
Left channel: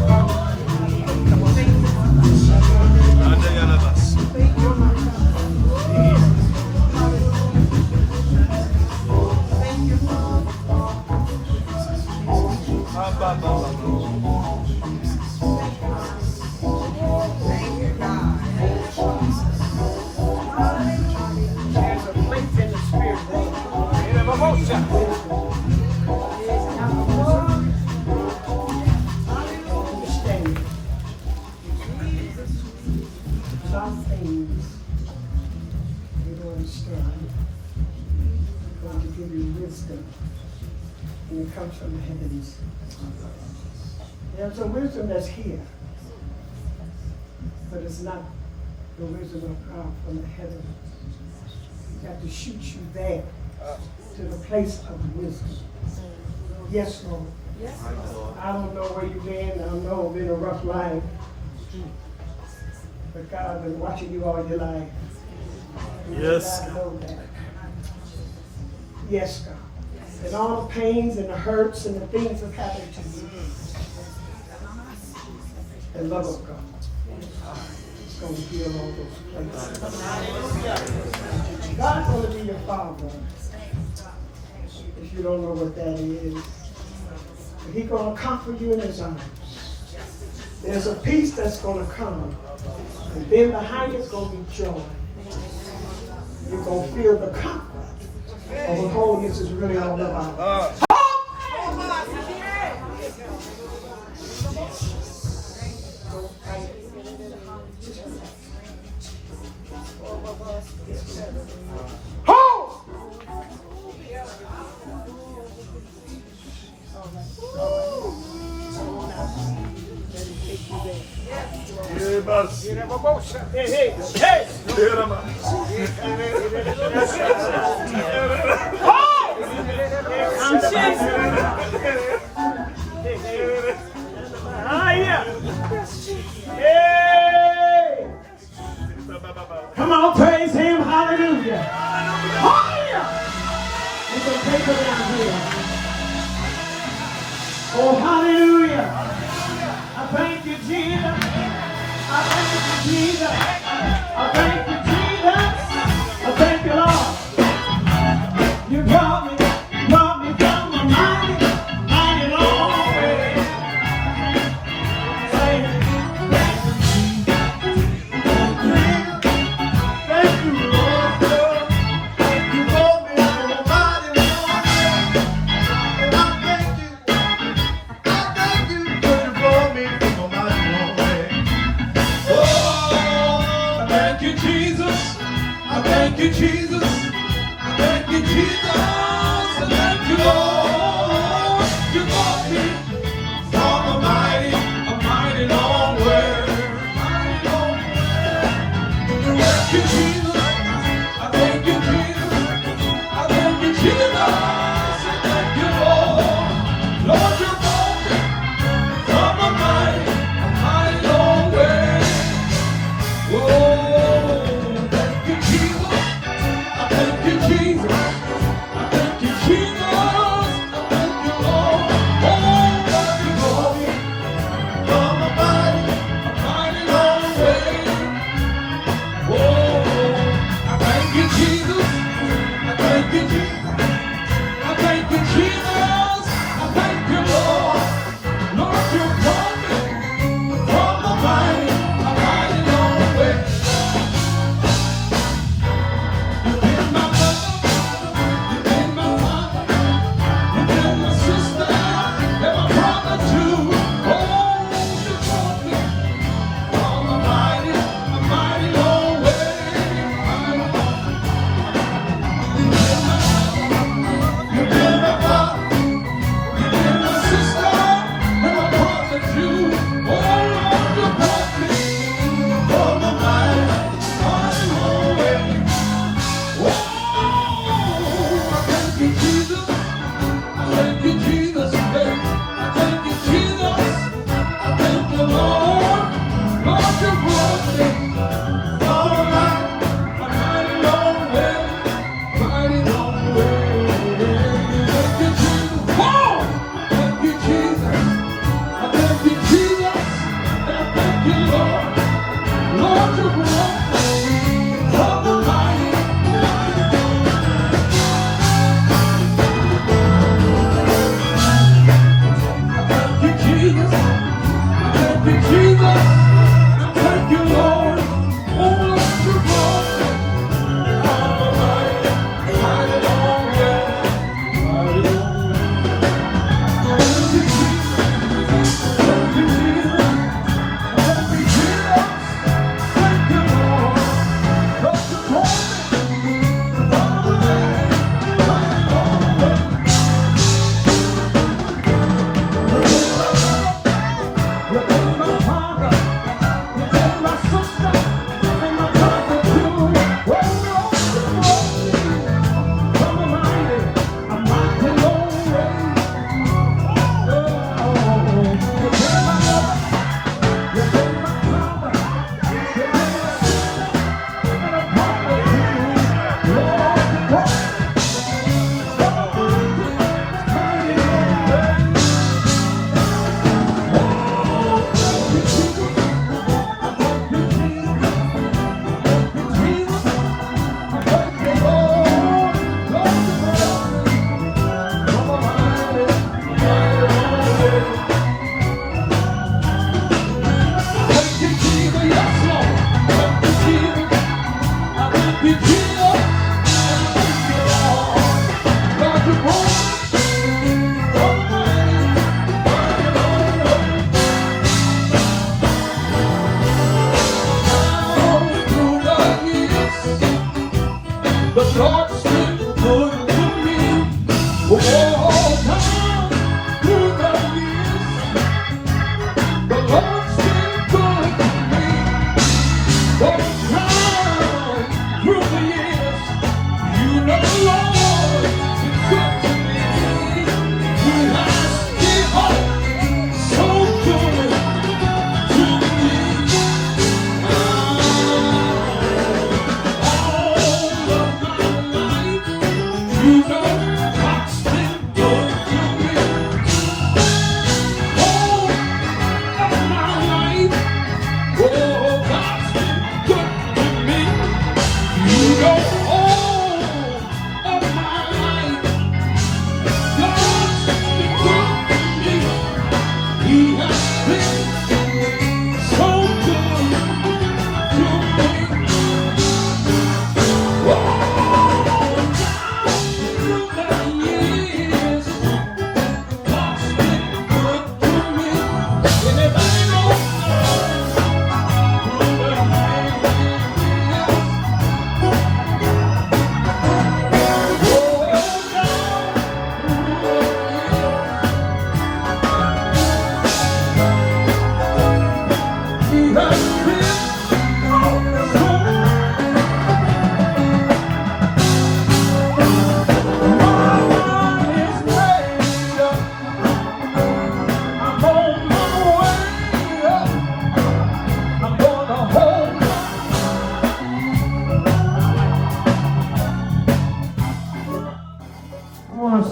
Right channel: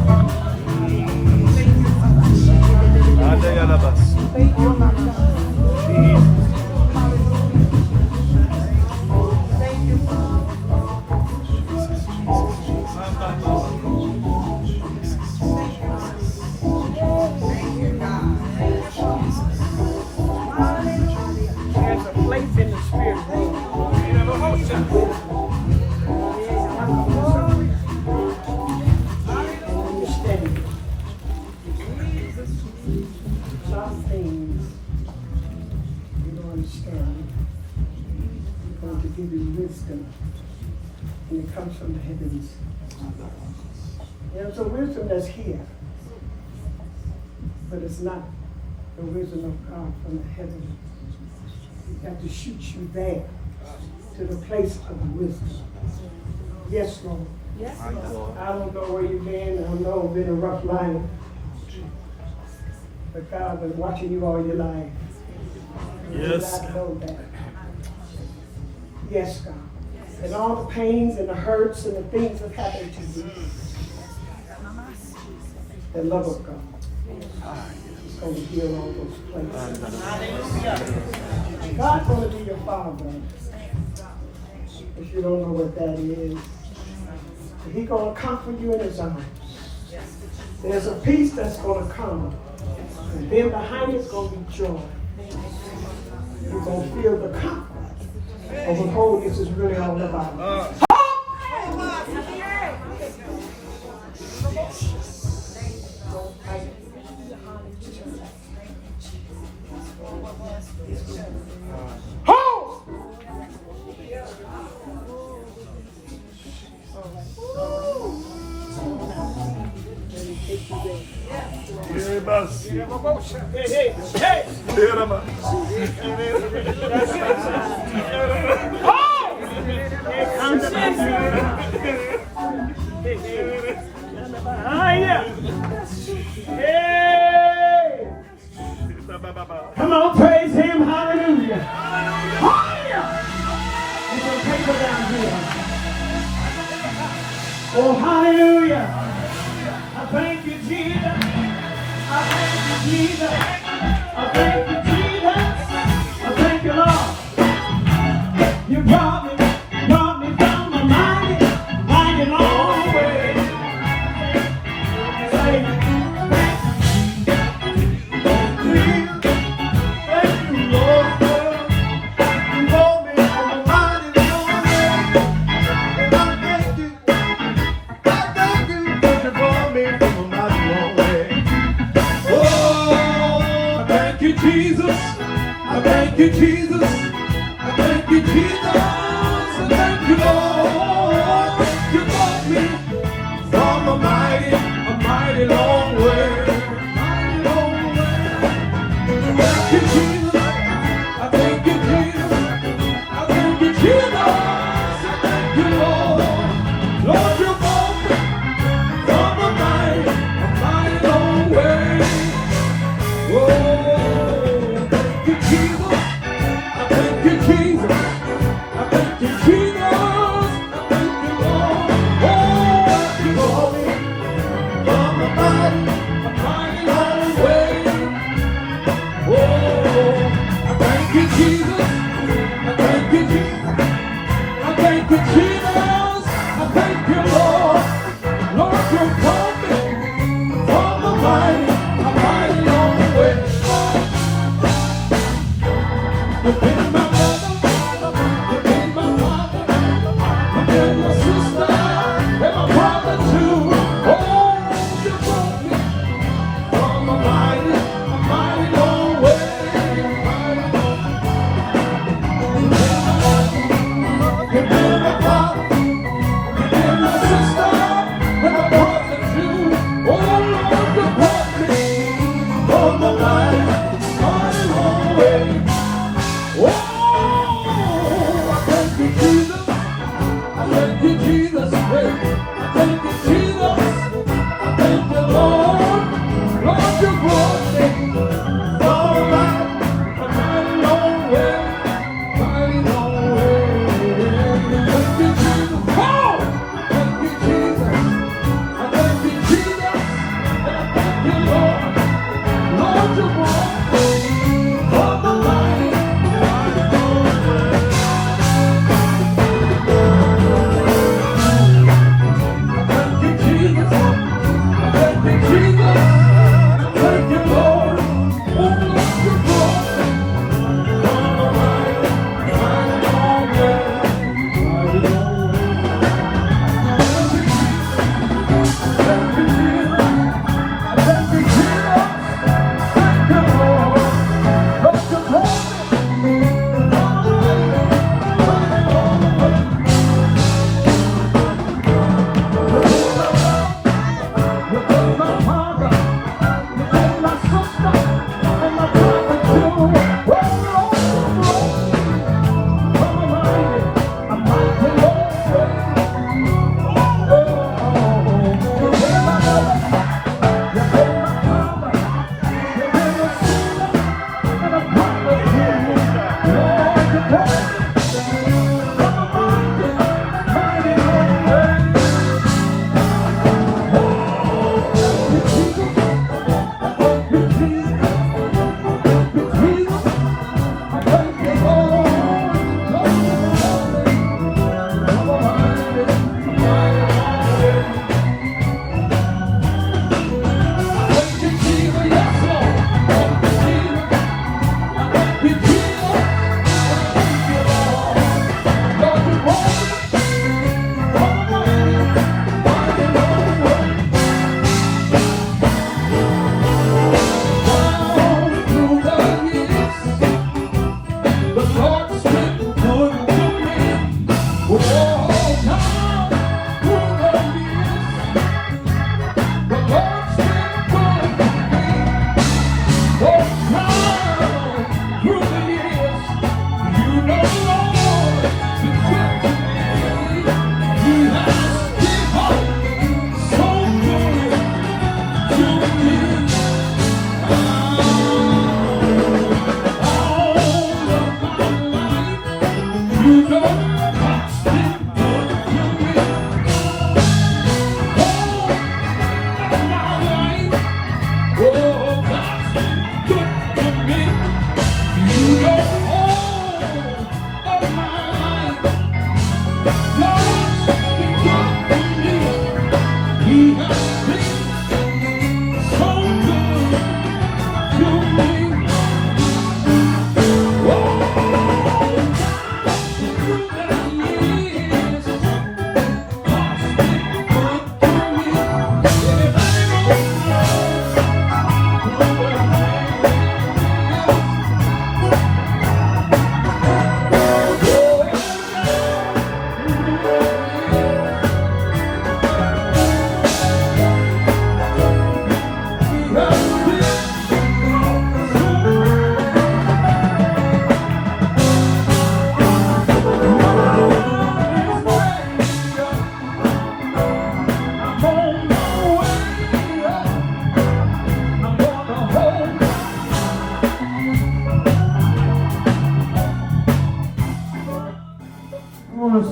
There's a place in the spirit world. Understand. Some things you don't understand. He's going to give you wisdom, and it comes from the heavens. There's a wisdom that's here, but it's not the wisdom of God from the heavens. He have to shoot you there to the place of wisdom. Yes, Lord. Yes, Lord. I don't know where you've been. I know it's been a rough life. But God has been watching you all your life. And Yes. God know that. Yes, God. And all the pains and the hurts and the things that happened to you. The love of God is going to heal all those places. God's going to be your father. If you don't know what that is. He's going to comfort you in his arms. There's a peace that's going to come. And then behind it's going to be joy. You're going to feel the comfort of what holiness is really all about. Come on, praise him, hallelujah. Hallelujah. He's going to take you down here. Oh, hallelujah. I thank you, Jesus. I thank you, Jesus. I thank you, Jesus. I thank you, Lord. You brought me from a mighty long way. Say it. Jesus. I thank you, Jesus. I thank you, Jesus. I thank you, Lord. You brought me from a mighty long way. Mighty long way. Thank you, Jesus. I thank you, Jesus. I thank you, Jesus. I thank you, Lord. Lord, you brought me from a mighty long way. Whoa, thank you, Jesus. I thank you, Jesus. I thank you, Jesus. I thank you, Lord. Oh, you brought me from a mighty long way. Whoa, I thank you, Jesus. I thank you, Jesus. I thank you, Jesus. I thank you, Lord. Lord, you brought me from a mighty long way. You been my mother, you been my father, you been my sister, and my brother too. Oh, you brought me from a mighty long way. You been my father, you been my sister, and my brother too. Oh, Lord, you brought me from a mighty long way. Oh, I thank you, Jesus. I thank you, Jesus. I thank you, Jesus. I thank you, Lord. Lord, you brought me from a mighty long way. Mighty long way. Thank you, Jesus. Oh, thank you, Jesus. I thank you, Jesus. I thank you, Lord. Lord, you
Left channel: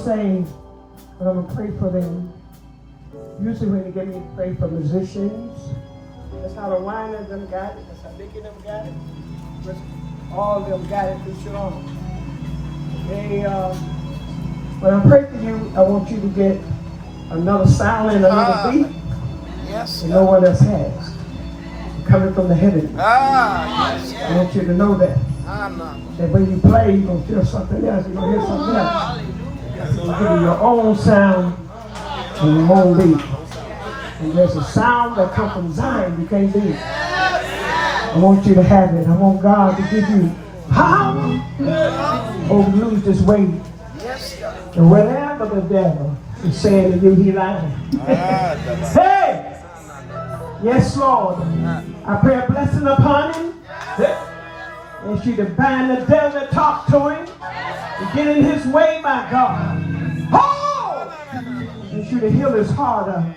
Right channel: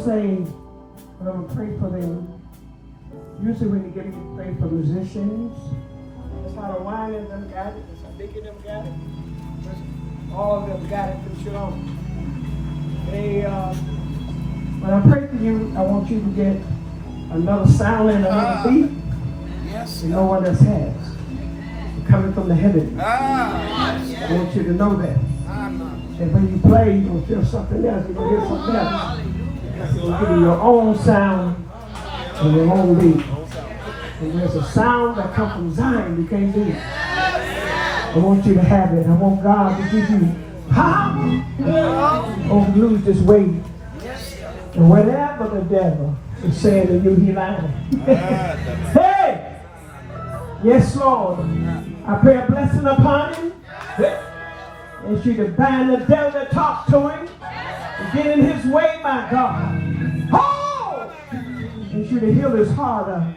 saying, but I'm going to pray for them. Usually when you get me to pray for musicians, that's how the wine of them got it. That's how big of them got it. But all of them got it through Shalom. When I pray for you, I want you to get another sound and another beat. Yes. And no one else has. It's coming from the heavens. I want you to know that. And when you play, you're going to hear something else. You're going to hear something else. You're going to give you your own sound and your own beat. And there's a sound that comes from Zion you can't do. I want you to have it. I want God to give you power over lose this weight. And whatever the devil is saying to you, he like hey! Yes, Lord. I pray a blessing upon him. And you to bind the devil and talk to him. And get in his way, my God. Oh! And you to heal his heart up.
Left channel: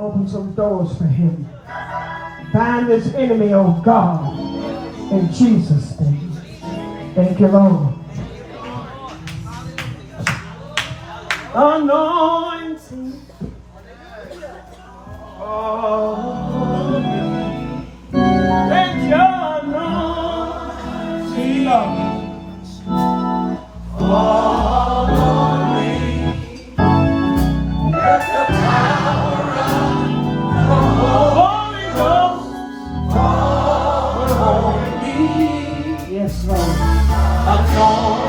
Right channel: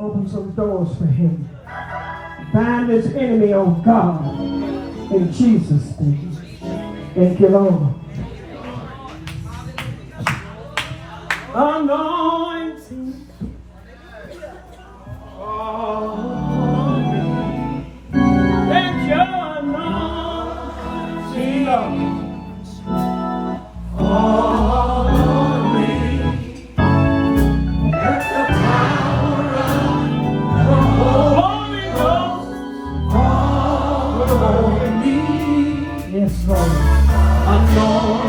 Open some doors for him. Bind this enemy, oh God. In Jesus' name. Thank you, Lord. Anointing. Oh, let your anointing, Lord. Oh, let the power of the Holy Ghost fall on me. Yes, Lord. Anointing.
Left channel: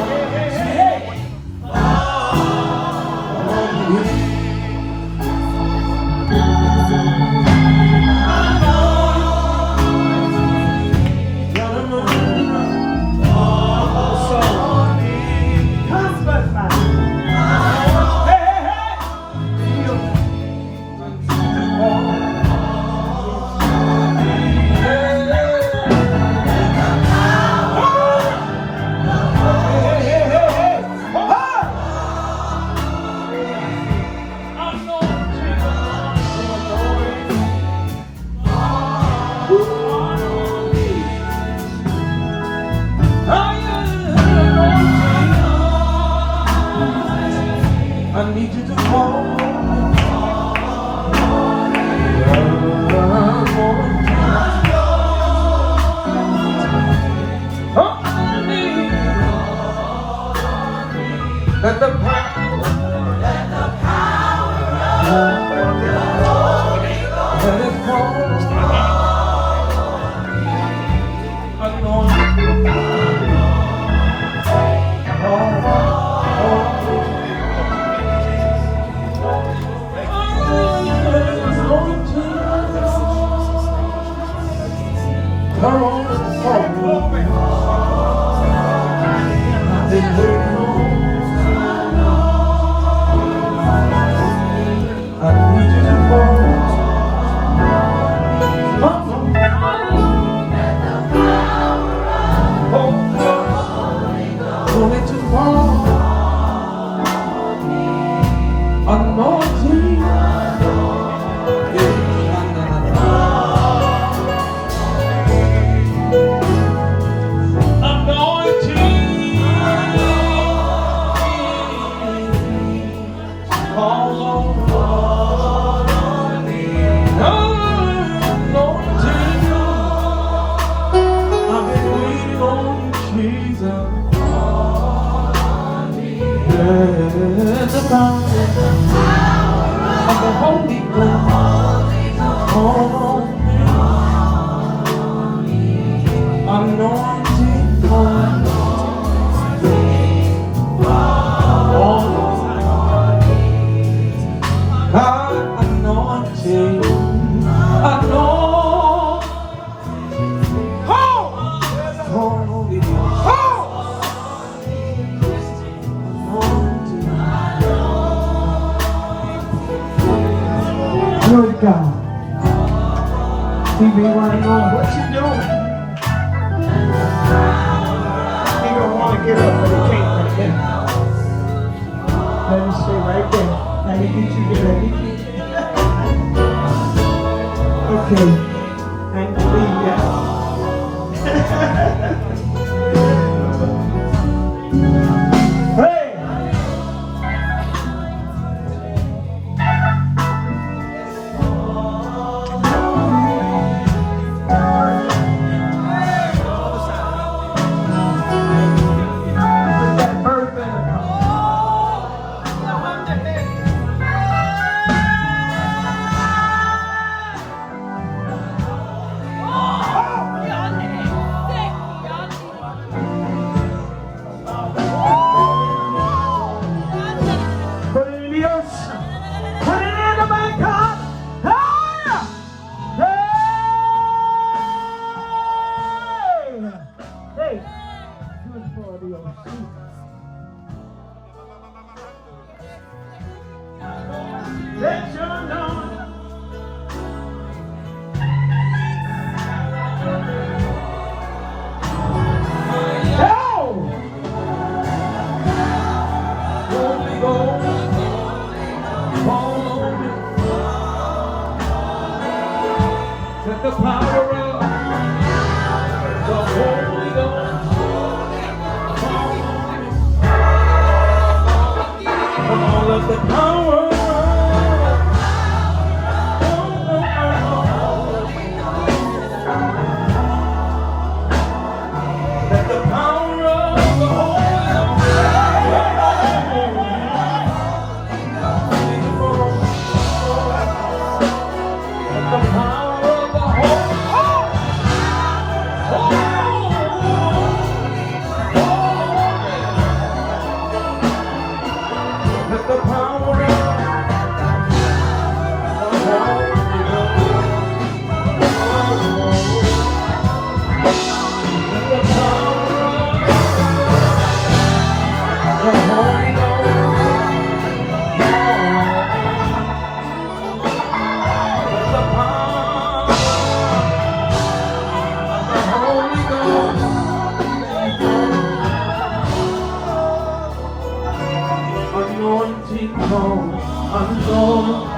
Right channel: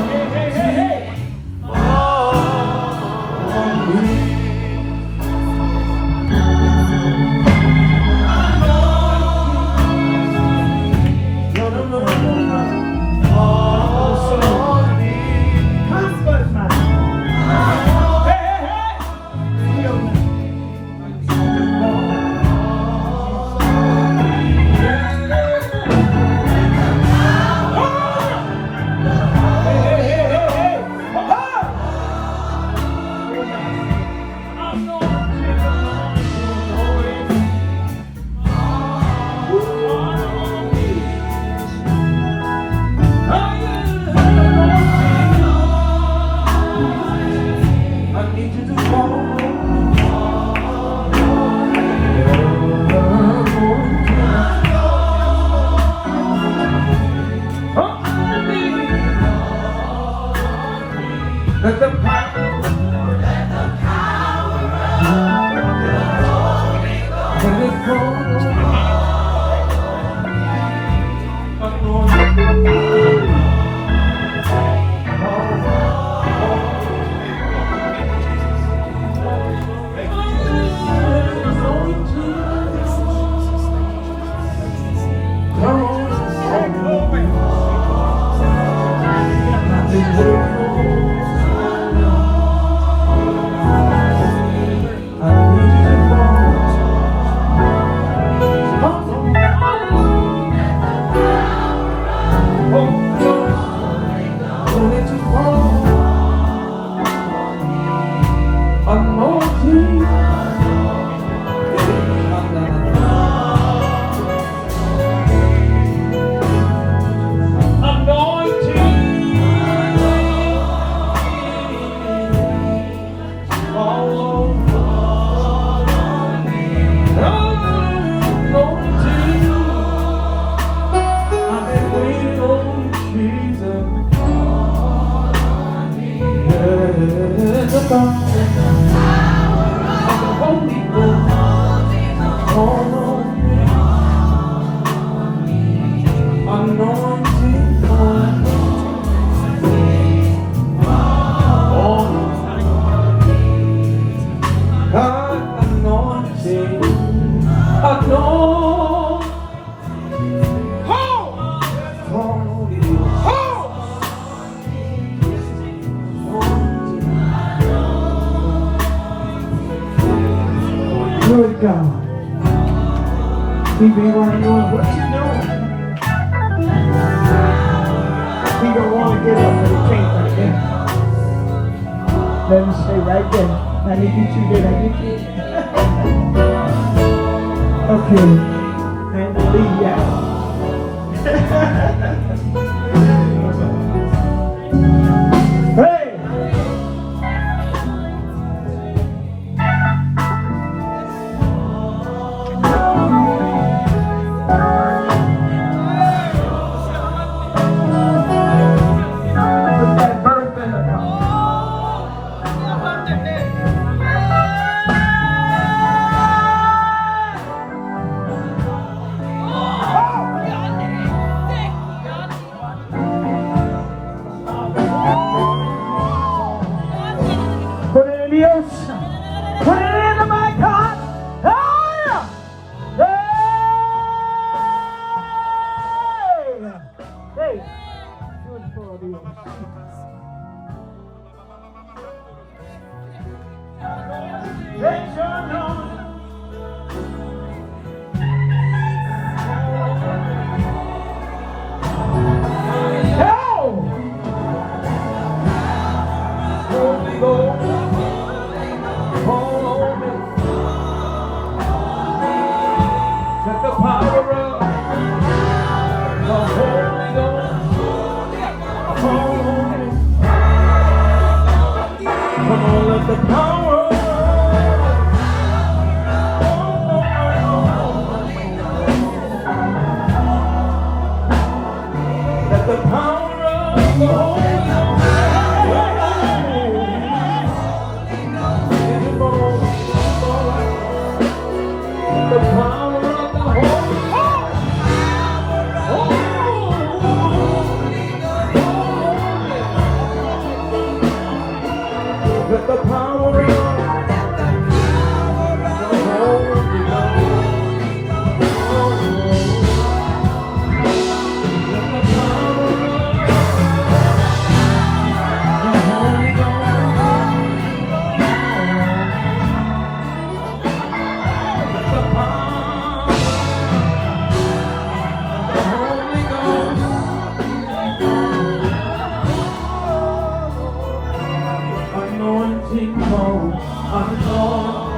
Anointing home, anointing.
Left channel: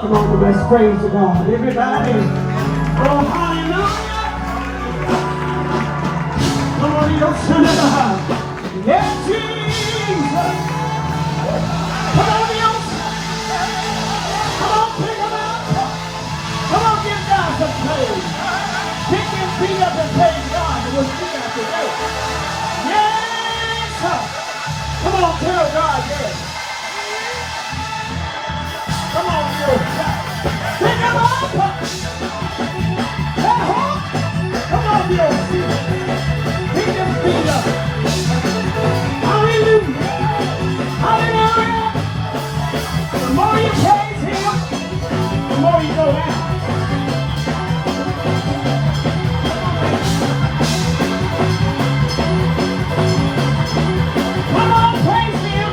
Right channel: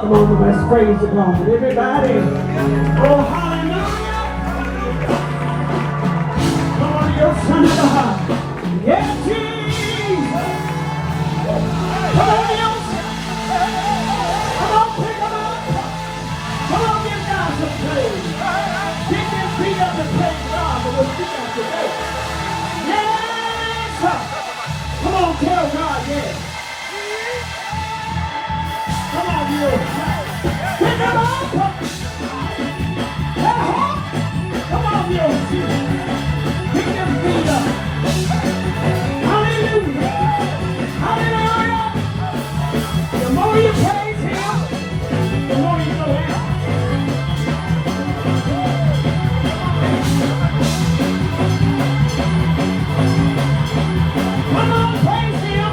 Come on, let's praise the God. Everybody. Oh, hallelujah. Come on, your son of God. Yes, Jesus. Come on, your son. Come on, pick him up. Come on, give God some praise. Pick your feet up and praise God and we'll see him today. Yes. Come on, tell God yes. Come on, you. Pick him up. Come on, you. Pick your feet up. Hallelujah. Hallelujah. The more you praise him, the more you go down. Come on, praise him.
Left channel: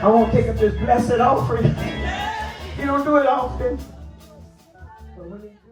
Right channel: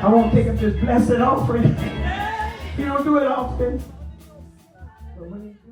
I won't take up this blessed offering. You don't do it often. when